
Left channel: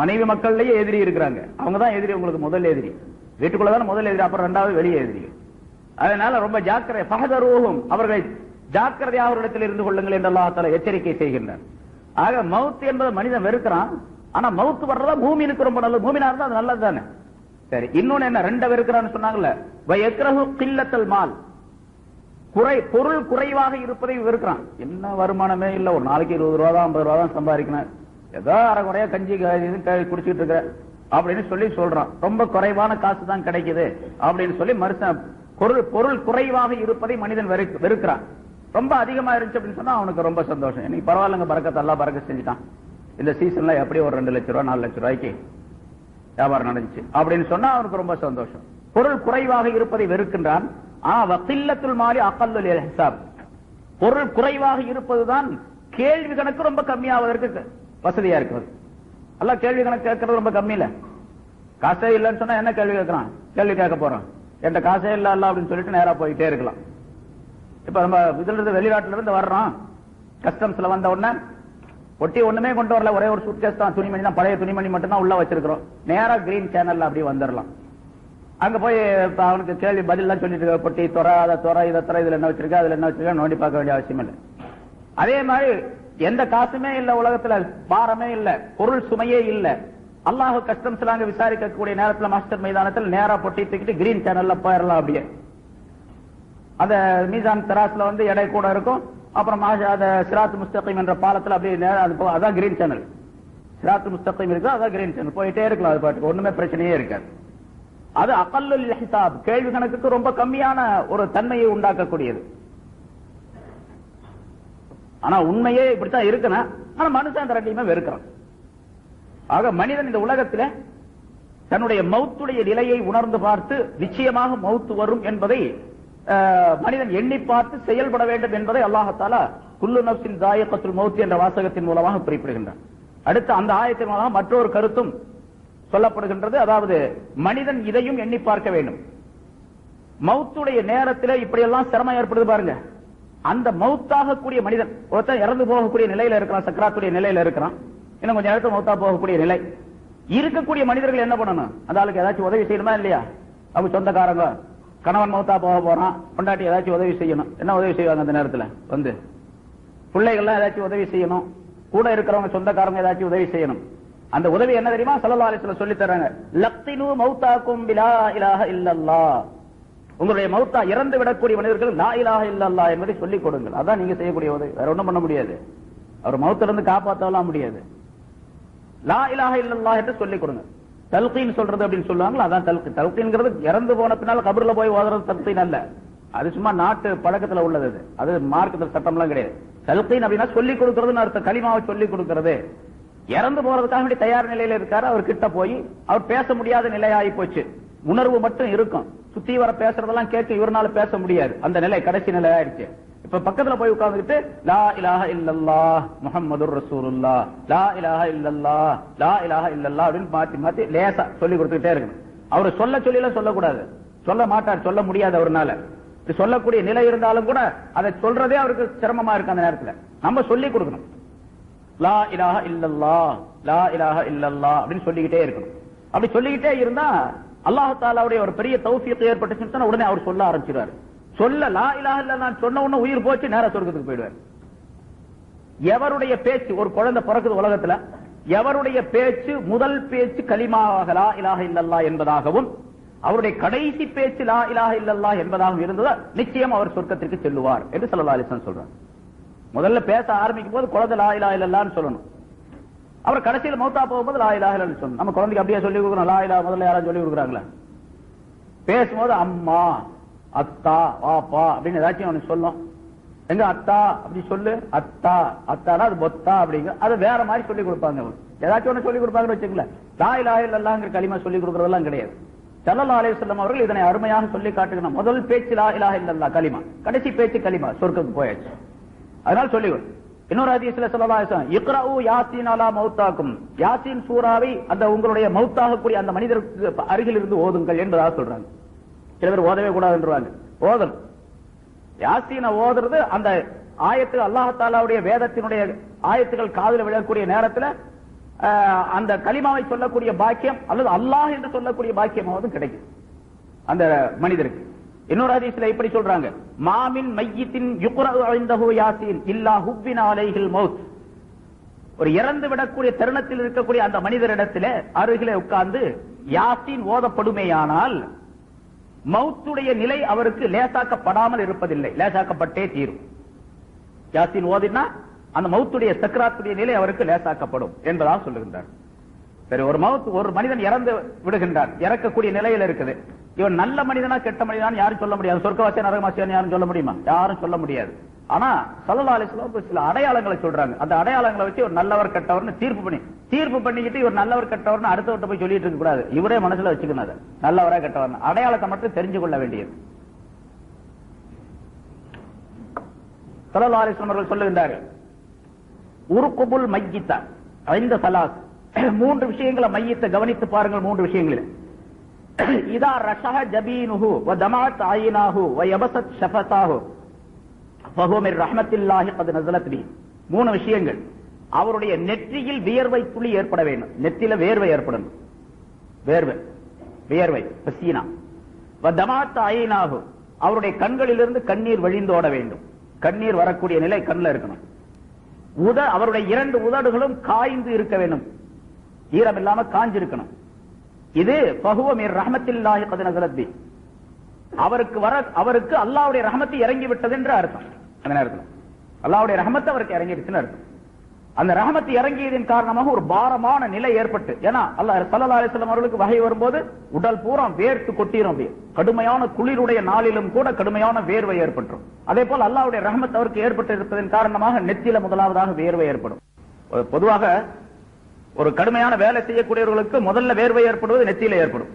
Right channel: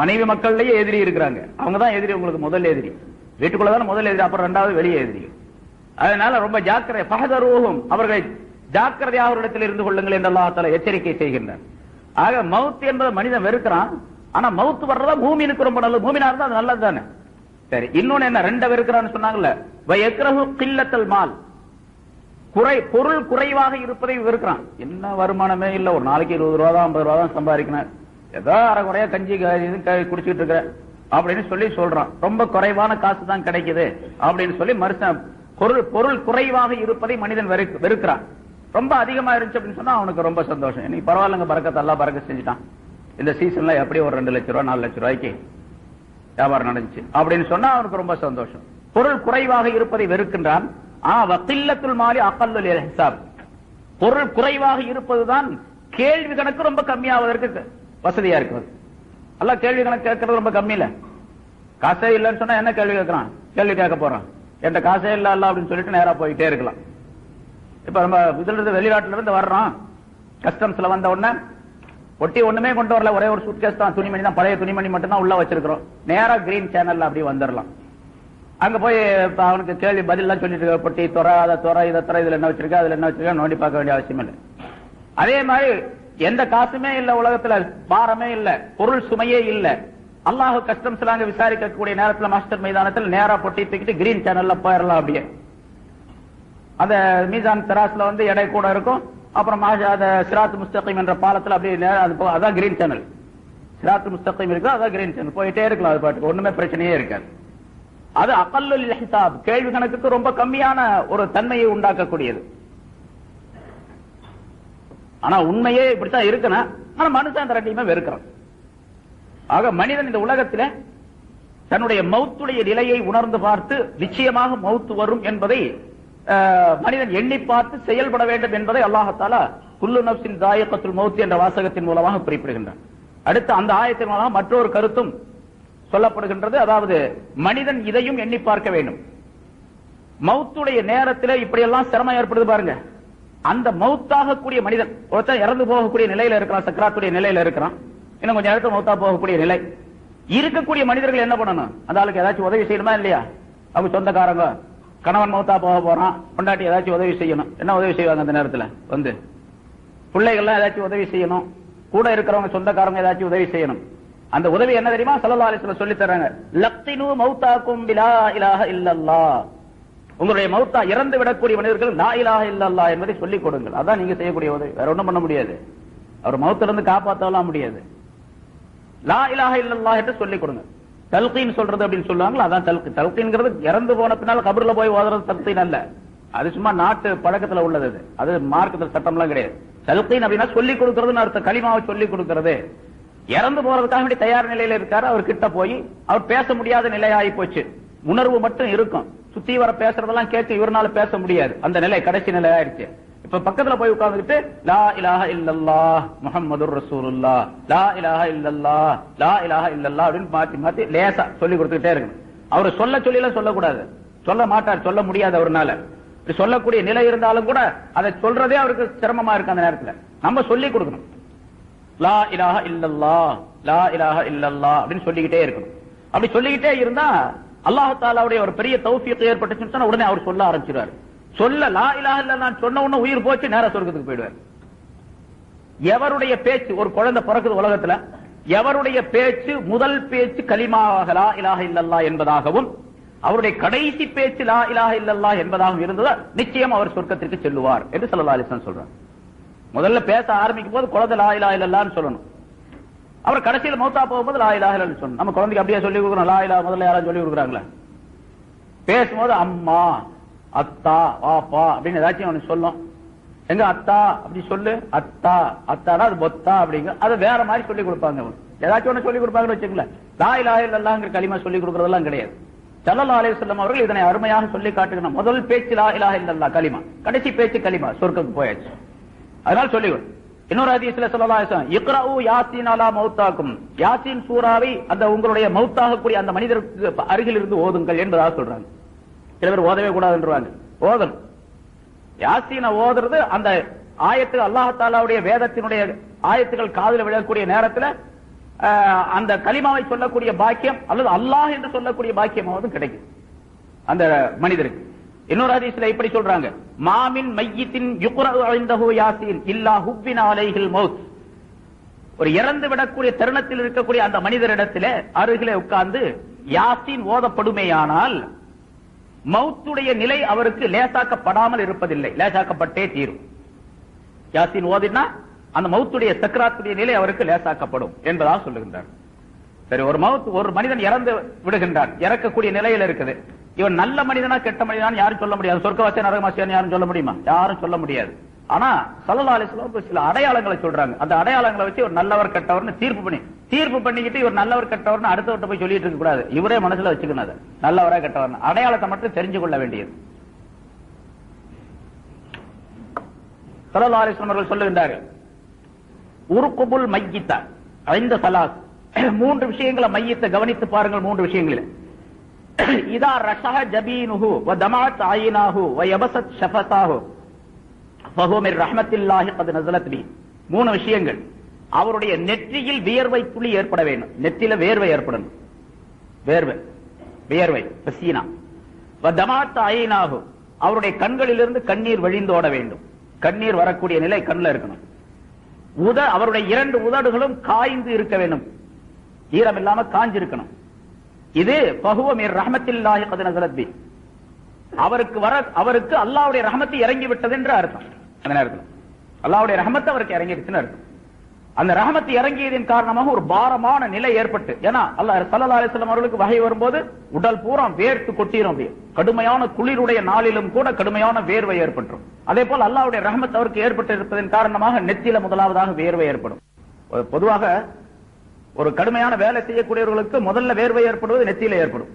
மனைவி மக்கள்லயே எதிரி இருக்கிறாங்க, அவங்க தான் எதிரி, உங்களுக்கு முதல் எதிரி. வீட்டுக்குள்ளதான் முதல் எதிரி, அப்புறம் இரண்டாவது வெளியே எதிரி. அதனால ரொம்ப ஜாக்கிரதை, ஃபஹதரூஹும், அவர்களை ஜாக்கிரதையாக அவரிடத்தில் இருந்து கொள்ளுங்கள் என்று அல்லாஹ் தஆலா எச்சரிக்கை செய்கின்றான். ஆக மவுத் என்பது மனிதன் வெறுக்கிறான், ஆனா மவுத் வர்றதா மூமினுக்கு ரொம்ப நல்லது, மூமினா இருந்தா அது நல்லது தானே. சரி, இன்னொன்னு என்ன, ரெண்ட வெறுக்கிறான்னு சொன்னாங்கல்ல, வயக்ரஹு கில்லத்தல் மால், பொருள் குறைவாக இருப்பதை வெறுக்கிறான். என்ன வருமானமே இல்ல, ஒரு நாளைக்கு 20 ரூபா தான் 50 ரூபா தான் சம்பாதிக்கணும், ஏதோ அரை குறையா கஞ்சி குடிச்சிட்டு இருக்க அப்படின்னு சொல்லி சொல்றான். ரொம்ப குறைவான காசு தான் கிடைக்குது அப்படின்னு சொல்லி மனுஷன் பொருள் குறைவாக இருப்பதை மனிதன் வெறுக்கிறான். ரொம்ப அதிகமா இருந்துச்சு அப்படின்னு சொன்னா அவனுக்கு ரொம்ப சந்தோஷம், இன்னைக்கு பரவாயில்லங்க, பறக்கத்தை எல்லாம் பறக்க செஞ்சுட்டான், இந்த சீசன்ல எப்படி ஒரு 2 லட்சம் ரூபாய் 4 லட்சம் ரூபாய்க்கு வியாபாரம் நடந்துச்சு அப்படின்னு சொன்னா அவனுக்கு ரொம்ப சந்தோஷம். பொருள் குறைவாக இருப்பதை வெறுக்கின்றான். வக்கில்லத்துல் மாலி அகல்லுல் ஹிசாப், பொருள் குறைவாக இருப்பதுதான் கேள்வி கணக்கு ரொம்ப கம்மியாவதற்கு வசதியா இருக்கும். அல்ல கேள்வி கணக்கு கேட்கறது ரொம்ப கம்மி இல்ல, காசே இல்லைன்னு சொன்னா என்ன கேள்வி கேட்கறான், கேள்வி கேட்க போறான், என்ற காசே இல்ல அல்ல அப்படின்னு சொல்லிட்டு நேரா போயிட்டே இருக்கலாம். இப்ப நம்ம இதுல இருந்து வெளிநாட்டுல இருந்து வர்றோம், கஸ்டம்ஸ்ல வந்த உடனே ஒட்டி ஒண்ணுமே கொண்டு வரல, ஒரே ஒரு சூட்கேஸ் தான், துணிமணி தான், பழைய துணிமணி மட்டும் தான் உள்ள வச்சிருக்கிறோம், நேரா கிரீன் சேனல்ல அப்படி வந்துடலாம். அங்க போய் அவனுக்கு கேள்வி பதில் எல்லாம் சொல்லிட்டு இருக்க, பொட்டி துற அதை துற இதை துற, இதுல என்ன வச்சிருக்க அதுல என்ன வச்சிருக்க நோண்டி பார்க்க வேண்டிய அவசியம் இல்லை. அதே மாதிரி எந்த காசுமே இல்ல உலகத்துல, பாரமே இல்ல, பொருள் சுமையே இல்ல, அல்லாஹ் கஸ்டம்ஸ்ல அங்க விசாரிக்கக்கூடிய நேரத்துல மாஸ்டர் மைதானத்தில் நேரா பொட்டி தூக்கிட்டு கிரீன் சேனல்ல போயிடலாம். அப்படியே அந்த மீசான் தராஸ்ல வந்து எடை கூட இருக்கும், அப்புறம் சிராத் முஸ்தகீம் என்ற பாலத்தில் அப்படியே அதான் கிரீன் சேனல், சிராத் முஸ்தகீம் இருக்கு, அதான் கிரீன் சேனல், போயிட்டே இருக்கலாம், அது பாட்டுக்கு ஒண்ணுமே பிரச்சனையே இருக்காது. அது அகல்லுல் ஹிசாப், கேள்வி கணக்குக்கு ரொம்ப கம்மியான ஒரு தன்மையை உண்டாக்கக்கூடியது. ஆனா உண்மையே இப்படித்தான் இருக்கணும், ஆனா மனுஷன் அந்த ரெண்டையுமே வெறுக்கிறான். ஆக மனிதன் இந்த உலகத்தில் தன்னுடைய மௌத்துடைய நிலையை உணர்ந்து பார்த்து நிச்சயமாக மௌத்து வரும் என்பதை மனிதன் எண்ணி பார்த்து செயல்பட வேண்டும் என்பதை அல்லாஹ் தஆலா குல்லு நஃப்ஸின் தாயிகத்துல் மௌத் என்ற வாசகத்தின் மூலமாக குறிப்பிடுகின்றான். அடுத்து அந்த ஆயத்தின் மூலமாக மற்றொரு கருத்தும் சொல்லப்படுகின்றது, அதாவது மனிதன் இதையும் எண்ணி பார்க்க வேண்டும். மௌத்துடைய நேரத்தில் இப்படியெல்லாம் சிரமம் ஏற்படுது பாருங்க, அந்த மௌத்தாக கூடிய மனிதன் ஒருத்தன் இறந்து போகக்கூடிய நிலையில இருக்கிறான், சக்கராத்துடைய நிலையில இருக்கிறான், இன்னும் கொஞ்சம் நேரத்தில் மௌத்தா போகக்கூடிய நிலை இருக்கக்கூடிய மனிதர்கள் என்ன பண்ணணும், அந்த ஆளுக்கு ஏதாச்சும் உதவி செய்யணுமா இல்லையா? அவங்க சொந்தக்காரங்க, கணவன் மௌத்தா போக போறான், கொண்டாட்டி ஏதாச்சும் உதவி செய்யணும், என்ன உதவி செய்வாங்க அந்த நேரத்தில் வந்து பிள்ளைகள்லாம் ஏதாச்சும் உதவி செய்யணும், கூட இருக்கிறவங்க சொந்தக்காரங்க ஏதாச்சும் உதவி செய்யணும். அந்த உதவி என்ன தெரியுமா? ஸல்லல்லாஹு அலைஹி வஸல்லம் சொல்லி தராங்க, லக்தினு மௌதாக்கும் பிலா இலாஹ இல்லல்லாஹ், உங்களுடைய மௌத்தா இறந்து விடக்கூடிய மனிதர்கள் லா இலாஹ இல்லல்லாஹ் என்பதை சொல்லிக் கொடுங்கள். அதான் நீங்க செய்யக்கூடிய உதவி, வேற ஒண்ணும் பண்ண முடியாது, அவர் மௌத்திலிருந்து காப்பாற்றலாம் முடியாது. லா இலாஹ இல்லல்லாஹ் என்று சொல்லிக் கொடுங்க. தல்கீன் சொல்றது அப்படின்னு சொல்லுவாங்க, அதான் தல்கீன்ங்கிறது இறந்து போன பின்னால் கபர்ல போய் ஓதுறது தல்கீன் அல்ல, அது சும்மா நாட்டு பழக்கத்துல உள்ளது, அது மார்க்கத்தில் சட்டம்லாம் கிடையாது. தல்கீன் அப்படின்னா சொல்லிக் கொடுக்கறதுன்னு அர்த்தம், கலிமாவை சொல்லிக் கொடுக்கிறது. இறந்து போறதுக்காக வேண்டிய தயார் நிலையில இருக்காரு, அவர் கிட்ட போய் அவர் பேச முடியாத நிலையாகி போச்சு, உணர்வு மட்டும் இருக்கும், சுத்தி வர பேசுறதெல்லாம் கேட்க இவரால பேச முடியாது, அந்த நிலை கடைசி நிலை ஆயிடுச்சு. இப்ப பக்கத்துல போய் உட்கார்ந்துட்டு லா இலாஹ இல்லல்லாஹ் முஹம்மதுர் ரசூலுல்லாஹ், லா இலாஹ இல்லல்லாஹ், லா இலாஹ இல்லல்லாஹ் அப்படின்னு மாத்தி மாத்தி லேசா சொல்லி கொடுத்துக்கிட்டே இருக்கணும். அவர் சொல்லலாம் சொல்லக்கூடாது, சொல்ல மாட்டார், சொல்ல முடியாது அவர்னால. சொல்லக்கூடிய நிலை இருந்தாலும் கூட அதை சொல்றதே அவருக்கு சிரமமா இருக்கு. அந்த நேரத்தில் நம்ம சொல்லி கொடுக்கணும், லா இலாஹ இல்லல்லாஹ், லா இலாஹ இல்லல்லாஹ் அப்படின்னு சொல்லிக்கிட்டே இருக்கணும். அப்படி சொல்லிக்கிட்டே இருந்தா அல்லாஹ் தஆலாவுடைய ஒரு பெரிய தௌஃபீக் ஏற்பட்டுச்சுன்னு சொன்னா உடனே அவர் சொல்ல ஆரம்பிச்சிருவாரு. சொல்ல லா இலாஹ இல்லல்லாஹ் சொன்ன உடனே உயிர் போச்சு, நேரா சொர்க்கத்துக்கு போயிடுவார். எவருடைய பேச்சு, ஒரு குழந்தை பிறக்குது உலகத்துல, எவருடைய பேச்சு முதல் பேச்சு கலிமாவாக லா இலாஹ இல்லல்லாஹ் என்பதாகவும் அவருடைய கடைசி பேச்சு லா இலாஹ இல்லல்லாஹ் என்பதாகவும் இருந்ததா நிச்சயம் அவர் சொர்க்கத்திற்கு செல்லுவார் என்று ஸல்லல்லாஹு அலைஹி வஸல்லம் சொல்றார். முதல்ல பேச ஆரம்பிக்கும் போது குழந்தை லா இலாஹ இல்லல்லாஹ்னு சொல்லணும், அவர் கடைசியில் மௌத்தா போகும்போது லா இலாஹ இல்லல்லாஹ்னு சொல்லணும். நம்ம குழந்தைக்கு அப்படியே சொல்லி கொடுக்கணும், லா இலாஹ முதல்ல யாராவது சொல்லி கொடுக்குறாங்களா? பேசும்போது அம்மா, அத்தா, பாப்பா அப்படின்னு ஏதாச்சும் அவனுக்கு சொல்லும். எங்க அத்தா அப்படி சொல்லு, அத்தா அத்தாடா அது பொத்தா அப்படிங்க, அது வேற மாதிரி சொல்லி கொடுப்பாங்க. ஏதாச்சும் ஒண்ணு சொல்லி கொடுப்பாங்கன்னு வச்சுக்கோங்களேன். லா இலாஹ இல்லல்லாஹ்ங்கிற கலிமா சொல்லி கொடுக்கறதெல்லாம் கிடையாது. ஸல்லல்லாஹு அலைஹி வஸல்லம் அவர்கள் இதனை அருமையாக சொல்லி காட்டுகிறார். முதல் பேச்சு லா இலாஹ இல்லல்லாஹ் கலிமா, கடைசி பேச்சு கலிமா, சொர்க்கத்துக்கு போயாச்சு. அதனால சொல்லி இன்னொரு ஹதீஸ்ல ஸல்லல்லாஹு அலைஹி வஸல்லம் இக்ரஉ யாசீன் அலா மௌத்தாக்கும், யாசீன் சூராவை அந்த உங்களுடைய மௌத்தாகக்கூடிய அந்த மனிதருக்கு அருகில் இருந்து ஓதுங்கள் என்பதாக சொல்றாங்க. சில பேர் ஓதவே கூடாதுன்றாங்க. ஓதணும். யாசீனை ஓதுறது அந்த ஆயத்து அல்லாஹ் தஆலாவுடைய வேதத்தினுடைய ஆயத்துகள் காதுல விழக்கூடிய நேரத்தில் அந்த கலிமாவை சொல்லக்கூடிய பாக்கியம் அல்லது அல்லாஹ் என்று சொல்லக்கூடிய பாக்கியமாவது கிடைக்கும் அந்த மனிதருக்கு. இன்னொரு ஹதீஸ்ல இப்படி சொல்றாங்க, மாமின் மையித்தின் யுக்ரஉ இன்தஹு யாசீன் இல்லா ஹுப்பின அலைஹில் மௌத். ஒரு இறந்து விடக்கூடிய தருணத்தில் இருக்கக்கூடிய அந்த மனிதரிடத்திலே அருகிலே உட்கார்ந்து யாசீன் ஓதப்படுமேயானால் மௌத்துடைய நிலை அவருக்கு லேசாக்கப்படாமல் இருப்பதில்லை, லேசாக்கப்பட்டே தீரும். யாசீன் ஓதினா அந்த மௌத்துடைய சக்கராத்துடைய நிலை அவருக்கு லேசாக்கப்படும் என்பதாக சொல்லுகின்றார். சரி, ஒரு மனிதன் இறந்து விடுகின்றான், இறக்கக்கூடிய நிலையில் இருக்குது. இவன் நல்ல மனிதனா கெட்ட மனிதனா யாரும் சொல்ல முடியாது. சொர்க்கவாசியா நரகவாசியா யாரும் சொல்ல முடியுமா? யாரும் சொல்ல முடியாது. ஆனா ஸல்லல்லாஹு அலைஹி வஸல்லம் சில அடையாளங்களை சொல்றாங்க. அந்த அடையாளங்களை வச்சு ஒரு நல்லவர் கெட்டவர்னு தீர்ப்பு பண்ணிக்கிட்டு இவர் நல்லவர் கெட்டவர்னு அடுத்தவர்கிட்ட போய் சொல்லிட்டு இருக்க கூடாது. இவரே மனசுல வச்சுக்கணும் நல்லவரா கெட்டவர், அடையாளத்தை மட்டும் தெரிஞ்சு கொள்ள வேண்டியது. ஸல்லல்லாஹு அலைஹி வஸல்லம் அவர்கள் சொல்லுகின்றார்கள், உருக்குபுல் மையித்த ஐந்த ஸலாத், மூன்று விஷயங்களை மையத்தை கவனித்து பாருங்கள். மூன்று விஷயங்கள், இதா ரஷஹ ஜபீனுஹு வ தமாத் ஐனாஹு வ யபஸத் ஷஃபதாஹு ஃபஹுவ மின் ரஹ்மத்தில்லாஹி கத் நஸலத் பி. மூணு விஷயங்கள். அவருடைய நெற்றியில் வியர்வை துளி ஏற்பட வேண்டும். நெற்றியில வேர்வை ஏற்படணும். வியர்வை பசீனா. வ தமாத் ஐனாஹு, அவருடைய கண்களிலிருந்து கண்ணீர் வழிந்தோட வேண்டும். கண்ணீர் வரக்கூடிய நிலை கண்ணில் இருக்கணும். அவருடைய இரண்டு உதடுகளும் காய்ந்து இருக்க வேண்டும், ஈரம் இல்லாம காஞ்சிருக்கணும். இது ஃபஹுவ மின் ரஹ்மத்தில்லாஹி கத் நஸலத் பி, அவருக்கு அல்லாஹ்வுடைய ரஹ்மத் இறங்கி விட்டது என்று அர்த்தம். அந்த நேரத்தில் அல்லாஹ்வுடைய ரஹ்மத் அவருக்கு இறங்கிடுச்சுன்னு அர்த்தம். அந்த ரஹ்மத் இறங்கியதின் காரணமாக ஒரு பாரமான நிலை ஏற்பட்டு, ஏன்னா அல்லாஹ் ஸல்லல்லாஹு அலைஹி வஸல்லம் அவர்களுக்கு வஹை வரும்போது உடல் பூரா வேர்த்து கொட்டிரும். கடுமையான குளிருடைய நாளிலும் கூட கடுமையான வேர்வை ஏற்பட்டுரும். அதே போல் அல்லாஹ்வுடைய ரஹ்மத் அவருக்கு ஏற்பட்டு இருப்பதன் காரணமாக நெத்தியில முதலாவதாக வேர்வை ஏற்படும். பொதுவாக ஒரு கடுமையான வேலை செய்யக்கூடியவர்களுக்கு முதல்ல வேர்வை ஏற்படுவது நெத்தியில ஏற்படும்.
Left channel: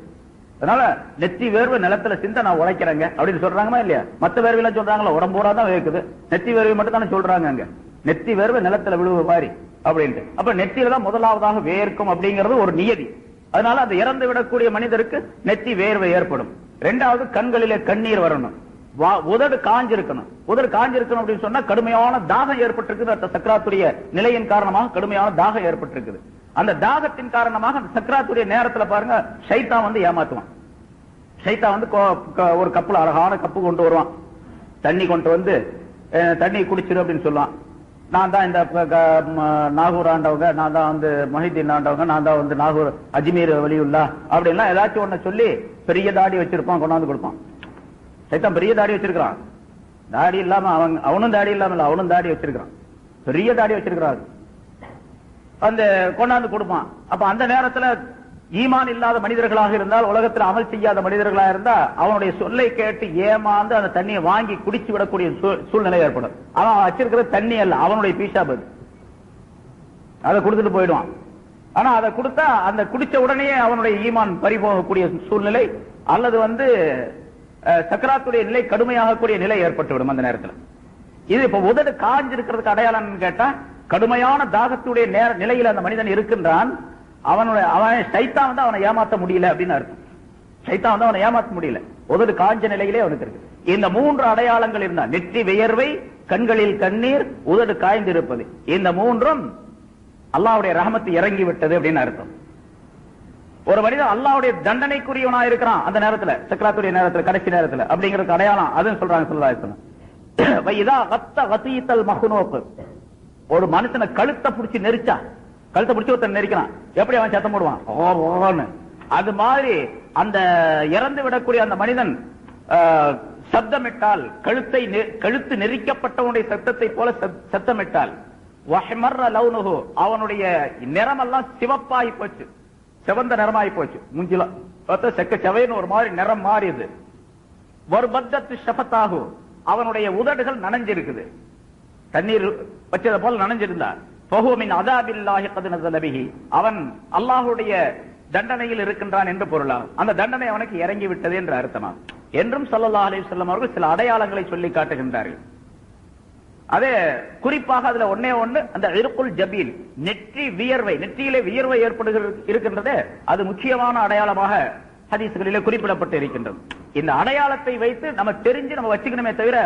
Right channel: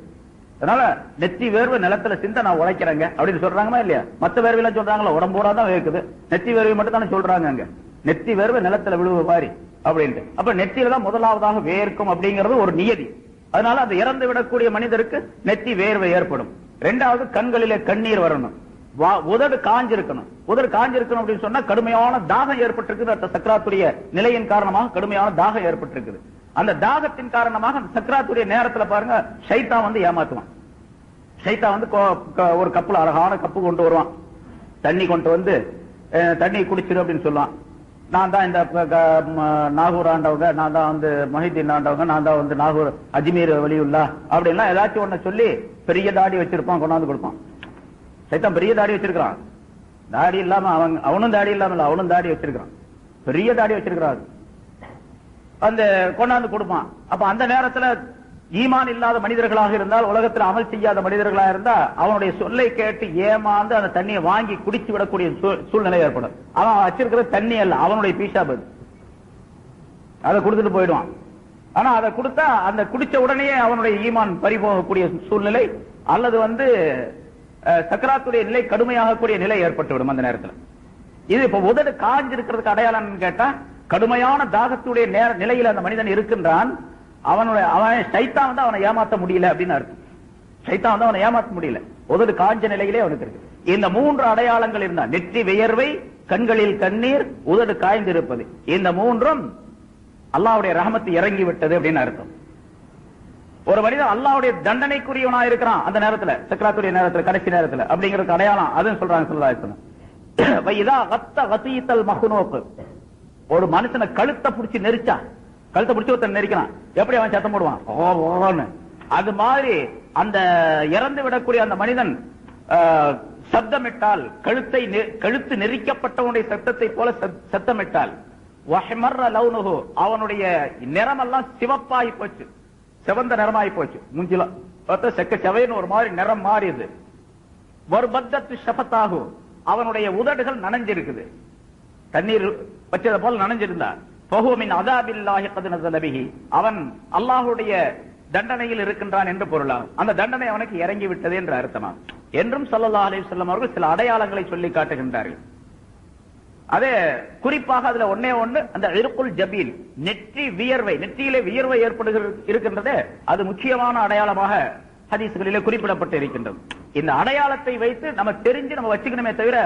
அதனால நெத்தி வேர்வை நிலத்துல சிந்த நான் உழைக்கிறேங்க அப்படின்னு சொல்றாங்களா இல்லையா? மத்த வேர்வை சொல்றாங்களா? உடம்பூரா தான் வேர்க்குது, நெத்தி வேர்வை மட்டும் தானே சொல்றாங்க. அங்க நெத்தி வேர்வை நிலத்துல விழுவு மாதிரி அப்படின்ட்டு. அப்ப நெத்தியில தான் முதலாவதாக வேர்க்கும் அப்படிங்கிறது ஒரு நியதி. அதனால அது இறந்து விடக்கூடிய மனிதருக்கு நெத்தி வேர்வை ஏற்படும். இரண்டாவது, கண்களிலே கண்ணீர் வரணும். உதடு காஞ்சிருக்கணும். உதடு காஞ்சிருக்கணும் அப்படின்னு சொன்னா கடுமையான தாகம் ஏற்பட்டிருக்குது. அந்த சக்கராத்துடைய நிலையின் காரணமாக கடுமையான தாகம் ஏற்பட்டிருக்குது. அந்த தாகத்தின் காரணமாக அந்த சக்கராத்துடைய நேரத்துல பாருங்க, ஷைத்தான் வந்து ஏமாத்துவான். ஷைத்தான் வந்து ஒரு கப்புல அழகான கப்பு கொண்டு வருவான், தண்ணி கொண்டு வந்து தண்ணி குடிச்சிரு அப்படின்னு சொல்லுவான். நான் தான் இந்த நாகூர் ஆண்டவங்க, நான் தான் வந்து மொஹிதீன் ஆண்டவங்க, நான் தான் வந்து நாகூர் அஜ்மீர் வலியுல்லா அப்படின்னா ஏதாச்சும் ஒண்ணு சொல்லி பெரிய தாடி வச்சிருப்பான், கொண்டாந்து கொடுப்பான். சைத்தான் பெரிய தாடி வச்சிருக்கான். தாடி இல்லாம அவனும் தாடி இல்லாம அவனும் தாடி வச்சிருக்கான், பெரிய தாடி வச்சிருக்கிறான். அந்த கொண்டாந்து கொடுப்பான். அப்ப அந்த நேரத்துல ஈமான் இல்லாத மனிதர்களாக இருந்தால், உலகத்தில் அமல் செய்யாத மனிதர்களாக இருந்தா அவனுடைய சொல்லை கேட்டு ஏமாந்து அந்த தண்ணியை வாங்கி குடிச்சு விடக்கூடிய சூழ்நிலை ஏற்படும். அவன் வச்சிருக்கிற தண்ணி அல்ல, அவனுடைய பீஷாபு, அதை கொடுத்துட்டு போயிடுவான். ஆனா அதை கொடுத்தா அந்த குடிச்ச உடனே அவனுடைய ஈமான் பறிபோகக்கூடிய சூழ்நிலை அல்லது வந்து சக்கராத்துடைய நிலை கடுமையாகக்கூடிய நிலை ஏற்பட்டுவிடும் அந்த நேரத்தில். இது இப்ப உதடு காஞ்சிருக்கிறதுக்கு அடையாளம் கேட்டா, கடுமையான தாகத்துடைய நிலையில் அந்த மனிதன் இருக்கின்றான். அவன் சைத்தான் வந்து அவனை ஏமாற்ற முடியல அப்படின்னு அர்த்தம். சைத்தான் வந்து அவனை ஏமாற்ற முடியல, உதடு காஞ்ச நிலையிலே அவனுக்கு இருக்கு. இந்த மூன்று அடையாளங்கள் இருந்தா, நெற்றி வியர்வை, கண்களில் கண்ணீர், உதடு காய்ந்திருப்பது, இந்த மூன்றும் அல்லாஹ்வுடைய ரஹமத் இறங்கி விட்டது அப்படின்னு அர்த்தம். ஒரு மனிதன் அல்லாஹ்வுடைய தண்டனைக்குரியவனா இருக்கிறான் அந்த நேரத்துல, சக்கராத்துடைய நேரத்துல, கடைசி நேரத்துல அப்படிங்கிறதுக்கு அடையாளம் அதுன்னு சொல்றாங்க ஸல்லல்லாஹு அலைஹி வஸல்லம். ஒரு மனுஷனை கழுத்தை பிடிச்சி நெரிச்சான், கழுத்தை பிடிச்சி ஒருத்தன் நெரிக்கிறான், எப்படி அவன் சத்தம் போடுவான்? ஓன்னு. அது மாதிரி அந்த இறந்து விடக்கூடிய அந்த மனிதன் சப்தமிட்டால், கழுத்து நெரிக்கப்பட்டவனுடைய சத்தத்தை போல சத்தமிட்டால், அவனுடைய நிறமெல்லாம் சிவப்பாகி போச்சு, சிவந்த நிறமாயி போச்சு. மூஞ்சில செக்க செவைன்னு ஒரு மாதிரி நிறம் மாறியது. ஒரு பத்தத்து ஷபத்தாகும், அவனுடைய உதடுகள் நனைஞ்சிருக்குது, தண்ணீர் வச்சதை போல நனைஞ்சிருந்தார். பஹுமின் அதாபில்லாஹி கத் நஸல பிஹி, அவன் அல்லாஹ்வுடைய தண்டனையில் இருக்கின்றான் என்று பொருளாகும். அந்த தண்டனை அவனுக்கு இறங்கி விட்டது என்று அர்த்தம் என்றும் ஸல்லல்லாஹு அலைஹி வஸல்லம் அவர்கள் சில அடையாளங்களை சொல்லி காட்டுகின்றார்கள். அதே குறிப்பாக அதுல ஒன்னே ஒன்று, அந்த இர்குல் ஜபீல், நெற்றி வியர்வை, நெற்றியிலே வியர்வை இருக்கின்றது, அது முக்கியமான அடையாளமாக ஹதீஸ்களிலே குறிப்பிடப்பட்டு இருக்கின்றது. இந்த அடையாளத்தை வைத்து நம்ம தெரிஞ்சு நம்ம வச்சுக்கணுமே தவிர,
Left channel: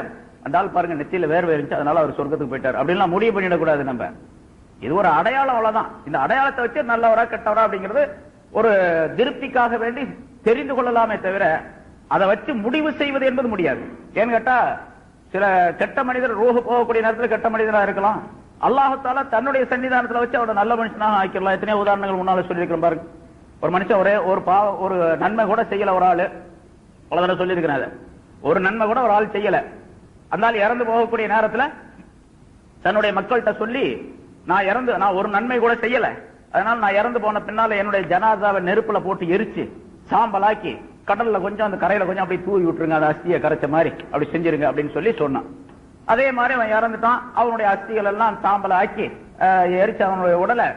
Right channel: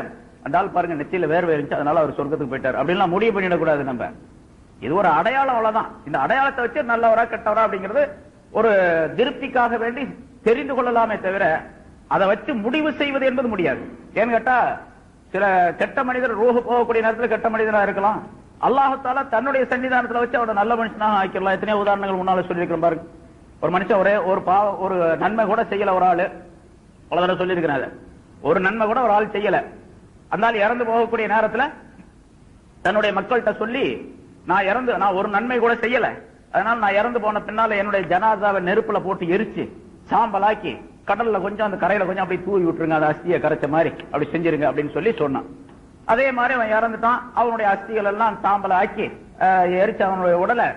அந்த ஆள் பாருங்க நெற்றியில வேர்வை இருந்துச்சு அதனால அவர் சொர்க்கத்துக்கு போயிட்டார் அப்படின்லாம் முடிவு பண்ணிடக்கூடாது. நம்ம இது ஒரு அடையாளம், அவ்வளவுதான். இந்த அடையாளத்தை வச்சு நல்லவரா கெட்டவரா அப்படிங்கிறது ஒரு திருப்திக்காக வேண்டி தெரிந்து கொள்ளலாமே தவிர அதை வச்சு முடிவு செய்வது என்பது முடியாது. ஏன்னு கேட்டா, சில கெட்ட மனிதர் ரூஹு போகக்கூடிய நேரத்தில் கெட்ட மனிதராக இருக்கலாம். அல்லாஹ் தஆலா தன்னுடைய சன்னிதானத்தில் வச்சு அவரை நல்ல மனுஷனாக ஆக்கிடலாம். எத்தனையோ உதாரணங்கள் முன்னால சொல்லியிருக்கிறோம் பாருங்க. ஒரு மனுஷன் ஒரு நன்மை கூட செய்யல, ஒரு ஆளு அவ்வளவு சொல்லியிருக்கிறாங்க, ஒரு நன்மை கூட ஒரு ஆள் செய்யல. அந்த ஆள் இறந்து போகக்கூடிய நேரத்தில் தன்னுடைய மக்கள்கிட்ட சொல்லி, நான் ஒரு நன்மை கூட செய்யல, அதனால நான் இறந்து போன பின்னால என்னுடைய ஜனாசாவை நெருப்புல போட்டு எரிச்சு சாம்பலாக்கி கடல்ல கொஞ்சம் அந்த கரையில கொஞ்சம் அப்படி தூவி விட்டுருங்க, அந்த அஸ்தியை கரைச்ச மாதிரி அப்படி செஞ்சிருங்க அப்படின்னு சொல்லி சொன்னான். அதே மாதிரி அவன் இறந்துட்டான். அவனுடைய அஸ்திகள் எல்லாம் சாம்பல ஆக்கி எரிச்சு அவனுடைய உடலை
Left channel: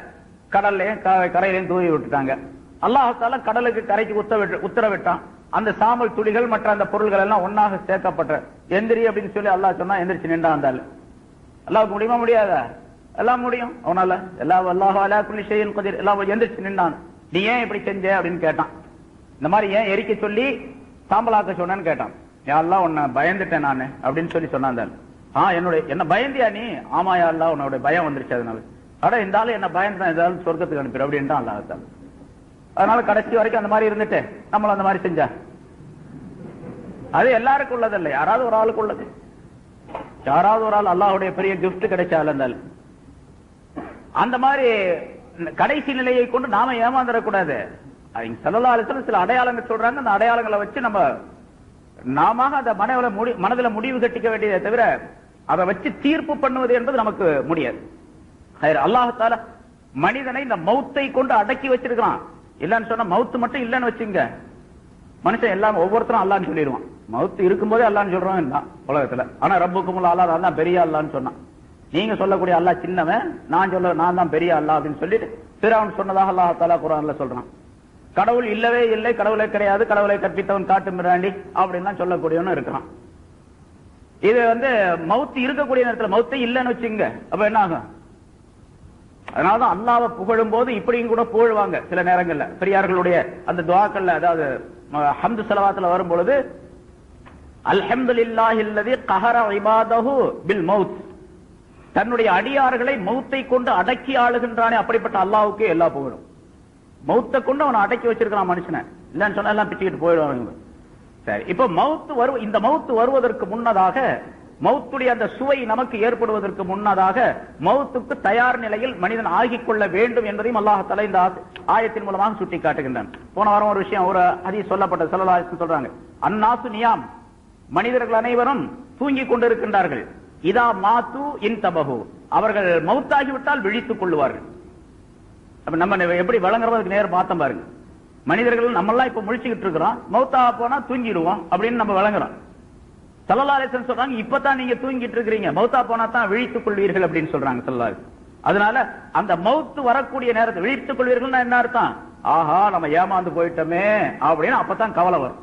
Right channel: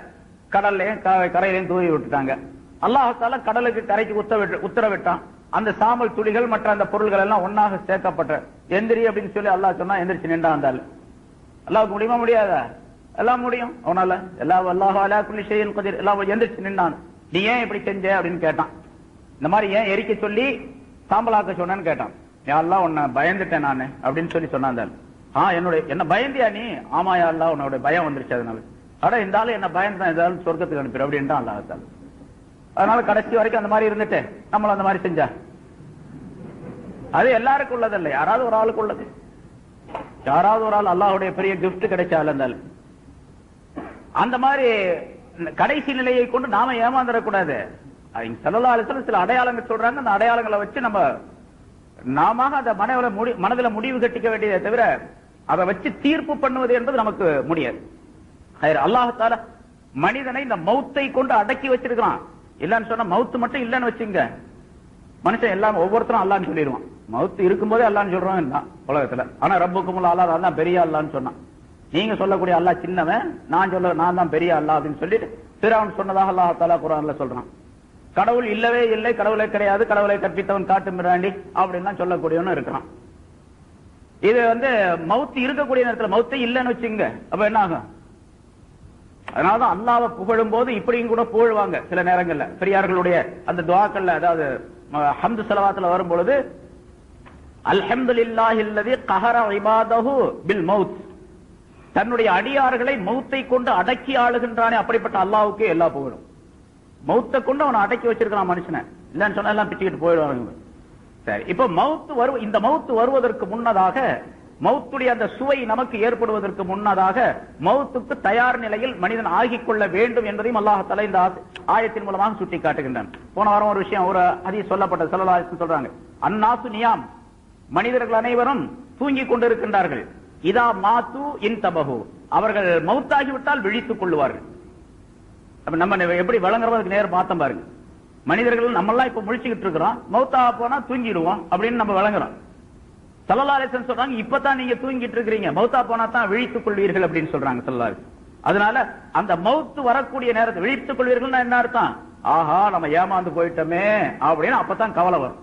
கடல்லையும் கரையிலையும் தூவி விட்டுட்டாங்க. அல்லாஹ் தஆலா கடலுக்கு கரைக்கு உத்தரவிட்டான். அந்த சாம்பல் துளிகள் மற்ற அந்த பொருள்கள் எல்லாம் ஒன்னாக சேர்க்கப்பட்ட எந்திரி அப்படின்னு சொல்லி அல்லாஹ் சொன்னா எந்திரிச்சு நின்றான். அந்த அல்லாஹ்வுக்கு முடியுமா? முடியாதா? எல்லாம் முடியும் அவனால. அல்லாஹு அலா குல்லி ஷைஇன் கதீர். எல்லாம் எந்திரிச்சு நின்றான். நீ ஏன் இப்படி செஞ்ச அப்படின்னு கேட்டான். இந்த மாதிரி ஏன் எரிக்க சொல்லி சாம்பலாக்க சொன்னேன்னு கேட்டான். யா அல்லாஹ் உன்னை பயந்துட்டேன் நானு அப்படின்னு சொல்லி சொன்னான். என்ன பயந்தியா நீ? ஆமா யா அல்லாஹ் உன்னோட பயம் வந்துருச்சு, அதனால அட இந்த ஆளு என்ன பயந்தான், ஏதாவது சொர்க்கத்துக்கு அனுப்பிடு அப்படின்ட்டு அல்லாஹ் தஆலா. அதனால கடைசி வரைக்கும் அந்த மாதிரி இருந்துட்டு நம்மள அந்த மாதிரி செஞ்சா அது எல்லாருக்கும் உள்ளது இல்லை, யாராவது ஒரு ஆளுக்கு உள்ளது. யாராவது ஒரு ஆள் அல்லாஹ்வுடைய பெரிய கிஃப்ட் கிடைச்சால இருந்தாலும் அந்த மாதிரி கடைசி நிலையை கொண்டு நாம ஏமாந்துடக்கூடாது. ஸல்லல்லாஹு அலைஹி வஸல்லம் சில அடையாளங்கள் சொல்றாங்க. அந்த அடையாளங்களை வச்சு நாம அந்த மனதில முடிவு கட்டிக்க வேண்டியதை தவிர அதை வச்சு தீர்ப்பு பண்ணுவது என்பது நமக்கு முடியாது. அல்லாஹ் தஆலா மனிதனை இந்த மௌத்தை கொண்டு அடக்கி வச்சிருக்கான். இல்லன்னு சொன்னா மௌத்து மட்டும் இல்லன்னு வச்சுங்க, மனுஷன் எல்லாம் ஒவ்வொருத்தரும் அல்லான்னு சொல்லிடுவான். மௌத்து இருக்கும்போதே அல்லான்னு சொல்றான் உலகத்துல. ஆனா ரப்புக்குமுல் அலா, அல்லாஹ் பெரிய அல்லான்னு சொன்னான். நீங்க சொல்லக்கூடிய அல்லாஹ் சின்னவன், நான் தான் பெரிய அல்லாஹ் அப்படின்னு சொல்லிட்டு ஃபிரௌன் சொன்னதாக அல்லாஹ் தஆலா குர்ஆன்ல சொல்றான். கடவுள் இல்லவே இல்லை, கடவுளே கிடையாது, கடவுளை கற்பித்தவன் காட்டு மிராண்டி அப்படின்லாம் சொல்லக்கூடியவனும் இருக்கிறான். இது மௌத்து இருக்கக்கூடிய நேரத்தில் மௌத்தை இல்லைன்னு வச்சுங்க, அப்ப என்ன ஆகும்? அதனாலதான் அல்லாஹ்வை புகழும் போது இப்படியும் கூட புகழ்வாங்க சில நேரங்கள்ல. பெரியார்களுடைய அந்த துஆக்கள்ல, அதாவது ஹம்து ஸலவாத்துல வரும் பொழுது அல்ஹம்துலில்லாஹில்லதி கஹர இபாதஹு பில் மௌத், தன்னுடைய அடியார்களை மௌத்தை கொண்டு அடக்கி ஆளுகின்றானே அப்படிப்பட்ட அல்லாஹ்வுக்கே எல்லா புகழும். மௌத்தை கொண்டு அவனை அடக்கி வச்சிருக்கான் மனுஷனை. இல்லன்னு சொன்னா எல்லாம் பிச்சுக்கிட்டு போயிடுவாங்க. சரி, இப்ப இந்த மௌத்து வருவதற்கு முன்னதாக, மௌத்துடைய அந்த சுவை நமக்கு ஏற்படுவதற்கு முன்னதாக மௌத்துக்கு தயார் நிலையில் மனிதன் ஆகிக் கொள்ள வேண்டும் என்பதையும் அல்லாஹ் தஆலா இந்த ஆயத்தின் மூலமாக சுட்டி காட்டுகின்றான். போன வாரம் ஒரு விஷயம், ஒரு ஹதீஸ் சொல்லப்பட்ட ஸல்லல்லாஹு அலைஹி வஸல்லம் சொல்றாங்க, அன்னாசு நியாம், மனிதர்கள் அனைவரும் தூங்கிக் கொண்டிருக்கின்றார்கள். இதா மாத்து இன்தபஹு, அவர்கள் மௌத்தாகிவிட்டால் விழித்துக் கொள்ளுவார்கள். அப்ப நம்ம எப்படி வழங்குறதுக்கு நேரம் பார்த்தோம் பாருங்க. மனிதர்கள் நம்மெல்லாம் இப்ப முழிச்சுக்கிட்டு இருக்கிறோம், மௌத்தாக போனா தூங்கிடுவோம் அப்படின்னு நம்ம வழங்குறோம். ஸல்லல்லாஹு அலைஹி வஸல்லம் சொல்றாங்க, இப்பதான் நீங்க தூங்கிட்டு இருக்கிறீங்க, மௌத்தா போனா தான் விழித்துக் கொள்வீர்கள் அப்படின்னு சொல்றாங்க ஸல்லல்லாஹு அலைஹி வஸல்லம். அதனால அந்த மௌத்து வரக்கூடிய நேரத்தை விழித்துக் கொள்வீர்கள் என்ன அர்த்தம்? ஆஹா நம்ம ஏமாந்து போயிட்டோமே அப்படின்னு அப்பதான் கவலை வரும்.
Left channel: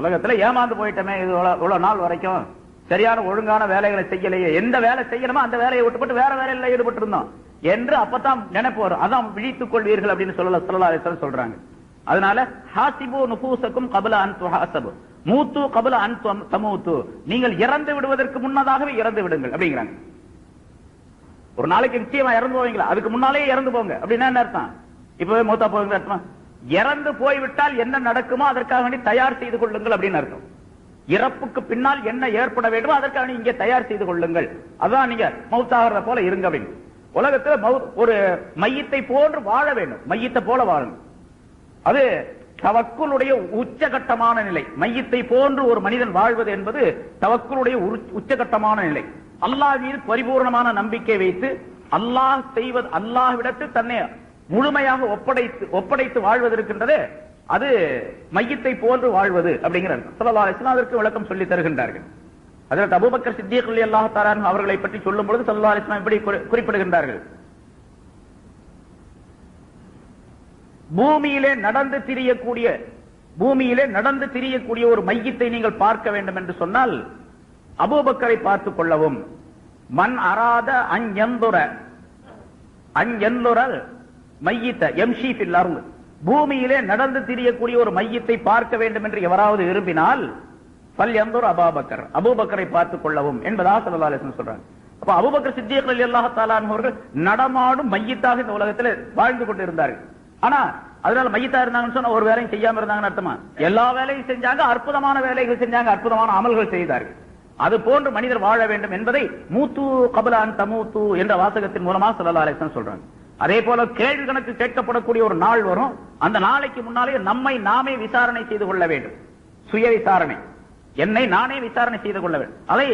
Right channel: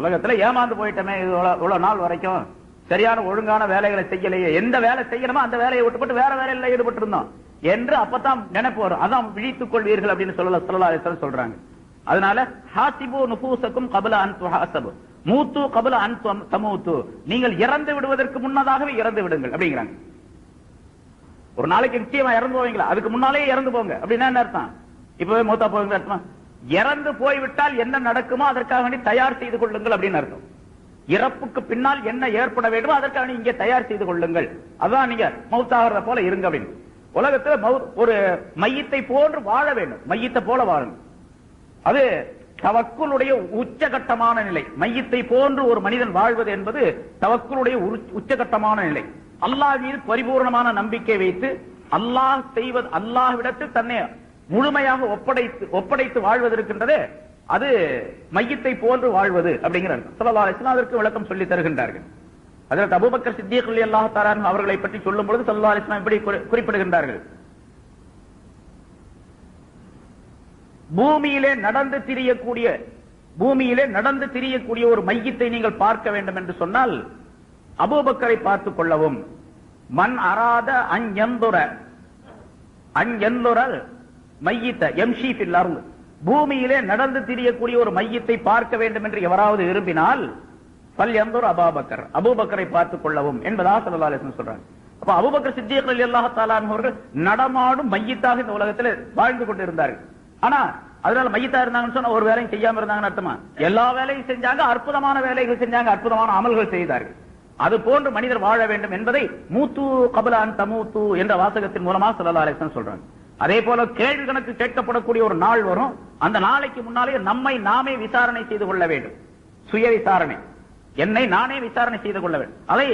உலகத்துல ஏமாந்து போயிட்டோமே, இது இவ்வளவு நாள் வரைக்கும் சரியான ஒழுங்கான வேலைகளை செய்யலையே, எந்த வேலை செய்யணுமோ அந்த வேலையை விட்டுப்பட்டு வேற வேலையில ஈடுபட்டு இருந்தோம் என்று அப்பதான் நினைப்பு வரும். அதான் விழித்துக் கொள்வீர்கள் அப்படின்னு ஸல்லல்லாஹு அலைஹி வஸல்லம் சொல்றாங்க. அதனால ஹாசிபு நுஃபூசக்கும் கப்ல அன் துஹாசபு மூத்து கப்ல அன் தமூத்து, நீங்கள் இறந்து விடுவதற்கு முன்னதாகவே இறந்து விடுங்கள் அப்படிங்கிறாங்க. ஒரு நாளைக்கு நிச்சயமா இறந்து போவீங்களா, அதுக்கு முன்னாலே இறந்து போங்க அப்படின்னா என்ன அர்த்தம்? இப்பவே மூத்தா போவீங்க அர்த்தம். இறந்து போய்விட்டால் என்ன நடக்குமோ அதற்காக வேண்டி தயார் செய்து கொள்ளுங்கள் அப்படின்னு அர்த்தம். இறப்புக்கு பின்னால் என்ன ஏற்பட வேண்டுமோ அதற்காக இங்கே தயார் செய்து கொள்ளுங்கள். அதான் நீங்க மௌத்தாகிறத போல இருங்க அப்படின்னு. உலகத்தில் ஒரு மையத்தை போன்று வாழ வேண்டும், மையத்தை போல வாழணும். அது தவக்குலுடைய உச்சகட்டமான நிலை. மையத்தை போன்று ஒரு மனிதன் வாழ்வது என்பது தவக்குலுடைய உச்சகட்டமான நிலை. அல்லாஹ் மீது பரிபூர்ணமான நம்பிக்கை வைத்து அல்லாஹ்விடத்தில் தன்னை முழுமையாக ஒப்படைத்து வாழ்வது இருக்கின்றது, அது மையத்தை போன்று வாழ்வது அப்படிங்கிறார். ஸல்லல்லாஹு அலைஹி வஸல்லம் அதற்கு விளக்கம் சொல்லி தருகின்றார்கள். ஹஜ்ரத் அபூபக்கர் சித்திக் ரலியல்லாஹு தஆலா அன்ஹு அவர்களை பற்றி சொல்லும் பொழுது ஸல்லல்லாஹு அலைஹி வஸல்லம் இப்படி குறிப்பிடுகின்றார்கள். பூமியிலே நடந்து திரியக்கூடிய ஒரு மையத்தை நீங்கள் பார்க்க வேண்டும் என்று சொன்னால் அபூபக்கரை பார்த்துக் கொள்ளவும். மன் அராத அன்யந்துர மையித்த எம்ஷி ஃபில் அர்த், பூமியிலே நடந்து திரியக்கூடிய ஒரு மையத்தை பார்க்க வேண்டும் என்று எவராவது விரும்பினால் ஃபல்யந்துர் அபூபக்கர், அபூபக்கரை பார்த்துக் கொள்ளவும் என்பதாக ஸல்லல்லாஹு அலைஹி வஸல்லம் சொல்றாங்க. அப்ப அபூபக்கர் சித்திக் ரலியல்லாஹு தஆலா அன்ஹு அவர்கள் நடமாடும் மையத்தாக இந்த உலகத்தில் வாழ்ந்து கொண்டு இருந்தார்கள். ஆனா அதனால மையத்தா இருந்தாங்கன்னு சொன்னா ஒரு வேலையும் செய்யாம இருந்தாங்கன்னு அர்த்தமா? எல்லா வேலையும் செஞ்சாங்க, அற்புதமான வேலைகள் செஞ்சாங்க, அற்புதமான அமல்கள் செய்தார்கள். அது போன்று மனிதர் வாழ வேண்டும் என்பதை மூத்து கபலான் தமூத்து என்ற வாசகத்தின் மூலமா ஸல்லல்லாஹு அலைஹி வஸல்லம் சொல்றாங்க. அதே போல கேள்வி கணக்கு கேட்கப்படக்கூடிய ஒரு நாள் வரும். அந்த நாளைக்கு முன்னாலே நம்மை நாமே விசாரணை செய்து கொள்ள வேண்டும். சுய விசாரணை, என்னை நானே விசாரணை செய்து கொள்ள வேண்டும். அதை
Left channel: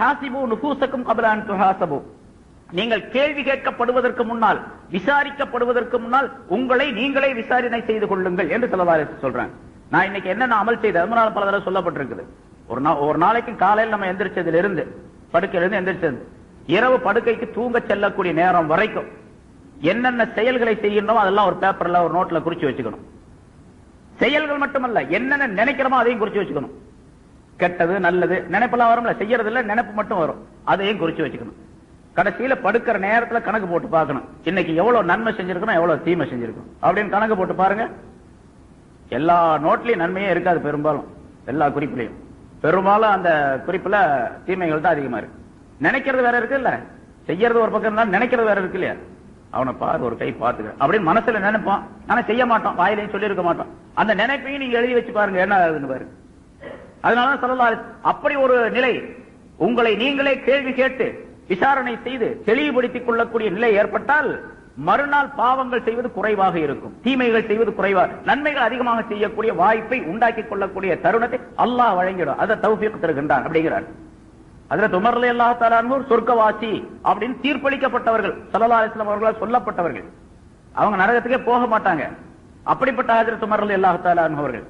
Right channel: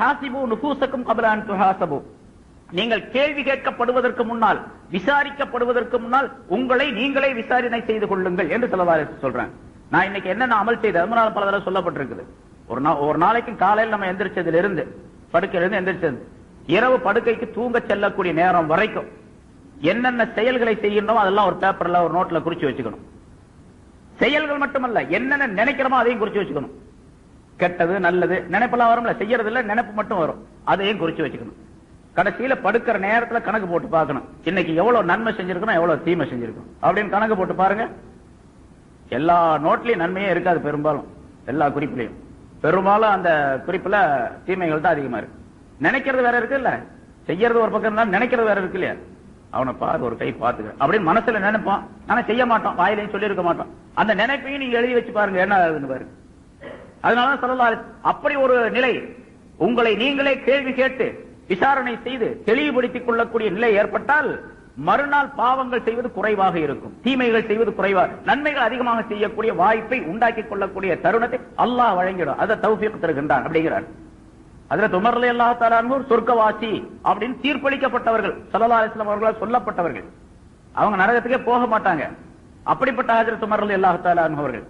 ஹாசிபு நுஃபூஸக்கும் கப்ல அன் துஹாஸபு, நீங்கள் கேள்வி கேட்கப்படுவதற்கு முன்னால், விசாரிக்கப்படுவதற்கு முன்னால் உங்களை நீங்களே விசாரணை செய்து கொள்ளுங்கள் என்று ஸல்லல்லாஹு அலைஹி வஸல்லம் சொல்றாங்க. நான் இன்னைக்கு என்னென்ன அமல் செய்தேன் முன்னால் பல தடவை சொல்லப்பட்டிருக்குது. ஒரு நாளைக்கு காலையில் நம்ம எந்திரிச்சதிலிருந்து, படுக்கையிலிருந்து எந்திரிச்சது, இரவு படுக்கைக்கு தூங்க செல்லக்கூடிய நேரம் வரைக்கும் என்னென்ன செயல்களை செய்யணும் அதெல்லாம் ஒரு பேப்பர்ல ஒரு நோட்ல குறிச்சு வச்சுக்கணும். செயல்கள் மட்டுமல்ல, என்னென்ன நினைக்கிறோமோ அதையும் குறிச்சு வச்சுக்கணும். கெட்டது நல்லது நினைப்பெல்லாம் வரும்ல, செய்யறது இல்ல, நினைப்பு மட்டும் வரும், அதையும் குறிச்சு வச்சுக்கணும். கடைசியில படுக்கிற நேரத்துல கணக்கு போட்டு பார்க்கணும், இன்னைக்கு எவ்வளவு நன்மை செஞ்சிருக்கணும் எவ்வளவு தீமை செஞ்சிருக்கும் அப்படின்னு கணக்கு போட்டு பாருங்க. எல்லா நோட்லயும் நன்மையே இருக்காது, பெரும்பாலும் எல்லா குறிப்புலையும் பெரும்பாலும் அந்த குறிப்புல தீமைகள் தான் அதிகமா இருக்கு. நினைக்கிறது வேற இருக்கு இல்ல, செய்யறது ஒரு பக்கம் இருந்தாலும் நினைக்கிறது வேற இருக்கு இல்லையா? அவனை பாரு, ஒரு கை பார்த்துக்க அப்படின்னு மனசுல நினைப்போம், ஆனா செய்ய மாட்டோம், வாயிலையும் சொல்லி இருக்க மாட்டோம். அந்த நினைப்பையும் நீங்க எழுதி வச்சு பாருங்க என்ன ஆகுதுன்னு பாருங்க. அதனால ஸல்லல்லாஹு அப்படி ஒரு நிலை, உங்களை நீங்களே கேள்வி கேட்டு விசாரணை செய்து தெளிவுபடுத்திக் கொள்ளக்கூடிய நிலை ஏற்பட்டால் மறுநாள் பாவங்கள் செய்வது குறைவாக இருக்கும், தீமைகள் செய்வது குறைவாக, நன்மைகள் அதிகமாக செய்யக்கூடிய வாய்ப்பை உண்டாக்கிக் கொள்ளக்கூடிய தருணத்தை அல்லாஹ் வழங்கிடும். அதை தௌஃபீக் தருகின்றான் அப்படிங்கிறார். ஹஜ்ரத் உமர் ரலியல்லாஹு தஆலா அன்ஹு சொர்க்கவாசி அப்படின்னு தீர்ப்பளிக்கப்பட்டவர்கள், ஸல்லல்லாஹு அலைஹி வஸல்லம் அவர்களால் சொல்லப்பட்டவர்கள். அவங்க நரகத்துக்கே போக மாட்டாங்க. அப்படிப்பட்ட ஹஜ்ரத் உமர் ரலியல்லாஹு தஆலா அன்ஹு அவர்கள்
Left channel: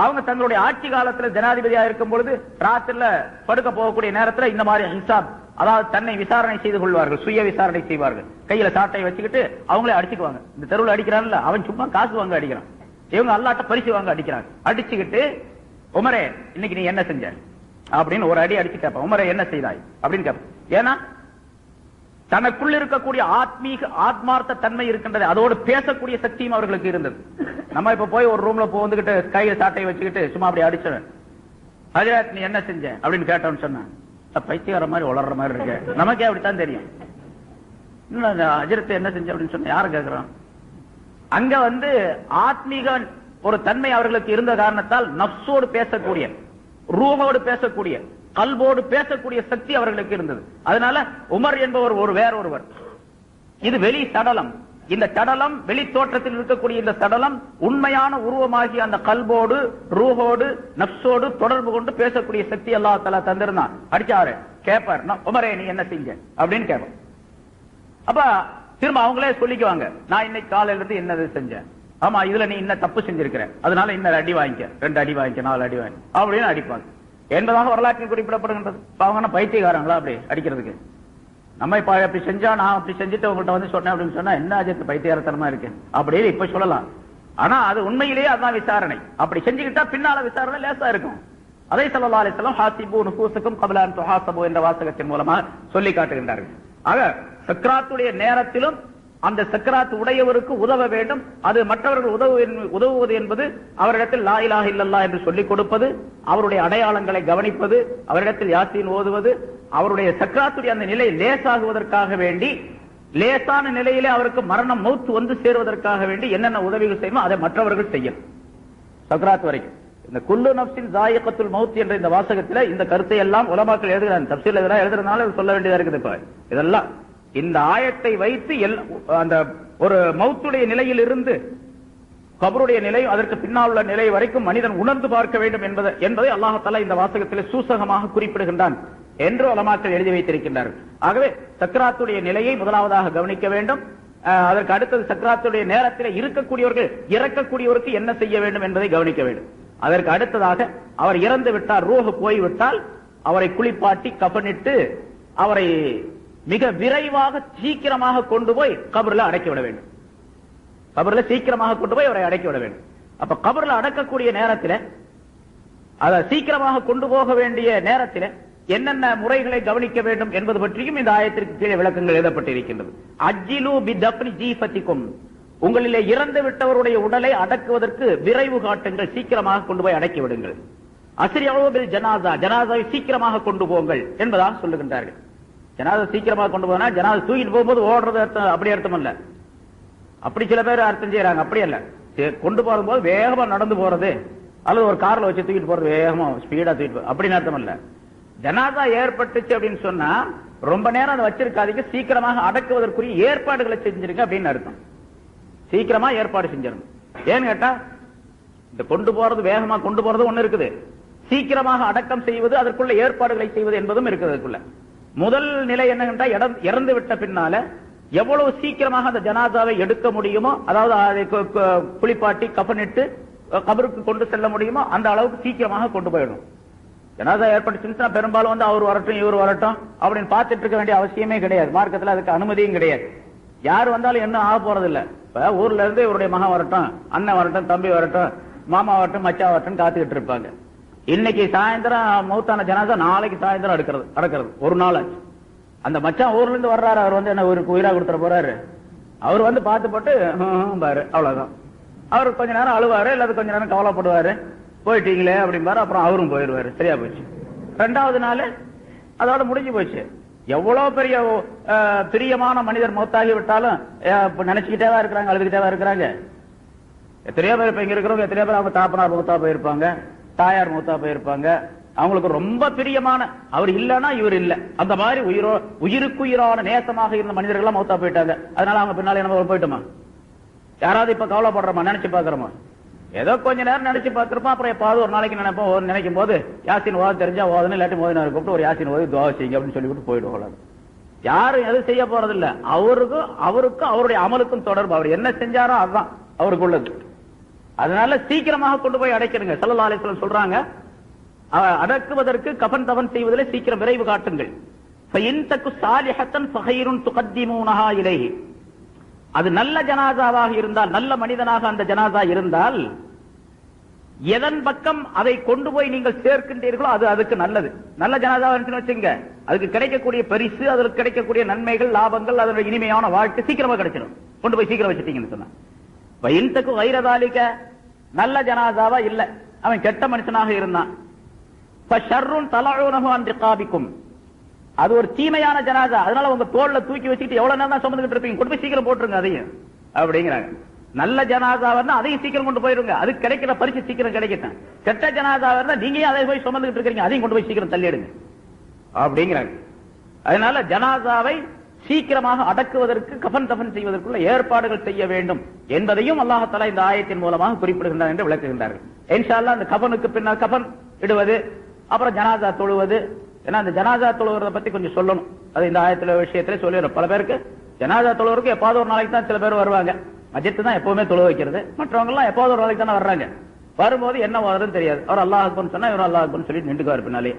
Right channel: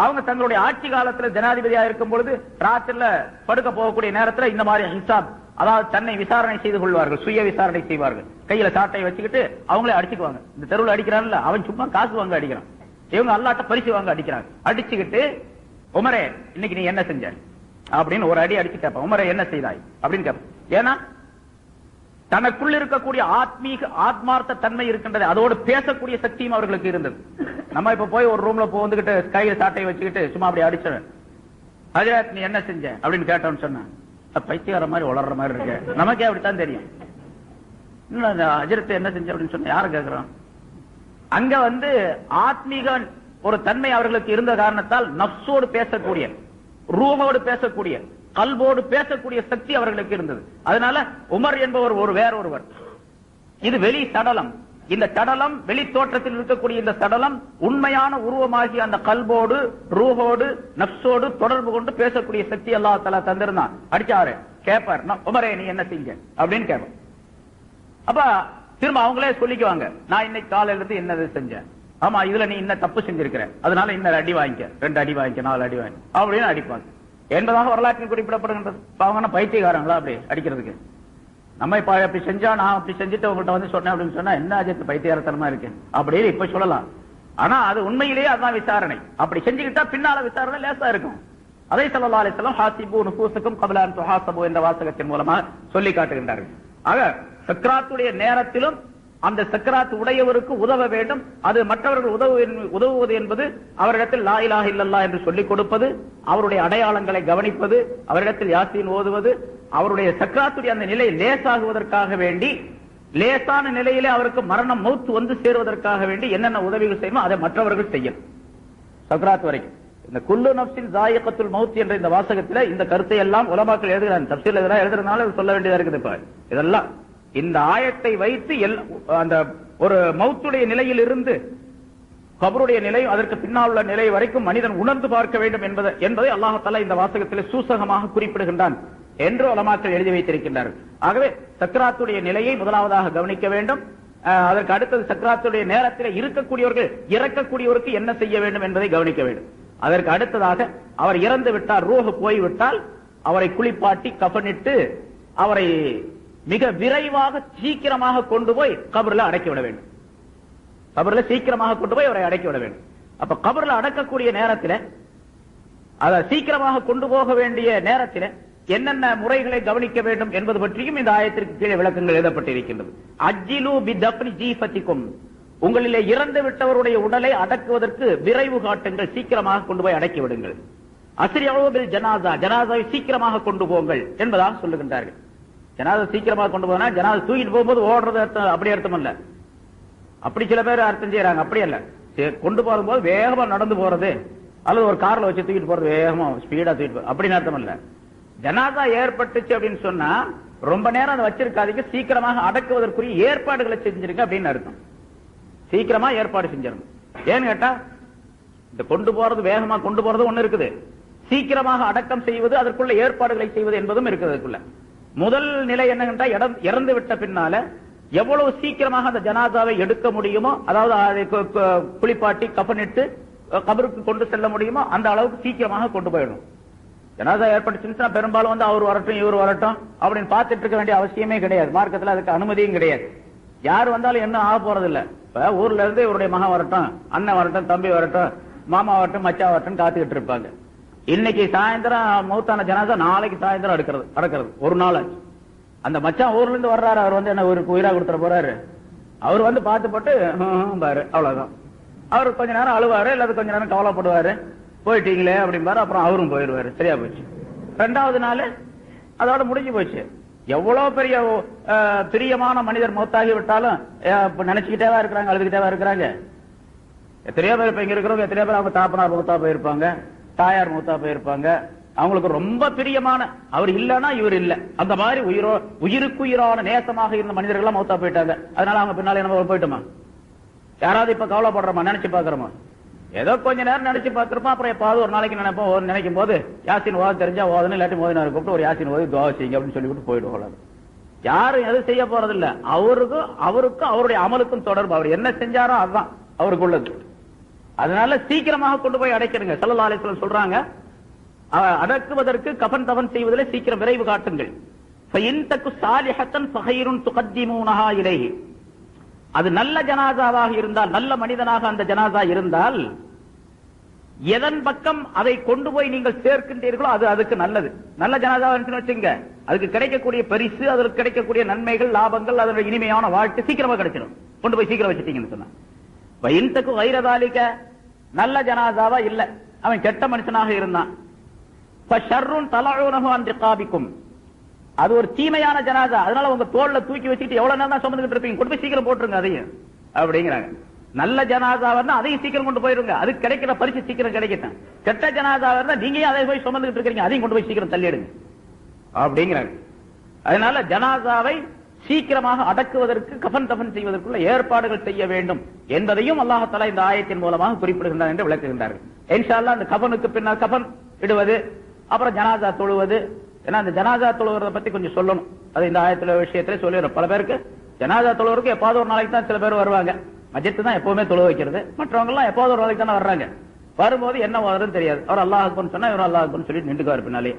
அவங்க தங்களுடைய ஆட்சி காலத்தில் ஜனாதிபதியாக இருக்கும் பொழுது ராத்திரில படுக்க போகக்கூடிய நேரத்தில் இந்த மாதிரி ஹிசாப், அதாவது தன்னை விசாரணை செய்து கொள்வார்கள், சுய விசாரணை செய்வார்கள். கையில சாட்டை வச்சுக்கிட்டு அவங்களே அடிச்சுக்குவாங்க. இந்த தெருவில் அடிக்கிறான்ல அவன் சும்மா காசு வாங்க அடிக்கிறான், இவங்க அல்லாட்ட பரிசு வாங்க அடிக்கிறாங்க. அடிச்சுக்கிட்டு உமரே இன்னைக்கு நீ என்ன செஞ்ச அப்படின்னு ஒரு அடி அடிச்சு கேட்பான். உமரே என்ன செய்தாய் அப்படின்னு கேட்பான். ஏன்னா தனக்குள் இருக்கக்கூடிய ஆத்மார்த்த தன்மை இருக்கின்றது, அதோடு பேசக்கூடிய சக்தியும் அவர்களுக்கு இருந்தது. நம்ம இப்ப போய் ஒரு ரூம்ல வந்துகிட்டு கையை சாட்டையை வச்சுக்கிட்டு சும்மா அப்படி அடிச்சவன் ஹஜ்ரத் நீ என்ன செஞ்ச அப்படின்னு கேட்டோம்னு சொன்ன பைத்தியக்கார மாதிரி வளர்ற மாதிரி இருக்கு, நமக்கே அப்படித்தான் தெரியும். ஹஜ்ரத் என்ன செஞ்ச அப்படின்னு சொன்ன யாரும் கேட்கிறான். அங்க ஆத்மீக ஒரு தன்மை அவர்களுக்கு இருந்த காரணத்தால் நஃப்ஸோடு பேசக்கூடிய, ரூஹோடு பேசக்கூடிய, கல்போடு பேசக்கூடிய சக்தி அவர்களுக்கு இருந்தது. அதனால உமர் என்பவர் ஒரு வேற ஒருவர். இது வெளி சடலம். இந்த சடலம், வெளி தோற்றத்தில் இருக்கக்கூடிய இந்த சடலம் உண்மையான உருவமாகி அந்த கல்போடு, ரூஹோடு, நஃப்ஸோடு தொடர்பு கொண்டு பேசக்கூடிய சக்தி அல்லாஹ் தஆலா தந்திருந்தான். அடிச்சாரு கேட்பார், உமரே நீ என்ன செஞ்ச அப்படின்னு கேட்பார். அப்ப திரும்ப அவங்களே சொல்லிக்குவாங்க, நான் இன்னைக்கு காலையில இருந்து என்னது செஞ்சேன், ஆமா இதுல நீ என்ன தப்பு செஞ்சிருக்கிற, அதனால இன்னொரு அடி வாங்கிக்க, 2 அடி வாங்கிக்க, 4 அடி வாங்கி அப்படின்னு அடிப்பாங்க என்பதாக வரலாற்றில் குறிப்பிடப்படுகின்றது. அவங்க பைத்தியக்காரங்களா அப்படி அடிக்கிறதுக்கு? நம்ம இப்ப அப்படி செஞ்சா, நான் அப்படி செஞ்சுட்டு உங்கள்கிட்ட சொன்னேன் அப்படின்னு சொன்னா என்ன ஆஜத்து பைத்தியாரத்தனமா இருக்கு அப்படின்னு இப்ப சொல்லலாம். ஆனா அது உண்மையிலேயே அதான் விசாரணை. அப்படி செஞ்சுக்கிட்டா பின்னால விசாரணை லேசா இருக்கும். அதை ஸல்லல்லாஹு அலைஹி வஸல்லம் ஹாசிபு நுஃபூஸக்கும் கப்ல அன் துஹாஸபு என்ற வாசகத்தின் மூலமா சொல்லி காட்டுகின்றார்கள். ஆக சக்ராத்துடைய நேரத்திலும் அந்த சக்கராத் உடையவருக்கு உதவ வேண்டும். அது மற்றவர்கள் உதவுவது என்பது அவரிடத்தில் லா இலாஹ இல்லல்லாஹ் என்று சொல்லிக் கொடுப்பது, அவருடைய அடையாளங்களை கவனிப்பது, அவரிடத்தில் யாசீன் ஓதுவது, அவருடைய சக்கராத்துடைய அந்த நிலை லேசாகுவதற்காக வேண்டி, லேசான நிலையிலே அவருக்கு மரணம் மௌத்து வந்து சேருவதற்காக வேண்டி என்னென்ன உதவிகள் செய்யணும் அதை மற்றவர்கள் செய்யணும். சக்கராத் வரைக்கும் இந்த குல்லு நஃப்ஸின் ஸாயிகத்துல் மௌத் என்ற இந்த வாசகத்தில் இந்த கருத்தை எல்லாம் உலமாக்கள் எழுதுகிறாங்க. தஃசீல் எழுதுறதுனால சொல்ல வேண்டியதா இருக்குது. இப்ப இதெல்லாம் இந்த ஆயத்தை வைத்து அந்த ஒரு மௌத்துடைய நிலையில் இருந்து கபருடைய நிலை, அதற்கு பின்னால் உள்ள நிலை வரைக்கும் மனிதன் உணர்ந்து பார்க்க வேண்டும் என்பதை அல்லாஹ் தஆலா இந்த வாசகத்தில் சூசகமாக குறிப்பிடுகின்றான் என்று உலமாக்கள் எழுதி வைத்திருக்கின்றார்கள். ஆகவே சக்கராத்துடைய நிலையை முதலாவதாக கவனிக்க வேண்டும். அதற்கு அடுத்தது சக்கராத்துடைய நேரத்தில் இருக்கக்கூடியவர்கள் இறக்கக்கூடியவருக்கு என்ன செய்ய வேண்டும் என்பதை கவனிக்க வேண்டும். அதற்கு அடுத்ததாக அவர் இறந்து விட்டால், ரூஹ் போய்விட்டால் அவரை குளிப்பாட்டி கஃனிட்டு அவரை மிக விரைவாக சீக்கிரமாக கொண்டு போய் கபர்ல அடக்கிவிட வேண்டும். கபர்ல சீக்கிரமாக கொண்டு போய் அவரை அடக்கிவிட வேண்டும். அப்ப கபர்ல அடக்கக்கூடிய நேரத்தில், அதை சீக்கிரமாக கொண்டு போக வேண்டிய நேரத்தில் என்னென்ன முறைகளை கவனிக்க வேண்டும் என்பது பற்றியும் இந்த ஆயத்திற்கு கீழே விளக்கங்கள் எழுதப்பட்டிருக்கின்றது. அஜ்ஜிலு பிதஃப்னி ஜீஃபத்திக்கும், உங்களிலே இறந்து விட்டவருடைய உடலை அடக்குவதற்கு விரைவு காட்டுங்கள், சீக்கிரமாக கொண்டு போய் அடக்கி விடுங்கள். அஸ்ரிஉ பில் ஜனாஸா, ஜனாஸாவை சீக்கிரமாக கொண்டு போங்கள் என்பதாக சொல்லுகின்றார்கள். ஜனாஸா சீக்கிரமாக கொண்டு போனா ஜனாஸா தூக்கிட்டு போகும்போது ஓடுறது அர்த்தம், அப்படி அர்த்தம் இல்ல. அப்படி சில பேர் அர்த்தம் செய்யறாங்க. அப்படி அல்ல, கொண்டு போகும்போது வேகமா நடந்து போறது அல்லது ஒரு கார்ல வச்சு தூக்கிட்டு போறது, வேகமா ஸ்பீடா தூக்கிட்டு போறது, அப்படின்னு அர்த்தம் இல்ல. ஜனாதா ஏற்பட்டுச்சு அப்படின்னு சொன்னா ரொம்ப நேரம் அதை வச்சிருக்காதீங்க, சீக்கிரமாக அடக்குவதற்குரிய ஏற்பாடுகளை செஞ்சிருக்க அப்படின்னு அர்த்தம். சீக்கிரமா ஏற்பாடு செஞ்சிருங்க. ஏன்னு கேட்டா, இந்த கொண்டு போறது, வேகமா கொண்டு போறது ஒண்ணு இருக்குது, சீக்கிரமாக அடக்கம் செய்வது, அதற்குள்ள ஏற்பாடுகளை செய்வது என்பதும் இருக்கிறதுக்குள்ள. முதல் நிலை என்னன்னா, இறந்து விட்ட பின்னால எவ்வளவு சீக்கிரமாக அந்த ஜனாதாவை எடுக்க முடியுமோ, அதாவது அதை குளிப்பாட்டி கஃனிட்டு கபருக்கு கொண்டு செல்ல முடியுமோ அந்த அளவுக்கு சீக்கிரமாக கொண்டு போயிடும். ஜனாதா ஏற்பட்டுச்சுன்னா பெரும்பாலும் அவர் வரட்டும் இவர் வரட்டும் அப்படின்னு பார்த்துட்டு இருக்க வேண்டிய அவசியமே கிடையாது. மார்க்கத்தில் அதுக்கு அனுமதியும் கிடையாது. யாரு வந்தாலும் என்ன ஆக போறது இல்ல. இப்ப ஊர்ல இருந்து இவருடைய மகன் வரட்டும், அண்ணன் வரட்டும், தம்பி வரட்டும், மாமா வரட்டும், மச்சா வரட்டும் காத்துக்கிட்டு இருப்பாங்க. இன்னைக்கு சாயந்தரம் மௌத்தான ஜனாதா நாளைக்கு சாயந்தரம் அடக்கிறது ஒரு நாள். அந்த மச்சான் ஊர்ல இருந்து வர்றாரு, அவர் வந்து என்ன ஒரு உயிரா கொடுத்துட போறாரு. அவர் வந்து பார்த்து போட்டு பாரு, அவ்வளவுதான். அவர் கொஞ்ச நேரம் அழுவாரு, இல்லாத கொஞ்ச நேரம் கவலைப்படுவாரு, போயிட்டீங்களே அப்படின்பாரு. அப்புறம் அவரும் போயிடுவாரு. சரியா போச்சு. ரெண்டாவது நாள் அதோட முடிஞ்சு போச்சு. எவ்வளவு பெரிய பிரியமான மனிதர் மௌத்தாகி விட்டாலும் நினைச்சுக்கிட்டேவா இருக்கிறாங்க, அழுதுகிட்டேவா இருக்கிறாங்க. எத்தனையோ பேர் இப்ப இங்க இருக்கிறவங்க, எத்தனையோ பேர் அவங்க தாப்பனார் மௌத்தா போயிருப்பாங்க, தாயார் மௌத்தா போயிருப்பாங்க. அவங்களுக்கு ரொம்ப பிரியமான, அவர் இல்லன்னா இவர் இல்ல, அந்த மாதிரி உயிருக்குயிரான நேசமாக இருந்த மனிதர்கள் மௌத்தா போயிட்டாங்க. அதனால அவங்க பின்னால என்ன போயிட்டோமா? யாராவது இப்ப கவலைப்படுறோமா, நினைச்சு பாக்குறோமா? ஏதோ கொஞ்ச நேரம் நினைச்சு பார்த்திருப்போம். அப்புறம் எப்பாவது ஒரு நாளைக்கு நினைப்போம், நினைக்கும் போது யாசின் ஓத தெரிஞ்சா ஓதணும், இல்லாட்டி மோதினார் கூப்பிட்டு ஒரு யாசின் ஓதி துவா செய்யுங்க அப்படின்னு சொல்லி கூப்பிட்டு போயிடுவோம். யாரும் எதுவும் செய்ய போறது இல்ல. அவருக்கும் அவருடைய அமலுக்கும் தொடர்பு. அவர் என்ன செஞ்சாரோ அதுதான் அவருக்கு உள்ளது. அதனால சீக்கிரமாக கொண்டு போய் அடைக்கிறங்க. ஸல்லல்லாஹு அலைஹி வஸல்லம் சொல்றாங்க, அடக்குவதற்கு கஃன் தஃன் செய்வதில் சீக்கிரம் விரைவு காட்டுங்கள். அது நல்ல ஜனாசாவாக இருந்தால், நல்ல மனிதனாக அந்த ஜனாசா இருந்தால், எதன் பக்கம் அதை கொண்டு போய் நீங்கள் சேர்க்கின்றீர்களோ அது அதுக்கு நல்லது. நல்ல ஜனாசாவா வச்சுங்க, அதுக்கு கிடைக்கக்கூடிய பரிசு, அதற்கு கிடைக்கக்கூடிய நன்மைகள், லாபங்கள், அதனுடைய இனிமையான வாழ்க்கை சீக்கிரமா கிடைச்சிடும். கொண்டு போய் சீக்கிரம் வச்சுட்டீங்கன்னு சொன்ன வயின்தக்கு வைரதாலிக்க நல்ல ஜனாசாவா இல்ல, அவன் கெட்ட மனுஷனாக இருந்தான். அது ஒரு தீமையான ஜனாசா, அதனால உங்க தோல்ல தூக்கி வச்சுட்டு எவ்வளவு நேரம் சுமந்துட்டு இருப்பீங்க, கொண்டு போய் சீக்கிரம் போட்டுருங்க அதையும் அப்படிங்கிறாங்க. நல்ல ஜனாசா இருந்தா அதையும் சீக்கிரம் கொண்டு போயிருங்க, அதுக்கு கிடைக்கிற பரிசு சீக்கிரம் கிடைக்கட்டும். கெட்ட ஜனாசா இருந்தா நீங்க அதை போய் சுமந்துட்டு இருக்கீங்க, அதையும் கொண்டு போய் சீக்கிரம் தள்ளிடுங்க அப்படிங்கிறாங்க. அதனால ஜனாசாவை சீக்கிரமாக அடக்குவதற்கு, கஃன் தஃன் செய்வதற்குள்ள ஏற்பாடுகள் செய்ய வேண்டும் என்பதையும் அல்லாஹ் தஆலா இந்த ஆயத்தின் மூலமாக குறிப்பிடுகின்றார் என்று விளக்குகின்றார்கள். இன்ஷா அல்லாஹ் அந்த கஃனுக்கு பின்னால் கஃன் இடுவது, அப்புறம் ஜனாசா தொழுவது. ஏன்னா அந்த ஜனாசா தொழுவதை பத்தி கொஞ்சம் சொல்லணும். அது இந்த ஆயத்துல விஷயத்துல சொல்லிடுறோம். பல பேருக்கு ஜனாசா தொழுவருக்கு எப்பாவது ஒரு நாளைக்கு தான் சில பேர் வருவாங்க. மஜ்ஜித் தான் எப்பவுமே தொழு வைக்கிறது. மற்றவங்க எல்லாம் எப்பாவது ஒரு நாளைக்கு தானே வர்றாங்க. வரும்போது என்ன வருதுன்னு தெரியாது. அவர் அல்லாஹ் அக்பர் சொன்னா இவர் அல்லாஹ் அக்பர் சொல்லி நின்றுக்குவார் பின்னாலே.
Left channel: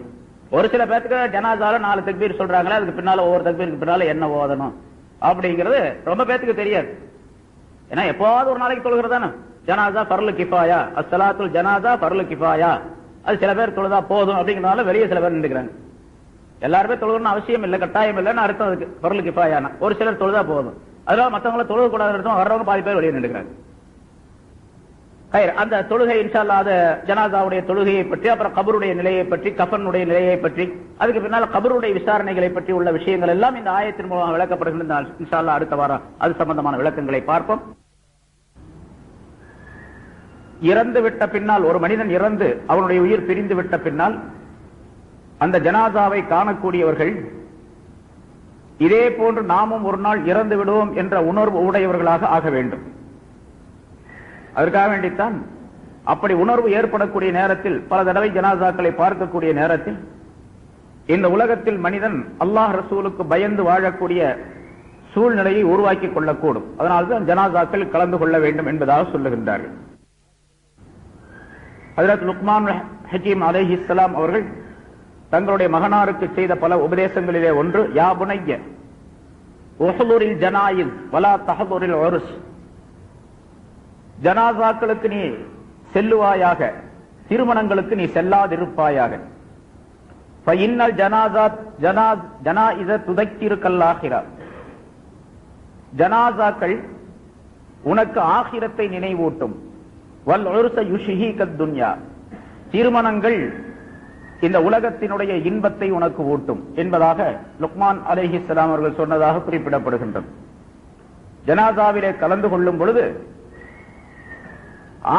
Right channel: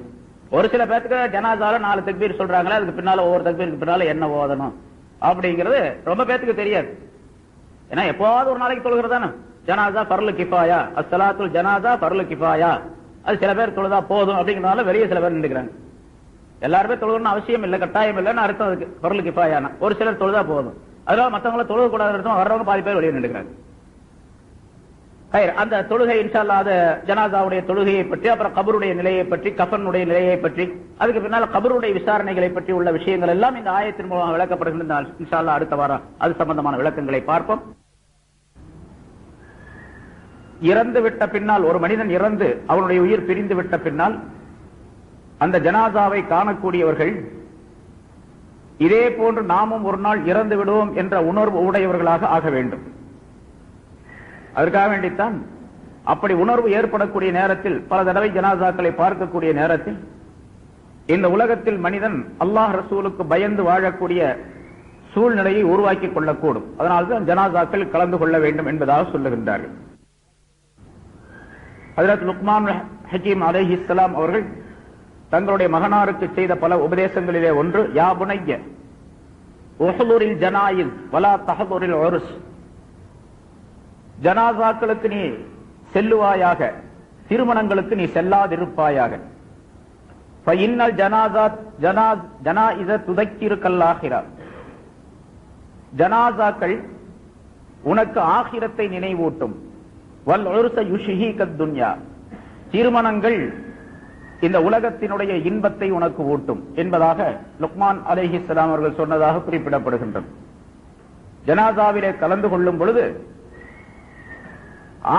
ஒரு சில பேருக்கு ஜனாசால 4 தக்பீர் சொல்றாங்களா, அதுக்கு பின்னால ஒவ்வொரு தக்பீருக்கு பின்னால என்ன ஓதணும் அப்படிங்கிறது ரொம்ப பேருக்கு தெரியாது. ஏன்னா எப்பாவது ஒரு நாளைக்கு தொழுகிறதானே ஜனாசா ஃபர்லு கிஃபாயா, அஸ்ஸலாத்துல் ஜனாசா ஃபர்லு கிஃபாயா, அது சில பேர் தொழுதா போதும் அப்படிங்கிறனால வெளியே சில பேர் நின்றுக்கிறாங்க. எல்லாருமே தொழுகணும்னு அவசியம் இல்லை, கட்டாயம் இல்லைன்னு அர்த்தம் அதுக்கு. ஃபர்லு கிஃபாயானா ஒரு சிலர் தொழுதா போதும், அதனால மற்றவங்கள தொழுக கூடாது அர்த்தம். வர்றவங்க பாதி பேர் வெளியே நின்றுக்கிறாங்க. அந்த தொழுகை இன்ஷா அல்லாஹ் ஜனாசாவுடைய தொழுகையை பற்றி, அப்புறம் கபருடைய நிலையை பற்றி, கஃனுடைய நிலையை பற்றி, அதுக்கு பின்னால் கபருடைய விசாரணைகளை பற்றி உள்ள விஷயங்கள் எல்லாம் இந்த ஆயத்தின் மூலம் விளக்கப்படுகின்ற இன்ஷா அல்லாஹ் அடுத்த வாரம் அது சம்பந்தமான விளக்கங்களை பார்ப்போம். இறந்து விட்ட பின்னால், ஒரு மனிதன் இறந்து அவனுடைய உயிர் பிரிந்து விட்ட பின்னால் அந்த ஜனாசாவை காணக்கூடியவர்கள் இதே போன்று நாமும் ஒரு நாள் இறந்து விடுவோம் என்ற உணர்வு உடையவர்களாக ஆக வேண்டும். அதற்காக வேண்டித்தான் அப்படி உணர்வு ஏற்படக்கூடிய நேரத்தில், பல தடவை ஜனாசாக்களை பார்க்கக்கூடிய நேரத்தில், இந்த உலகத்தில் மனிதன் அல்லாஹ் ரசூலுக்கு பயந்து வாழக்கூடிய சூழ்நிலையை உருவாக்கிக் கொள்ளக்கூடும். அதனால்தான் ஜனாசாக்கள் கலந்து கொள்ள வேண்டும் என்பதாக சொல்லுகின்றார்கள். ஹஜ்ரத் லுக்மான் ஹக்கீம் அலைஹிஸ்ஸலாம் அவர்கள் தங்களுடைய மகனாருக்கு செய்த பல உபதேசங்களிலே ஒன்று, யா புனைய உஹ்துரில் ஜனாயிஸ் வலா தஹதுரில் உருஸ், ஜனாசாக்களுக்கு நீ செல்லுவாயாக, திருமணங்களுக்கு நீ செல்லாதிருப்பாயாக. ஃபஇன்னல் ஜனாயிஸ துதக்கிருக்கல் ஆகிரா, ஜனாசாக்கள் உனக்கு ஆகிரத்தை நினைவூட்டும். வல் உர்ஸ யுஷ்ஹீகத் துன்யா, திருமணங்கள் இந்த உலகத்தினுடைய இன்பத்தை உனக்கு ஊட்டும் என்பதாக லுக்மான் அலைஹிஸ்ஸலாம் அவர்கள் சொன்னதாக குறிப்பிடப்படுகின்றது. ஜனாசாவிலே கலந்து கொள்ளும் பொழுது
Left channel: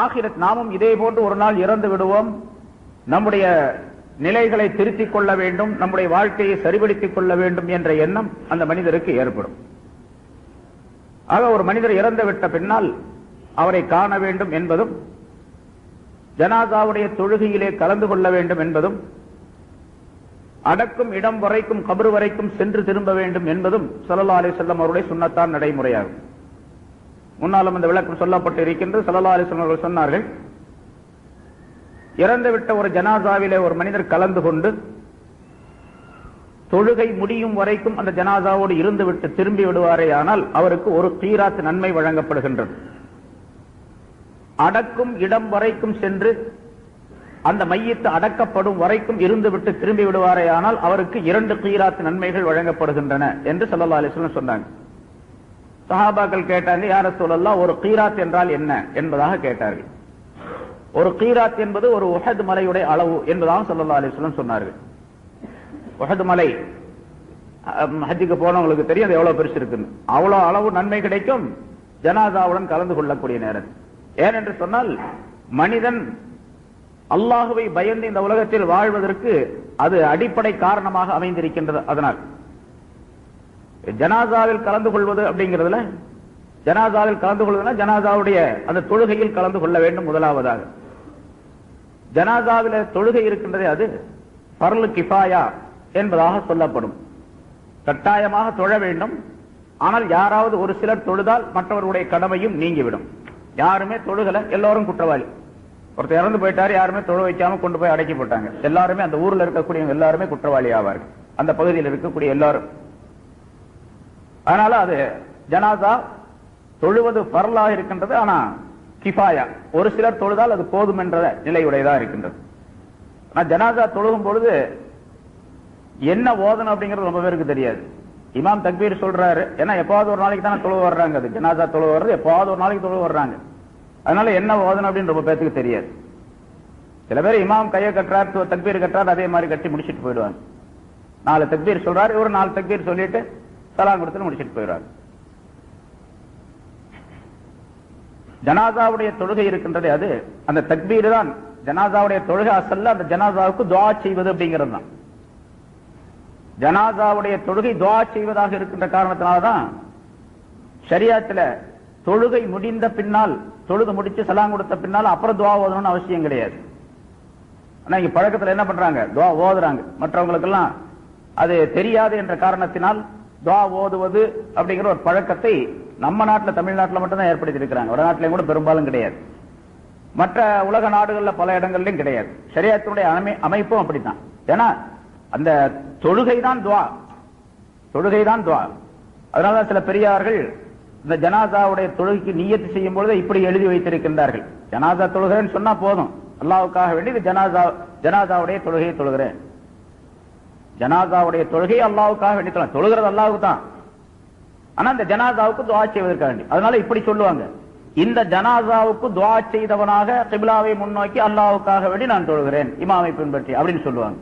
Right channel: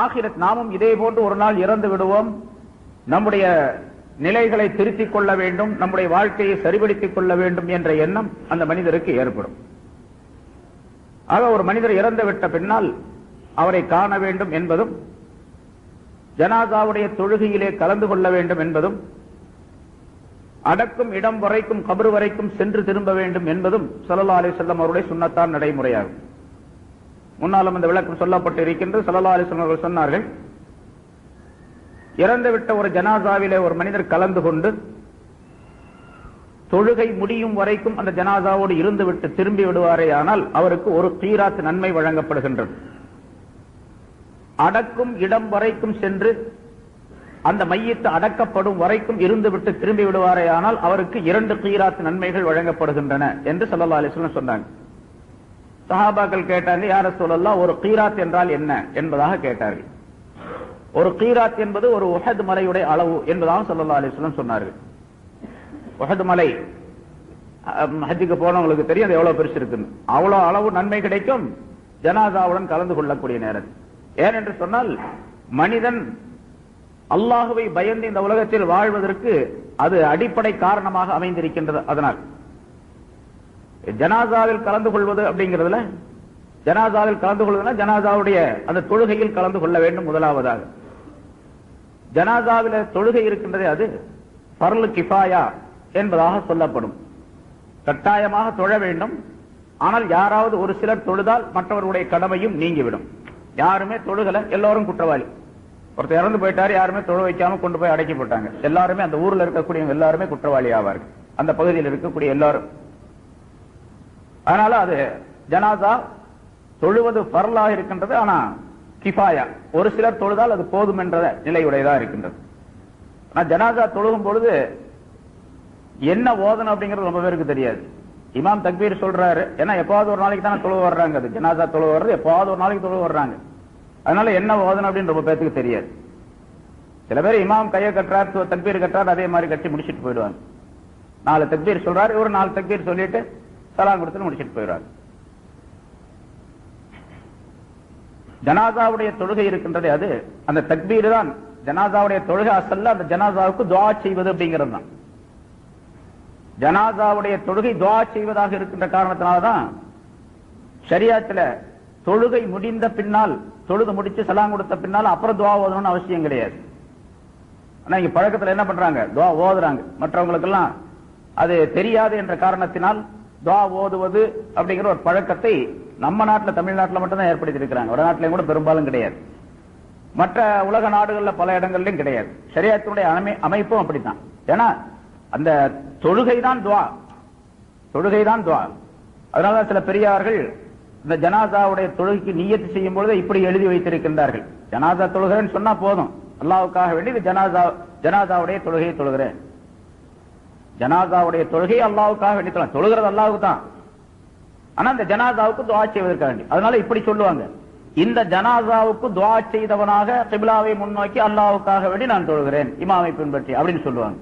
ஆகிரத், நாமும் இதே போன்று ஒரு நாள் இறந்து விடுவோம், நம்முடைய நிலைகளை திருத்திக் கொள்ள வேண்டும், நம்முடைய வாழ்க்கையை சரிபடுத்திக் கொள்ள வேண்டும் என்ற எண்ணம் அந்த மனிதருக்கு ஏற்படும். ஆக ஒரு மனிதர் இறந்துவிட்ட பின்னால் அவரை காண வேண்டும் என்பதும், ஜனாசாவுடைய தொழுகையிலே கலந்து கொள்ள வேண்டும் என்பதும், அடக்கும் இடம் வரைக்கும் கபர் வரைக்கும் சென்று திரும்ப வேண்டும் என்பதும் ஸல்லல்லாஹு அலைஹி வஸல்லம் அவருடைய சுன்னத்தான் நடைமுறையாகும். முன்னாலும் இந்த விளக்கம் சொல்லப்பட்டு இருக்கின்றது. ஸல்லல்லாஹு அலைஹி வஸல்லம் அவர்கள் சொன்னார்கள், இறந்துவிட்ட ஒரு ஜனாசாவிலே ஒரு மனிதர் கலந்து கொண்டு தொழுகை முடியும் வரைக்கும் அந்த ஜனாசாவோடு இருந்துவிட்டு திரும்பி விடுவாரேயானால் அவருக்கு ஒரு கீராத் நன்மை வழங்கப்படுகின்றது. அடக்கும் இடம் வரைக்கும் சென்று அந்த மையத்து அடக்கப்படும் வரைக்கும் இருந்துவிட்டு திரும்பி விடுவாரேயானால் அவருக்கு 2 கீராத் நன்மைகள் வழங்கப்படுகின்றன என்று ஸல்லல்லாஹு அலைஹி வஸல்லம் சொன்னாங்க. சஹாபாக்கள் கேட்டாங்க, யா ரசூலல்லாஹ், ஒரு கீராத் என்றால் என்ன என்பதாக கேட்டார்கள். ஒரு கீராத் என்பது ஒரு உஹத் மலையுடைய அளவு என்பதாக ஸல்லல்லாஹு அலைஹி வஸல்லம் சொன்னார்கள். உஹத் மலை ஹஜ்ஜுக்கு போனவங்களுக்கு தெரியும் அது எவ்வளவு பெருசு இருக்குன்னு. அவ்வளவு அளவு நன்மை கிடைக்கும் ஜனாசாவுடன் கலந்து கொள்ளக்கூடிய நேரத்தில். ஏனென்று சொன்னால், மனிதன் அல்லாஹுவை பயந்து இந்த உலகத்தில் வாழ்வதற்கு அது அடிப்படை காரணமாக அமைந்திருக்கின்றது. அதனால் ஜனாசாவில் கலந்து கொள்வது அப்படிங்கிறதுல, ஜனாசாவில் கலந்து கொள்வதுனா ஜனாசாவுடைய அந்த தொழுகையில் கலந்து கொள்ள வேண்டும். முதலாவதாக ஜனாசாவில தொழுகை இருக்கின்றதே, அது ஃபர்லு கிஃபாயா என்பதாக சொல்லப்படும். கட்டாயமாக தொழ வேண்டும். ஆனால் யாராவது ஒரு சிலர் தொழுதால் மற்றவர்களுடைய கடமையும் நீங்கிவிடும். யாருமே தொழுகல, எல்லாரும் குற்றவாளி. ஒருத்தர் இறந்து போயிட்டாரு, யாருமே தொழ வைக்காம கொண்டு போய் அடக்கி போட்டாங்க, எல்லாருமே அந்த ஊர்ல இருக்கக்கூடிய எல்லாருமே குற்றவாளி ஆவார்கள், அந்த பகுதியில் இருக்கக்கூடிய எல்லாரும். அதனால அது ஜனாசா தொழுவது ஃபர்லாக இருக்கின்றது. ஆனா கிஃபாயா, ஒரு சிலர் தொழுதால் அது போதும் என்ற நிலையுடையதா இருக்கின்றது. ஆனா ஜனாசா தொழுகும் பொழுது என்ன ஓதணும் அப்படிங்கிறது ரொம்ப பேருக்கு தெரியாது. இமாம் தக்பீர் சொல்றாரு, ஏன்னா எப்பாவது ஒரு நாளைக்கு தானே தொழுவு வர்றாங்க, அது ஜனாசா தொழுவு வர்றது எப்பாவது ஒரு நாளைக்கு தொழுவு வர்றாங்க. அதனால என்ன ஓதணும் அப்படின்னு ரொம்ப பேருக்கு தெரியாது. சில பேர் இமாம் கையை கட்டுறாரு, தக்பீர் கட்டுறாரு, அதே மாதிரி கட்டி முடிச்சுட்டு போயிடுவாங்க. 4 தக்பீர் சொல்றாரு, ஒரு 4 தக்பீர் சொல்லிட்டு சலாம் கொடுத்து முடிச்சுட்டு போயிடுவாங்க. ஜனாசாவுடைய தொழுகை இருக்கின்றது, அது அந்த தக்பீர் தான் ஜனாசாவுடைய தொழுகை. அசல்ல அந்த ஜனாசாவுக்கு துஆ செய்வது அப்படிங்கிறது தான். ஜனாசாவுடைய தொழுகை துஆ செய்வதாக இருக்கின்ற காரணத்தினால்தான் ஷரியத்துல தொழுகை முடிந்த பின்னால், தொழுகை முடிச்சு சலாம் கொடுத்த பின்னால் அப்புறம் துஆ ஓதணும்னு அவசியம் கிடையாது. ஆனா இங்க பழக்கத்துல என்ன பண்றாங்க, துஆ ஓதுறாங்க, மற்றவங்களுக்கு எல்லாம் அது தெரியாது என்ற காரணத்தினால் துஆ ஓதுவது அப்படிங்கிற ஒரு பழக்கத்தை நம்ம நாட்டில், தமிழ்நாட்டில் மட்டும்தான் ஏற்படுத்தி இருக்கிறாங்க. வடநாட்டிலையும் கூட பெரும்பாலும் கிடையாது. மற்ற உலக நாடுகள்ல பல இடங்கள்லயும் கிடையாது. ஷரியத்துடைய அமைப்பும் அப்படித்தான். ஏன்னா அந்த தொழுகை தான் துஆ, தொழுகை தான் துஆ. அதனால சில பெரியார்கள் இந்த ஜனாசாவுடைய தொழுகைக்கு நியத்து செய்யும் பொழுது இப்படி எழுதி வைத்திருக்கின்றார்கள். ஜனாசா தொழுகிறேன்னு சொன்னா போதும், அல்லாஹ்வுக்காக வேண்டி இது ஜனாசாவுடைய தொழுகையை தொழுகிறேன். ஜனாசாவுடைய தொழுகை அல்லாஹ்வுக்காக வேண்டி தொழுகிறது அல்லாஹ்வுக்கு தான். ஆனா இந்த ஜனாசாவுக்கு துஆ செய்வதற்காக வேண்டி, அதனால இப்படி சொல்லுவாங்க, இந்த ஜனாசாவுக்கு துஆ செய்தவனாக கிப்லாவை முன்னோக்கி அல்லாஹ்வுக்காக வேண்டி நான் தொழுகிறேன் இமாமை பின்பற்றி அப்படின்னு சொல்லுவாங்க.